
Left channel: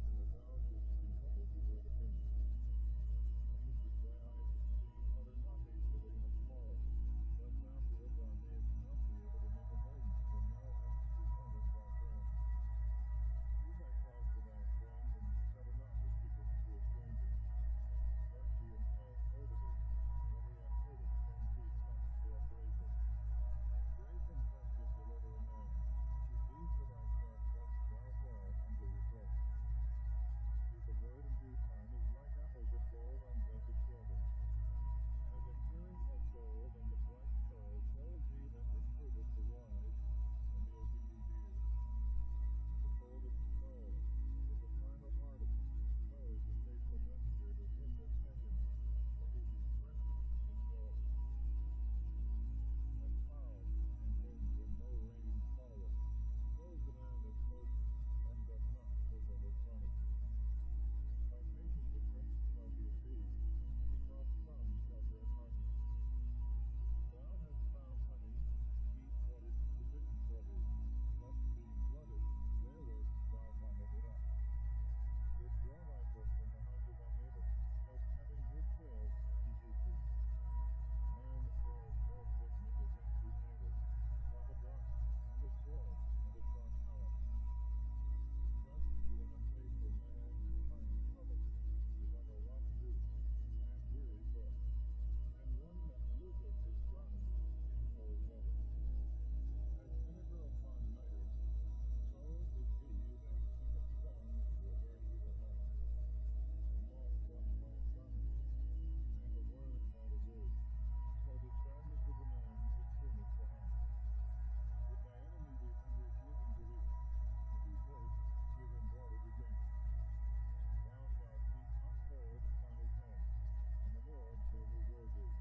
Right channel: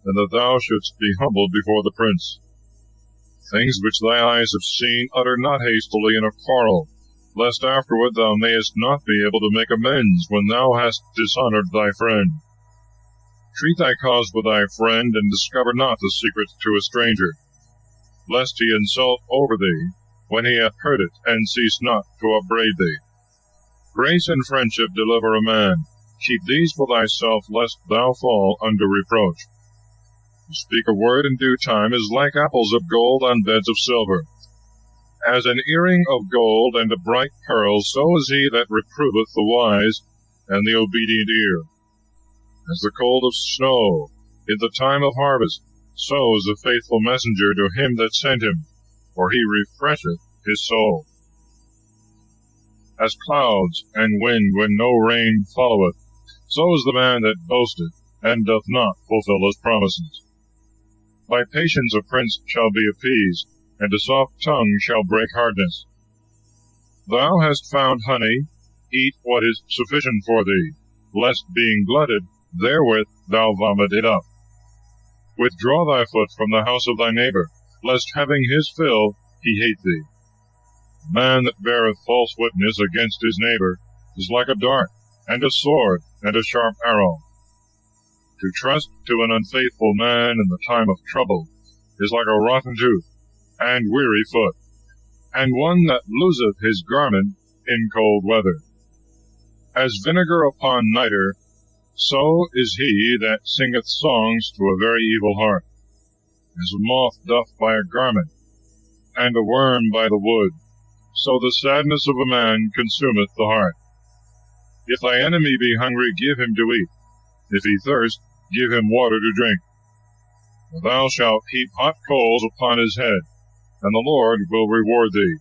than that thou shouldst be humbled before the prince. Things which thy eyes have seen utter not hastily in a quarrel, lest afterward thou mayest not be able to make amends when thou hast dishonored thy friend. Treat thy cause with thy friend, and discover not the secret to a stranger, lest he insult over thee when he hath heard it, and cease not to upbraid thee. Grace and friendship deliver a man, Keep these for thyself, lest thou fall under reproach. To speak a word in due time is like apples of gold on beds of silver. As an earring of gold and a bright pearl, so is he that reproveth the wise and the obedient ear. As the cold of snow in the time of harvest, so is a faithful messenger to him that sent him, for he refresheth his soul. As clouds and wind when no rain followeth, so is the man that boasteth, and doth not fulfill his promises. By patience a prince shall be appeased, and a soft tongue shall break hardness. Thou hast found honey, eat what is sufficient for thee, lest being glutted, therewith thou vomit it up. Withdraw thy foot from the house of thy neighbor, lest having his fill he hate thee. A man that beareth false witness against his neighbor is like a dart, and a sword, and a sharp arrow. To trust to an unfaithful man in the time of trouble is like a rotten tooth, and weary foot, and one that loseth his garment in cold weather. As vinegar upon nitre, so is he that singeth songs to a very evil heart. As a moth doth by a garment, and a worm by the wood, so the sadness of a man consumeth the heart. If thy enemy be hungry, give him to eat. If he thirst, give him water to drink. For thou shalt heap hot coals upon his head, and the Lord will reward thee.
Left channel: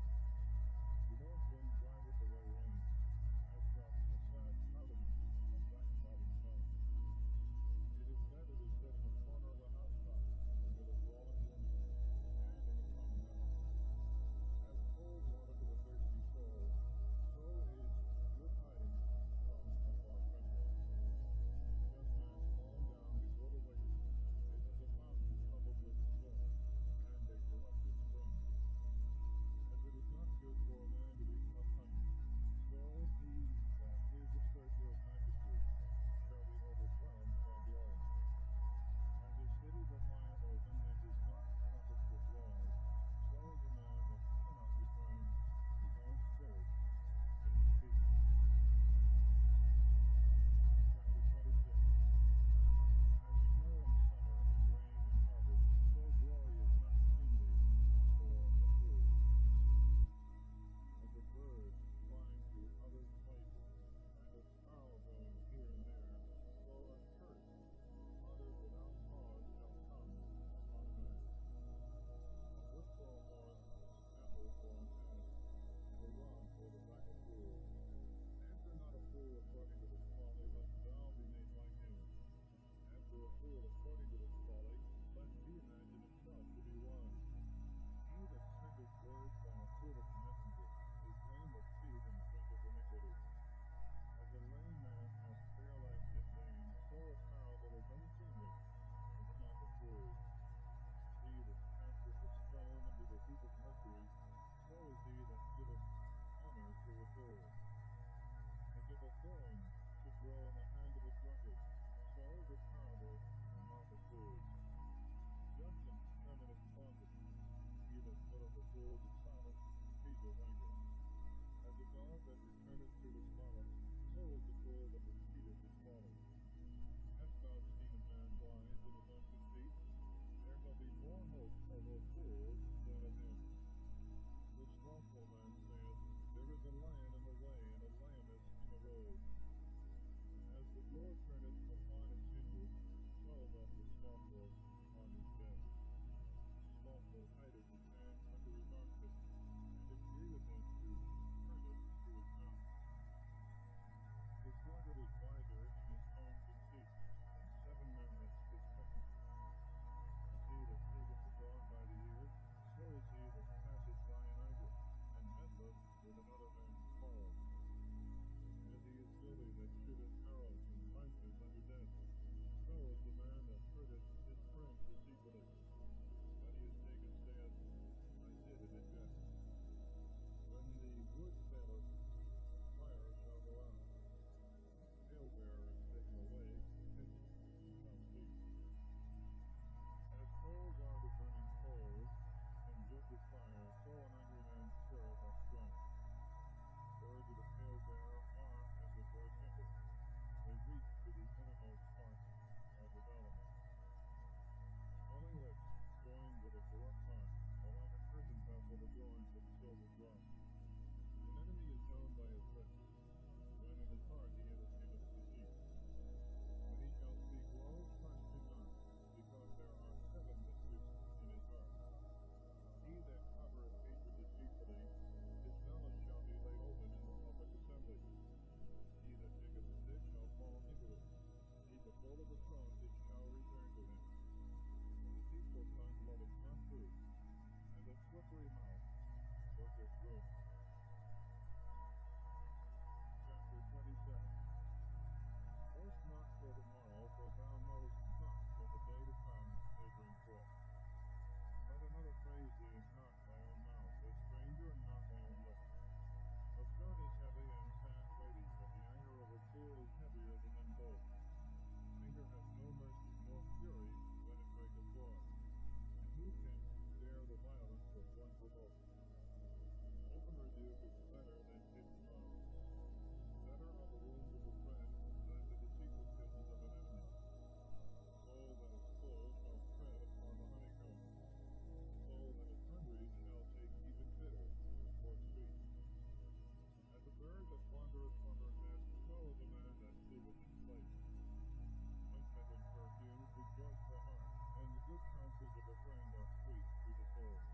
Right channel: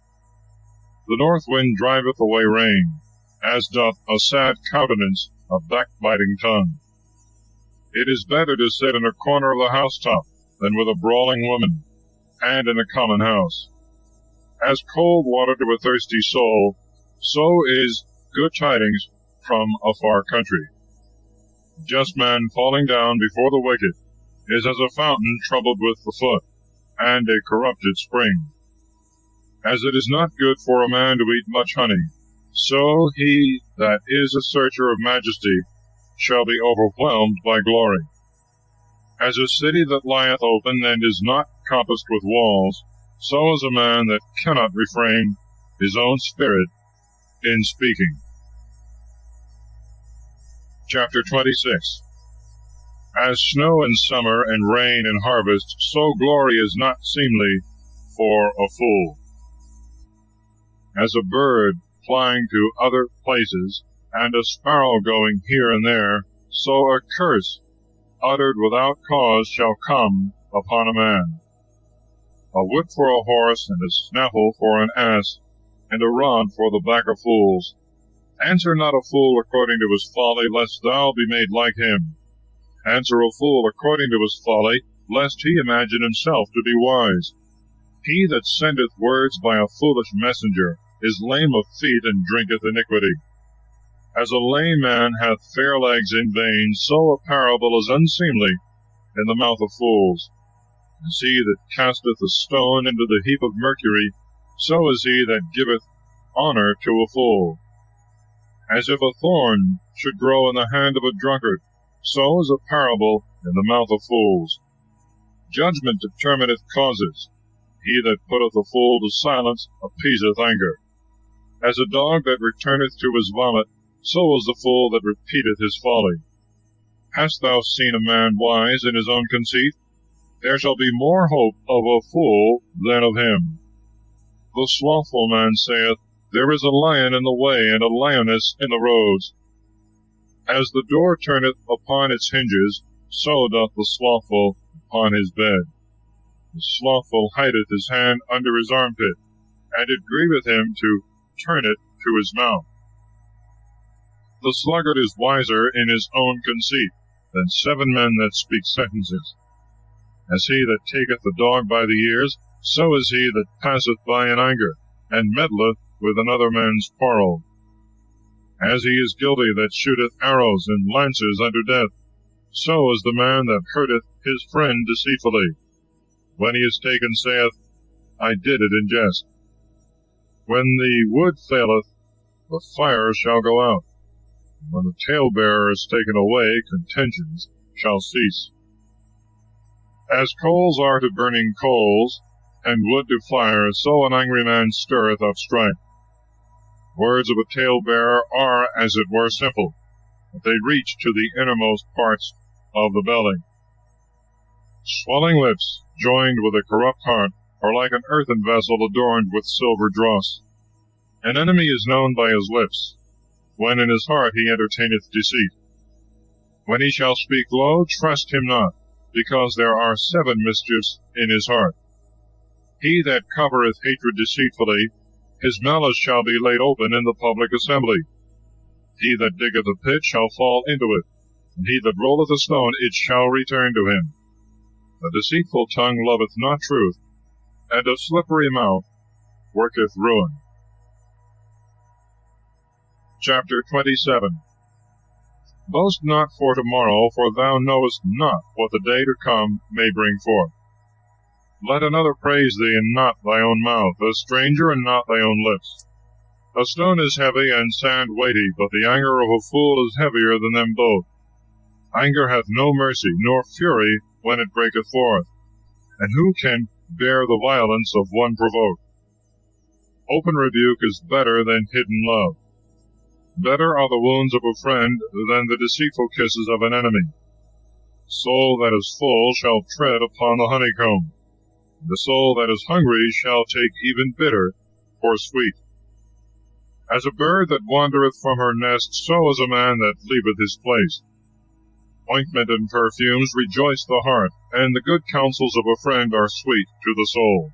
The north wind driveth away rain, as doth a sad countenance a backbiting tongue. It is better to sit in a corner of the housetop than with a brawling woman, and in a common house. As cold water to a thirsty soul, so is good tidings from a far country. A just man falling down before the wicked is as a fountain troubled with the foot, and a corrupted spring. As it is not good for a man to eat much honey, so he that is a searcher of majesty shall be overwhelmed by glory. As a city that lieth open and is not compassed with walls, so is a man that cannot refrain his own spirit in speaking. Chapter 26. As snow in summer and rain in harvest, so glory is not seemly for a fool. As a bird flying to other places, and a sparrow going here and there, so a curse uttered without cause shall come upon a man. A whip for a horse, and a snaffle for an ass, and a rod for the back of fools. Answer not a fool according to his folly, lest thou be made like him. Answer a fool according to his folly, lest he imagine himself to be wise. He that sendeth words by a foolish messenger is lame of feet, and drinketh iniquity. As a lame man hath fair legs in vain, so a parable is unseemly in the mouth of fools. As he that casteth a stone into the heap of mercury, so is he that giveth honor to a fool. As if a thorn should grow in the hand of a drunkard, so is a parable in the mouth of fools. Judgment determineth causes. He that putteth a fool to silence appeaseth anger. As a dog that returneth to his vomit, so is the fool that repeateth his folly. Hast thou seen a man wise in his own conceit? There shall be more hope of a fool than of him. The slothful man saith, There is a lion in the way, and a lioness in the roads. As the door turneth upon its hinges, so doth the slothful upon his bed. The slothful hideth his hand under his armpit, and it grieveth him to turn it to his mouth. The sluggard is wiser in his own conceit than 7 men that speak sentences. As he that taketh the dog by the ears, so is he that passeth by in anger, and meddleth with another man's quarrel. As he is guilty that shooteth arrows and lances unto death, so is the man that hurteth his friend deceitfully. When he is taken, saith, I did it in jest. When the wood faileth, the fire shall go out. When the talebearer is taken away, contentions shall cease. As coals are to burning coals, and wood to fire, so an angry man stirreth up strife. Words of a talebearer are as it were simple, that they reach to the innermost parts of the belly. Swelling lips, joined with a corrupt heart, are like an earthen vessel adorned with silver dross. An enemy is known by his lips, when in his heart he entertaineth deceit. When he shall speak low, trust him not, because there are 7 mischiefs in his heart. He that covereth hatred deceitfully, his malice shall be laid open in the public assembly. He that diggeth a pit shall fall into it, and he that rolleth a stone, it shall return to him. A deceitful tongue loveth not truth, and a slippery mouth worketh ruin. Chapter 27. Boast not for tomorrow, for thou knowest not what the day to come may bring forth. Let another praise thee, and not thy own mouth, a stranger, and not thy own lips. A stone is heavy, and sand weighty, but the anger of a fool is heavier than them both. Anger hath no mercy, nor fury when it breaketh forth. And who can bear the violence of one provoked? Open rebuke is better than hidden love. Better are the wounds of a friend than the deceitful kisses of an enemy. Soul that is full shall tread upon the honeycomb. The soul that is hungry shall take even bitter for sweet. As a bird that wandereth from her nest, so is a man that leaveth his place. Ointment and perfumes rejoice the heart, and the good counsels of a friend are sweet to the soul.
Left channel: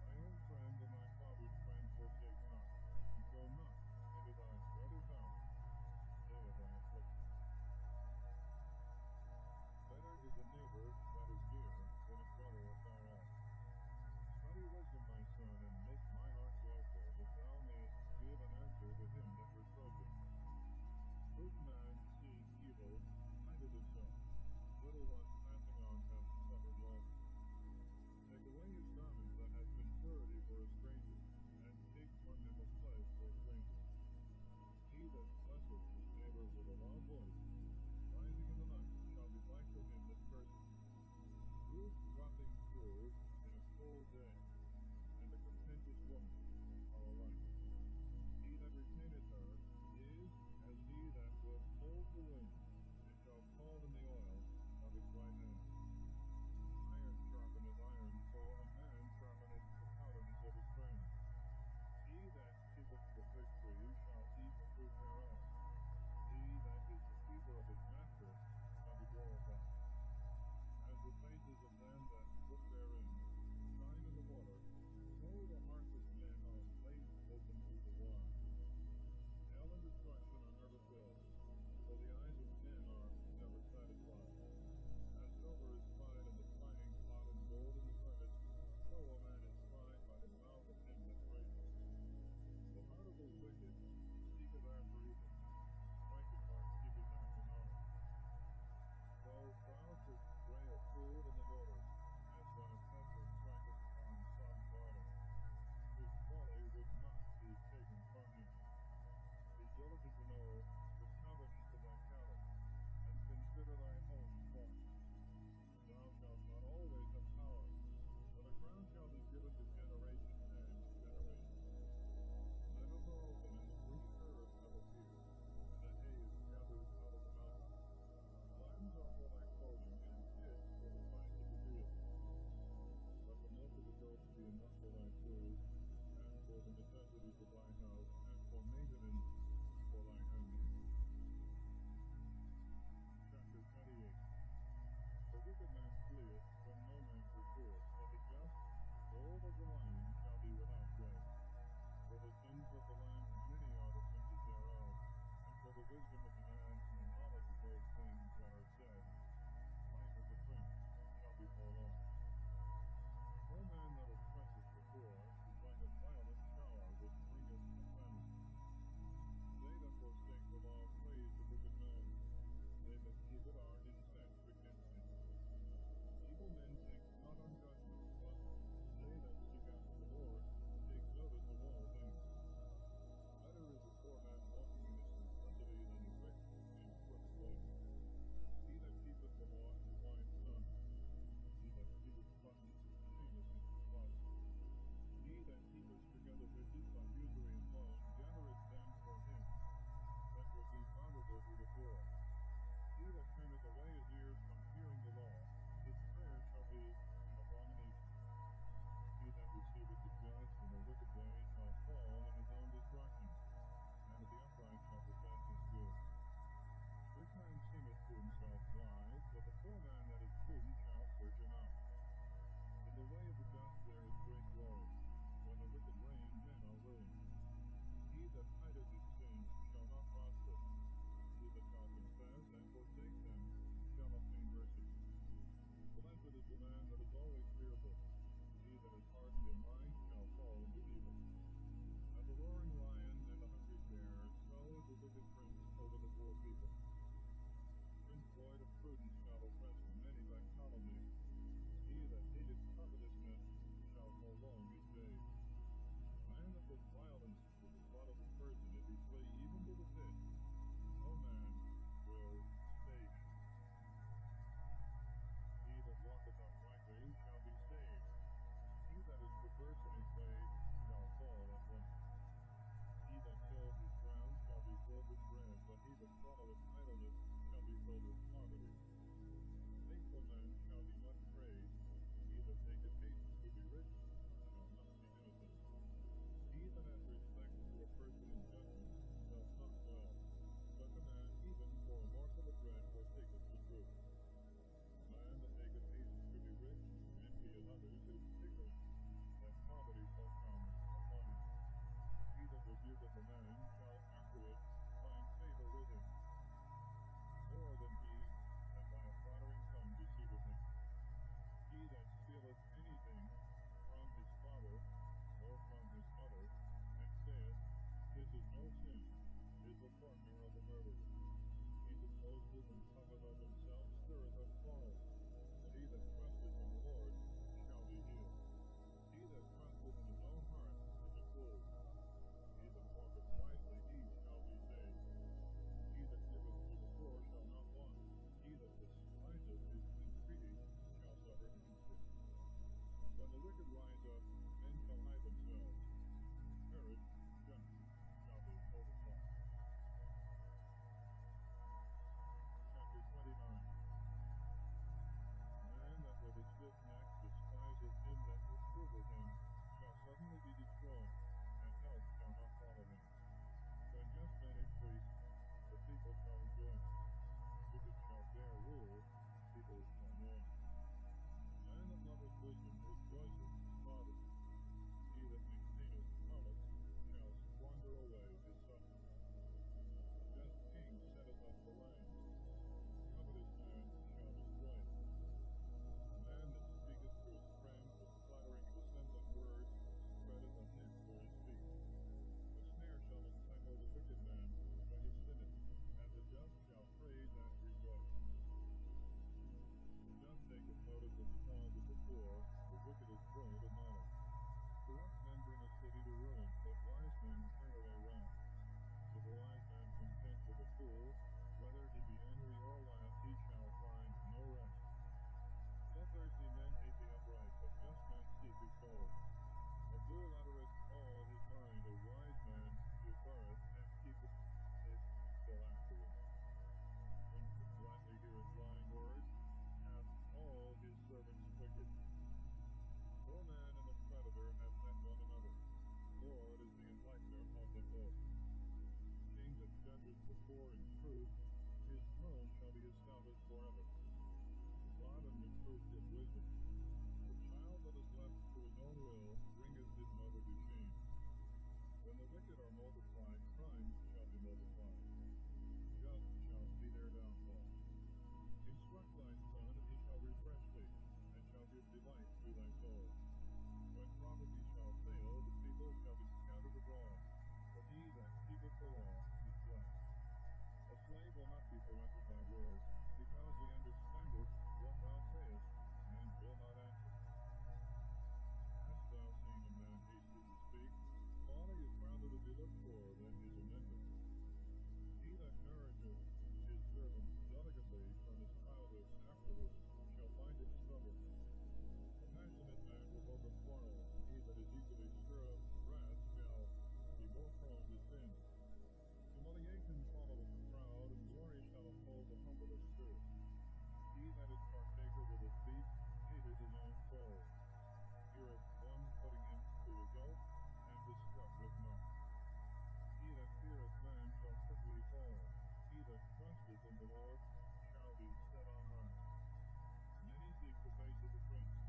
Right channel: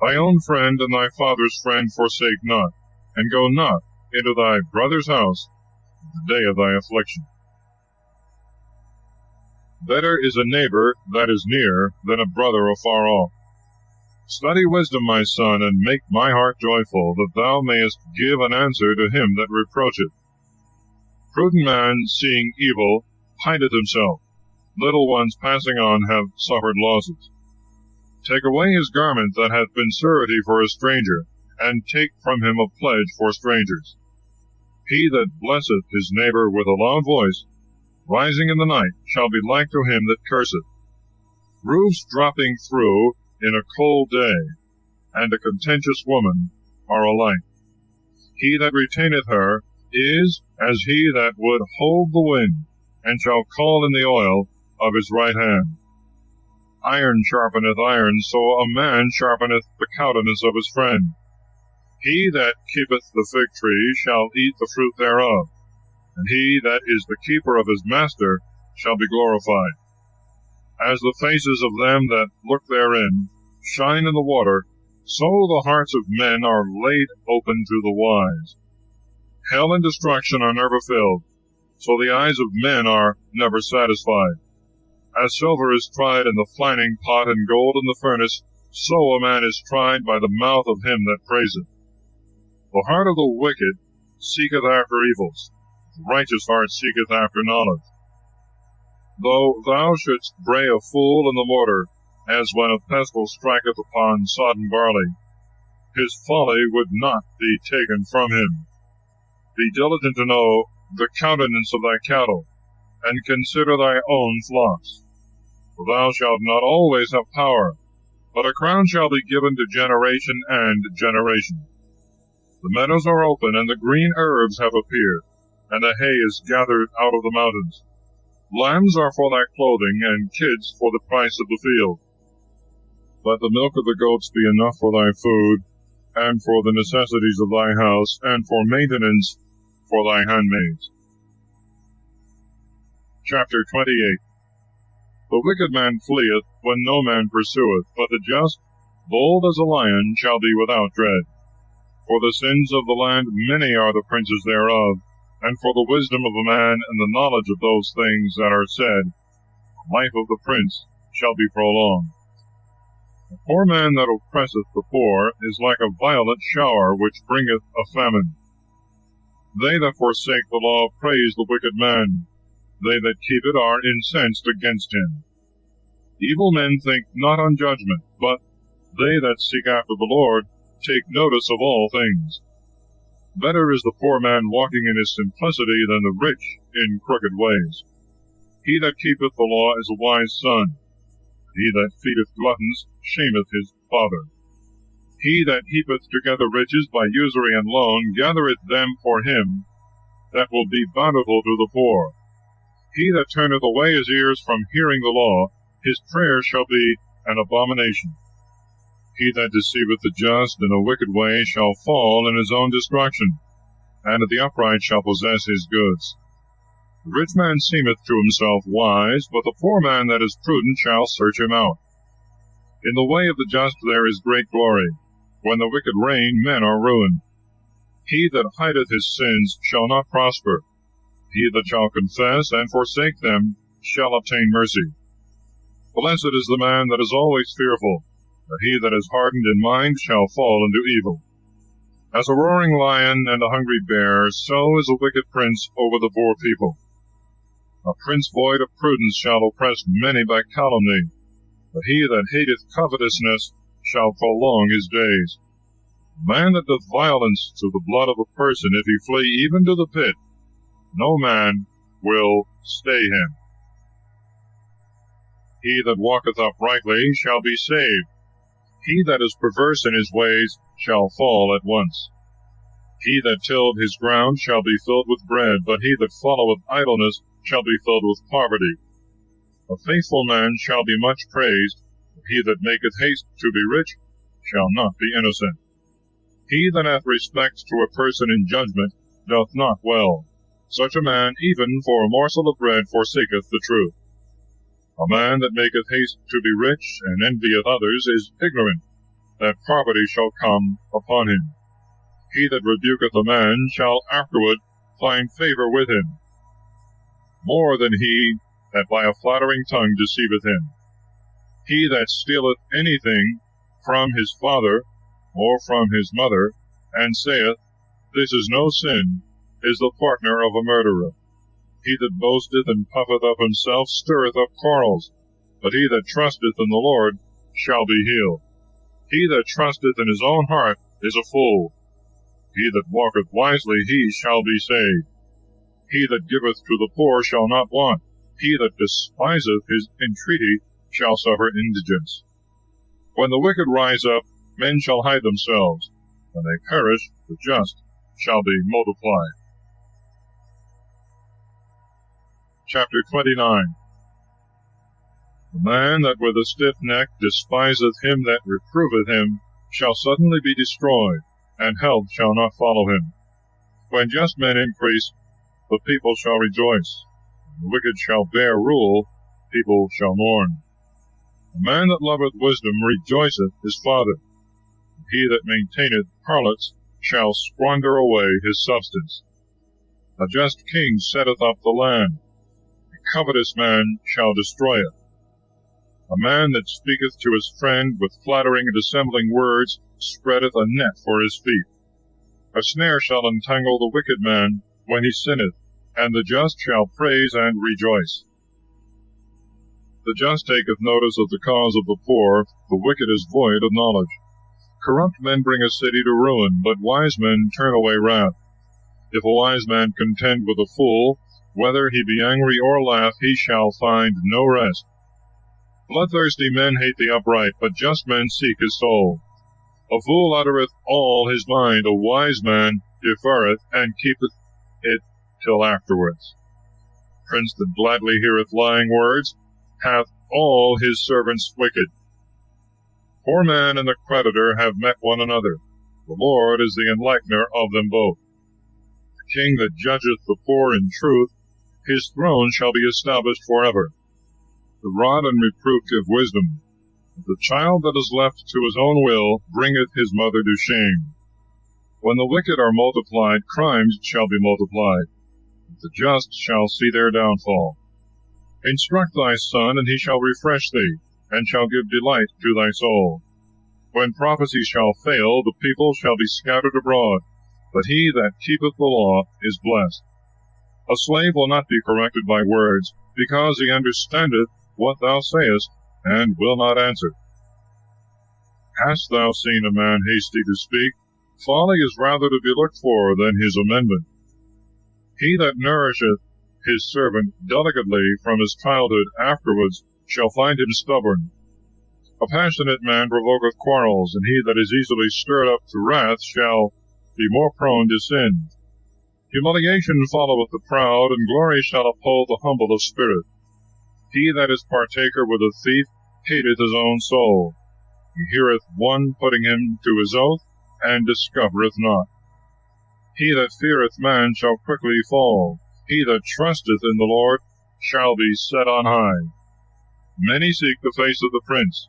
Thy own friend and thy father's friend forsake not, and go not into thy brother's house the day of thy affliction. Better is a neighbor that is near than a brother afar off. Study wisdom, my son, and make my heart joyful, that thou mayest give an answer to him that reproacheth. Prudent man, seeing evil, hideth himself. Little ones passing on have suffered losses. Take away his garment that hath been surety for a stranger, and take from him a pledge for strangers. He that blesseth his neighbor with a loud voice, rising in the night, shall be like to him that curseth. Roofs dropping through in a cold day, and a contentious woman are alike. He that retaineth her is as he that would hold the wind, and shall call in the oil of his right hand. Iron sharpeneth iron, so a man sharpeneth the countenance of his friend. He that keepeth the fig tree shall eat the fruit thereof, and he that is the keeper of his master shall be glorified. As the faces of them that look therein shine in the water, so the hearts of men are laid open to the wise. Hell and destruction are never filled, so the eyes of men are never satisfied. As silver is tried in the fining pot, and gold in the furnace, so a man is tried by the mouth of him that praiseth. The heart of the wicked seeketh after evils, the righteous heart seeketh after knowledge. Though thou shouldst bray a fool in the mortar, as when a pestle striketh upon sodden barley, his folly would not be taken from him. Be diligent to know the countenance of thy cattle, and consider thy own flocks. For thou shalt not always have power, but a crown shall be given to generation and generation. The meadows are open, and the green herbs have appeared, and the hay is gathered out of the mountains. Lambs are for thy clothing, and kids for the price of the field. Let the milk of the goats be enough for thy food, and for the necessities of thy house, and for maintenance for thy handmaids. Chapter 28. The wicked man fleeth when no man pursueth, but the just, bold as a lion, shall be without dread. For the sins of the land many are the princes thereof, and for the wisdom of a man and the knowledge of those things that are said, the life of the prince shall be prolonged. A poor man that oppresseth the poor is like a violent shower which bringeth a famine. They that forsake the law praise the wicked man. They that keep it are incensed against him. Evil men think not on judgment, but they that seek after the Lord take notice of all things. Better is the poor man walking in his simplicity than the rich in crooked ways. He that keepeth the law is a wise son. He that feedeth gluttons shameth his father. He that heapeth together riches by usury and loan gathereth them for him that will be bountiful to the poor. He that turneth away his ears from hearing the law, his prayer shall be an abomination. He that deceiveth the just in a wicked way shall fall in his own destruction, and the upright shall possess his goods. The rich man seemeth to himself wise, but the poor man that is prudent shall search him out. In the way of the just there is great glory. When the wicked reign, men are ruined. He that hideth his sins shall not prosper. He that shall confess and forsake them shall obtain mercy. Blessed is the man that is always fearful, but he that is hardened in mind shall fall into evil. As a roaring lion and a hungry bear, so is a wicked prince over the poor people. A prince void of prudence shall oppress many by calumny, but he that hateth covetousness shall prolong his days. A man that doth violence to the blood of a person, if he flee even to the pit, no man will stay him. He that walketh uprightly shall be saved. He that is perverse in his ways shall fall at once. He that tilled his ground shall be filled with bread, but he that followeth idleness shall be filled with poverty. A faithful man shall be much praised, but he that maketh haste to be rich shall not be innocent. He that hath respect to a person in judgment doth not well. Such a man, even for a morsel of bread, forsaketh the truth. A man that maketh haste to be rich, and envieth others, is ignorant that poverty shall come upon him. He that rebuketh a man shall afterward find favor with him, more than he that by a flattering tongue deceiveth him. He that stealeth anything from his father or from his mother, and saith, This is no sin, is the partner of a murderer. He that boasteth and puffeth up himself stirreth up quarrels, but he that trusteth in the Lord shall be healed. He that trusteth in his own heart is a fool. He that walketh wisely, he shall be saved. He that giveth to the poor shall not want. He that despiseth his entreaty shall suffer indigence. When the wicked rise up, men shall hide themselves. When they perish, the just shall be multiplied. Chapter 29. The man that with a stiff neck despiseth him that reproveth him shall suddenly be destroyed, and health shall not follow him. When just men increase, the people shall rejoice. When the wicked shall bear rule, people shall mourn. The man that loveth wisdom rejoiceth his father. He that maintaineth harlots shall squander away his substance. A just king setteth up the land. A covetous man shall destroy it. A man that speaketh to his friend with flattering and dissembling words spreadeth a net for his feet. A snare shall entangle the wicked man when he sinneth, and the just shall praise and rejoice. The just taketh notice of the cause of the poor, the wicked is void of knowledge. Corrupt men bring a city to ruin, but wise men turn away wrath. If a wise man contend with a fool, whether he be angry or laugh, he shall find no rest. Bloodthirsty men hate the upright, but just men seek his soul. A fool uttereth all his mind, a wise man deferreth, and keepeth it till afterwards. Prince that gladly heareth lying words hath all his servants wicked. Poor man and the creditor have met one another. The Lord is the enlightener of them both. The king that judgeth the poor in truth, his throne shall be established forever. The rod and reproof give wisdom. But the child that is left to his own will bringeth his mother to shame. When the wicked are multiplied, crimes shall be multiplied. The just shall see their downfall. Instruct thy son, and he shall refresh thee, and shall give delight to thy soul. When prophecy shall fail, the people shall be scattered abroad, but he that keepeth the law is blessed. A slave will not be corrected by words, because he understandeth what thou sayest, and will not answer. Hast thou seen a man hasty to speak? Folly is rather to be looked for than his amendment. He that nourisheth his servant delicately from his childhood afterwards shall find him stubborn. A passionate man provoketh quarrels, and he that is easily stirred up to wrath shall be more prone to sin. Humiliation followeth the proud, and glory shall uphold the humble of spirit. He that is partaker with a thief hateth his own soul. He heareth one putting him to his oath, and discovereth not. He that feareth man shall quickly fall. He that trusteth in the Lord shall be set on high. Many seek the face of the prince.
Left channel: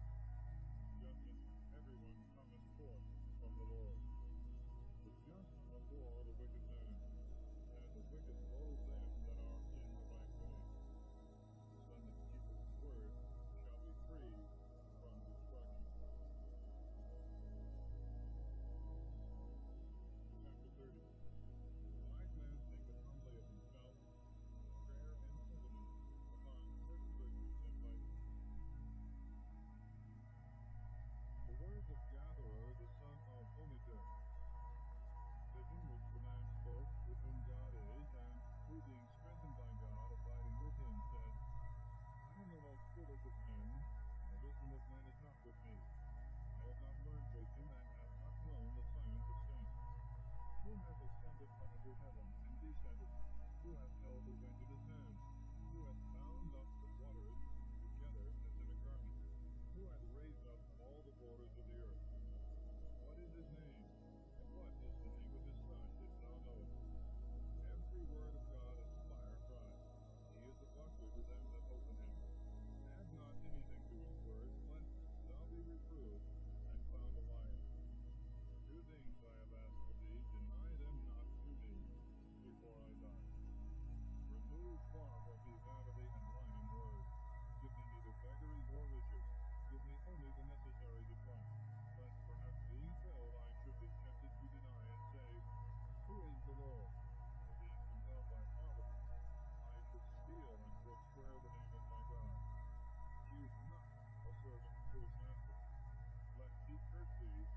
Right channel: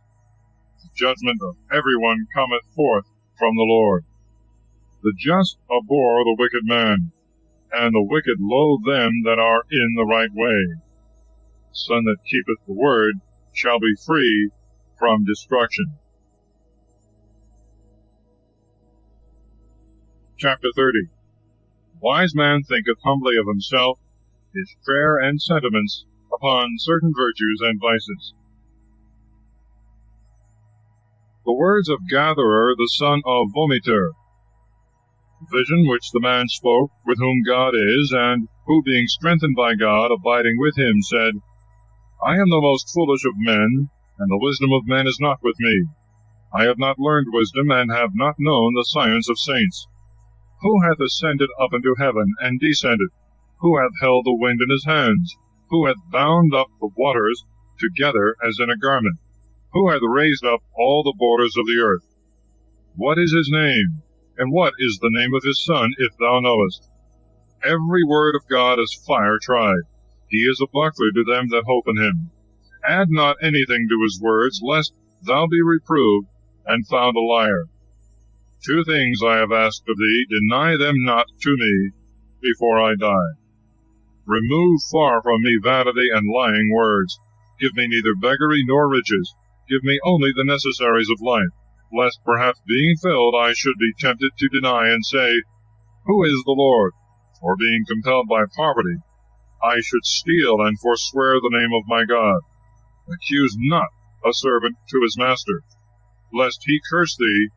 The judgment of every one cometh forth from the Lord. The just abhor the wicked man, and the wicked loathe them that are in the right way. The son that keepeth the word shall be free from destruction. Chapter 30. Wise man thinketh humbly of himself, his prayer and sentiments upon certain virtues and vices. The words of Gatherer, the son of Vomiter. The vision which the man spoke, with whom God is, and who, being strengthened by God, abiding with him, said, I am the most foolish of men, and the wisdom of men is not with me. I have not learned wisdom, and have not known the science of saints. Who hath ascended up into heaven, and descended? Who hath held the wind in his hands? Who hath bound up the waters together as in a garment? Who hath raised up all the borders of the earth? What is his name? And what is the name of his Son, if thou knowest? Every word of God is fire tried. He is a buckler to them that hope in him. Add not anything to his words, lest thou be reproved, and found a liar. 2 things I have asked of thee, deny them not to me before I die. Remove far from me vanity and lying words. Give me neither beggary nor riches. Give me only the necessaries of life, lest perhaps being filled I should be tempted to deny and say, Who is the Lord? Or being compelled by poverty, I should steal and forswear the name of my God. Accuse not a servant to his master, lest he curse thee,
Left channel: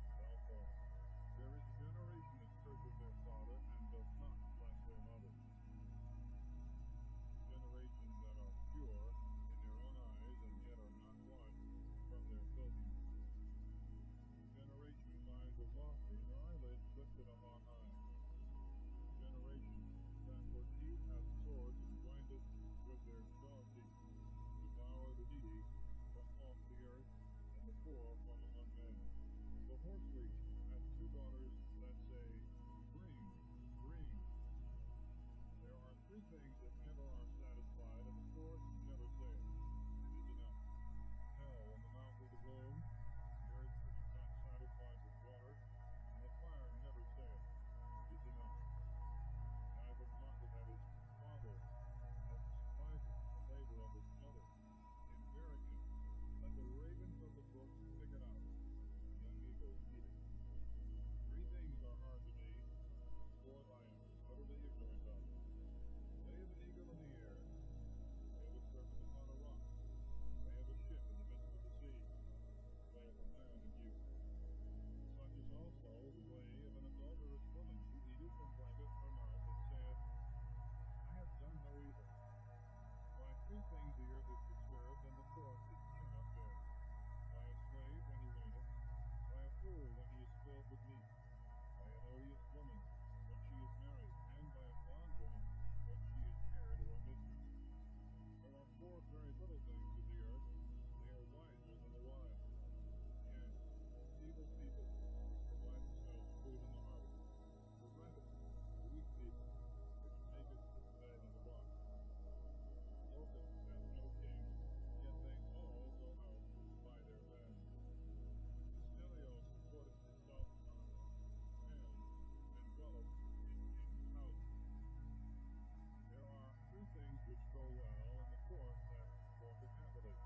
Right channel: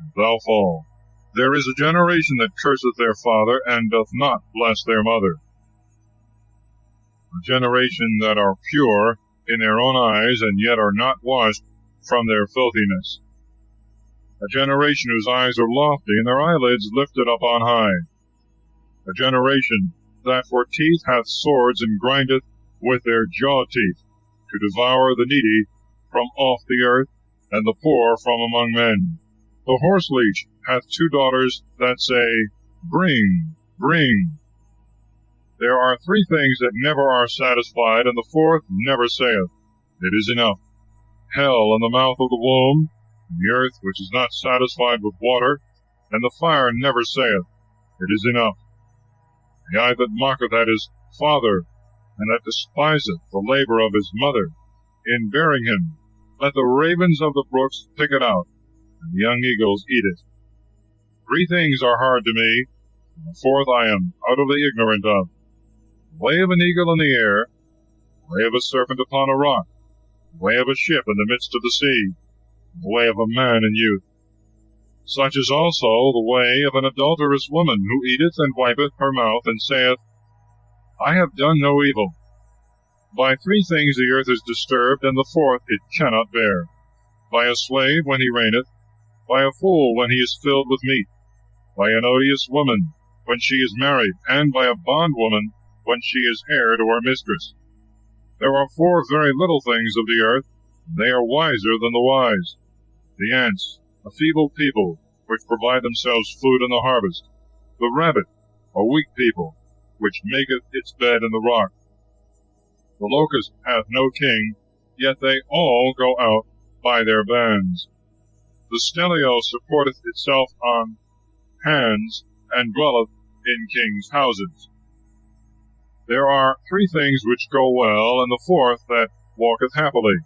and thou fall. There is a generation that curseth their father, and doth not bless their mother. A generation that are pure in their own eyes, and yet are not washed from their filthiness. A generation whose eyes are lofty, and their eyelids lifted up on high. A generation that for teeth hath swords, and grindeth with their jaw teeth, to devour the needy from off the earth, and the poor from among men. The horseleech hath 2 daughters that say, Bring, bring. There are 3 things that never are satisfied, and the 4th never saith, It is enough. Hell in the mouth of the womb, and the earth which is not satisfied with water, and the fire never saith, It is enough. The eye that mocketh at his father, and that despiseth the labor of his mother, in bearing him, let the ravens of the brooks pick it out, and the young eagles eat it. 3 things are hard to me, and the 4th I am utterly ignorant of. The way of an eagle in the air, the way of a serpent upon a rock, the way of a ship in the midst of the sea, and the way of a man in youth. Such is also the way of an adulterous woman, who eateth and wipeth her mouth, and saith, I have done no evil. By 3 things the earth is disturbed, and the 4th it cannot bear. By a slave when he reigneth, by a fool when he is filled with meat, by an odious woman when she is married, and by a bondwoman when she is heir to her mistress. There are 4 very little things of the earth, and they are wiser than the wise. The ants, a feeble people, which provide themselves food in the harvest. The rabbit, a weak people, which maketh its bed in the rock. The locust hath no king, yet they all go out by their bands. The stelio supporteth itself on hands, and dwelleth in kings' houses. There are 3 things which go well, and the 4th that walketh happily.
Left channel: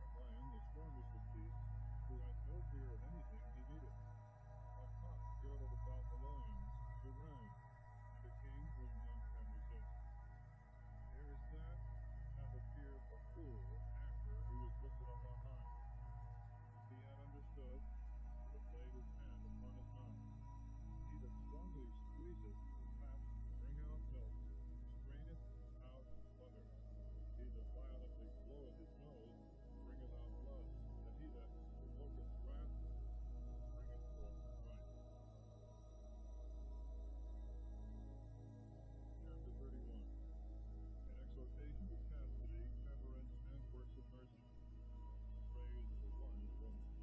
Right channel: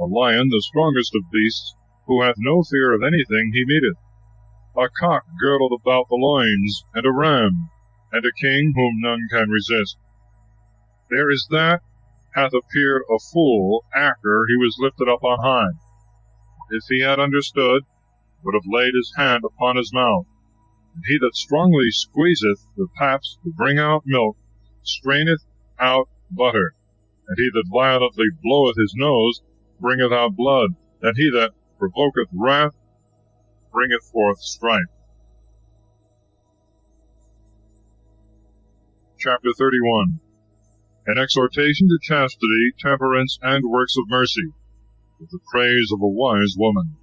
A lion, the strongest of beasts, who hath no fear of anything he meeteth. A cock girdled about the loins, and a ram, and a king whom none can resist. There is that hath appeared a fool after he was lifted up on high. If he had understood, would have laid his hand upon his mouth. And he that strongly squeezeth the paps to bring out milk, straineth out butter. And he that violently bloweth his nose, bringeth out blood. And he that provoketh wrath, bringeth forth strife. chapter 31. An exhortation to chastity, temperance, and works of mercy, with the praise of a wise woman.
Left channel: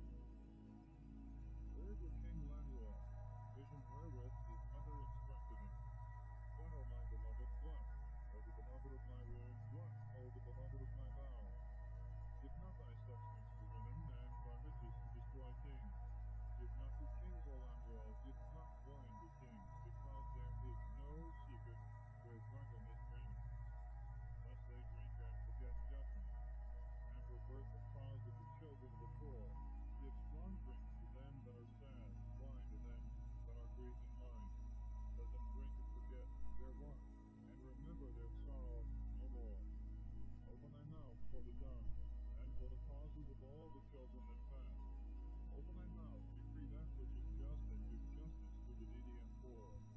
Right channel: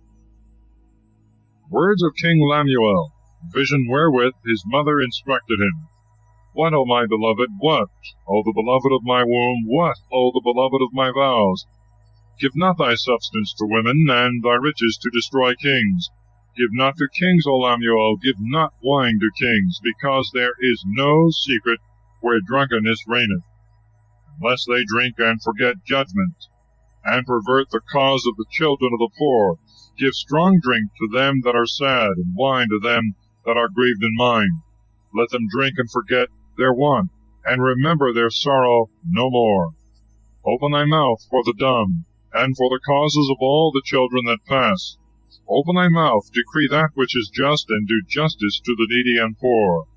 Words of King Lemuel, vision wherewith his mother instructed him. What, O my beloved, what, O the beloved of my womb, what, O the beloved of my vows? Give not thy substance to women, and thy riches to destroy kings. Give not to kings, O Lemuel, give not wine to kings, because there is no secret where drunkenness reigneth, unless they drink and forget judgment, and pervert the cause of the children of the poor. Give strong drink to them that are sad, and wine to them that are grieved in mind. Let them drink and forget their want, and remember their sorrow no more. Open thy mouth for the dumb, and for the causes of all the children that pass. Open thy mouth, decree that which is just, and do justice to the needy and poor.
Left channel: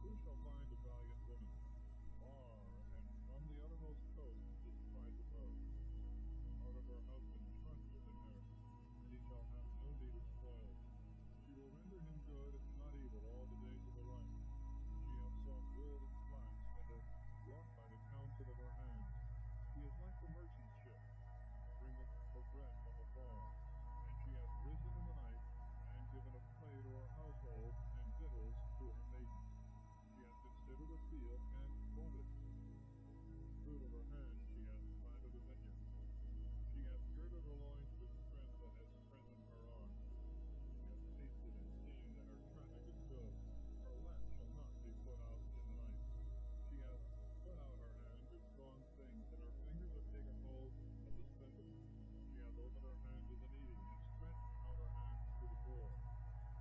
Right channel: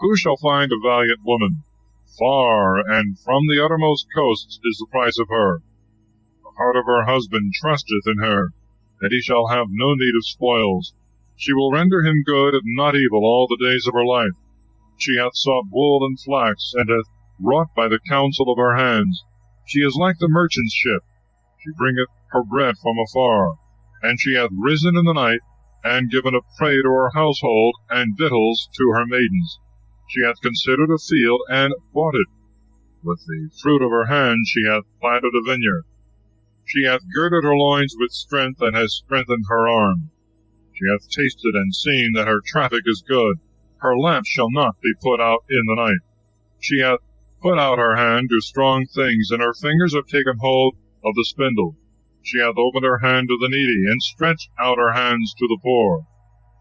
Who shall find a valiant woman? Far, and from the uttermost coasts is the price of her. The heart of her husband trusteth in her, that he shall have no need of spoils. She will render him good and not evil all the days of her life. She hath sought wool and flax, and hath wrought by the counsel of her hands. She is like the merchant's ship. She bringeth her bread from afar. And she hath risen in the night, and given a prey to her household, and victuals to her maidens. She hath considered a field, and bought it. With the fruit of her hand she hath planted a vineyard. She hath girded her loins with strength, and has strengthened her arm. She hath tasted and seen that her traffic is good. Her lamp shall not be put out in the night. She hath put out her hand to strong things, and her fingers have taken hold of the spindle. She hath opened her hand to the needy, and stretched out her hands to the poor.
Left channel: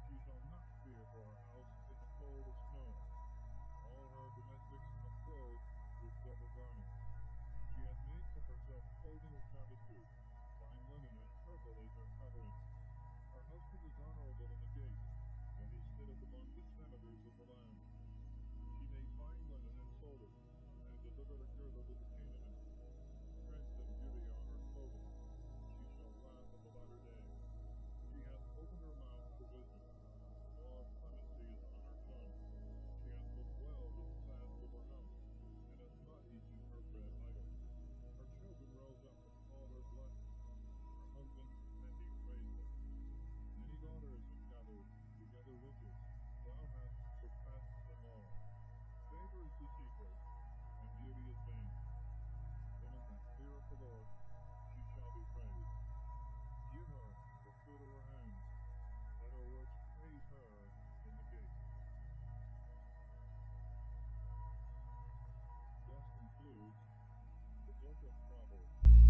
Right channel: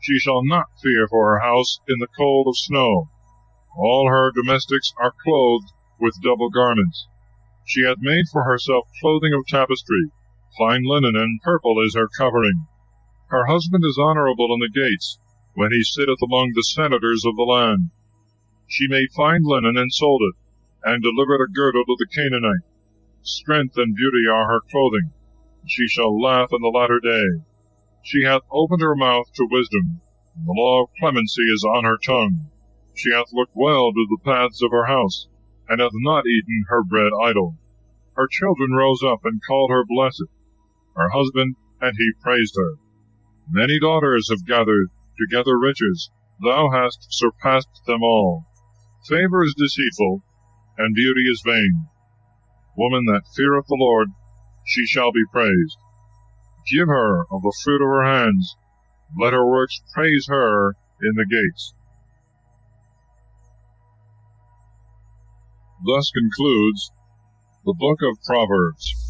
She shall not fear for her house in the cold of snow. All her domestics are clothed with double garments. She hath made for herself clothing of tapestry. Fine linen and purple is her covering. Her husband is honorable in the gates, when he sitteth among the senators of the land. She made fine linen and sold it, and delivered a girdle to the Canaanite. Strength and beauty are her clothing. She shall laugh in the latter day. She hath opened her mouth to wisdom, and the law of clemency is on her tongue. She hath looked well to the paths of her house, and hath not eaten her bread idle. Her children rose up and called her blessed. Her husband, and he praised her. Many daughters have gathered together riches. Thou hast surpassed them all. Favor is deceitful, and beauty is vain. Woman that feareth the Lord, she shall be praised. Give her of the fruit of her hands. Let her works praise her in the gates. Thus concludes the book of Proverbs.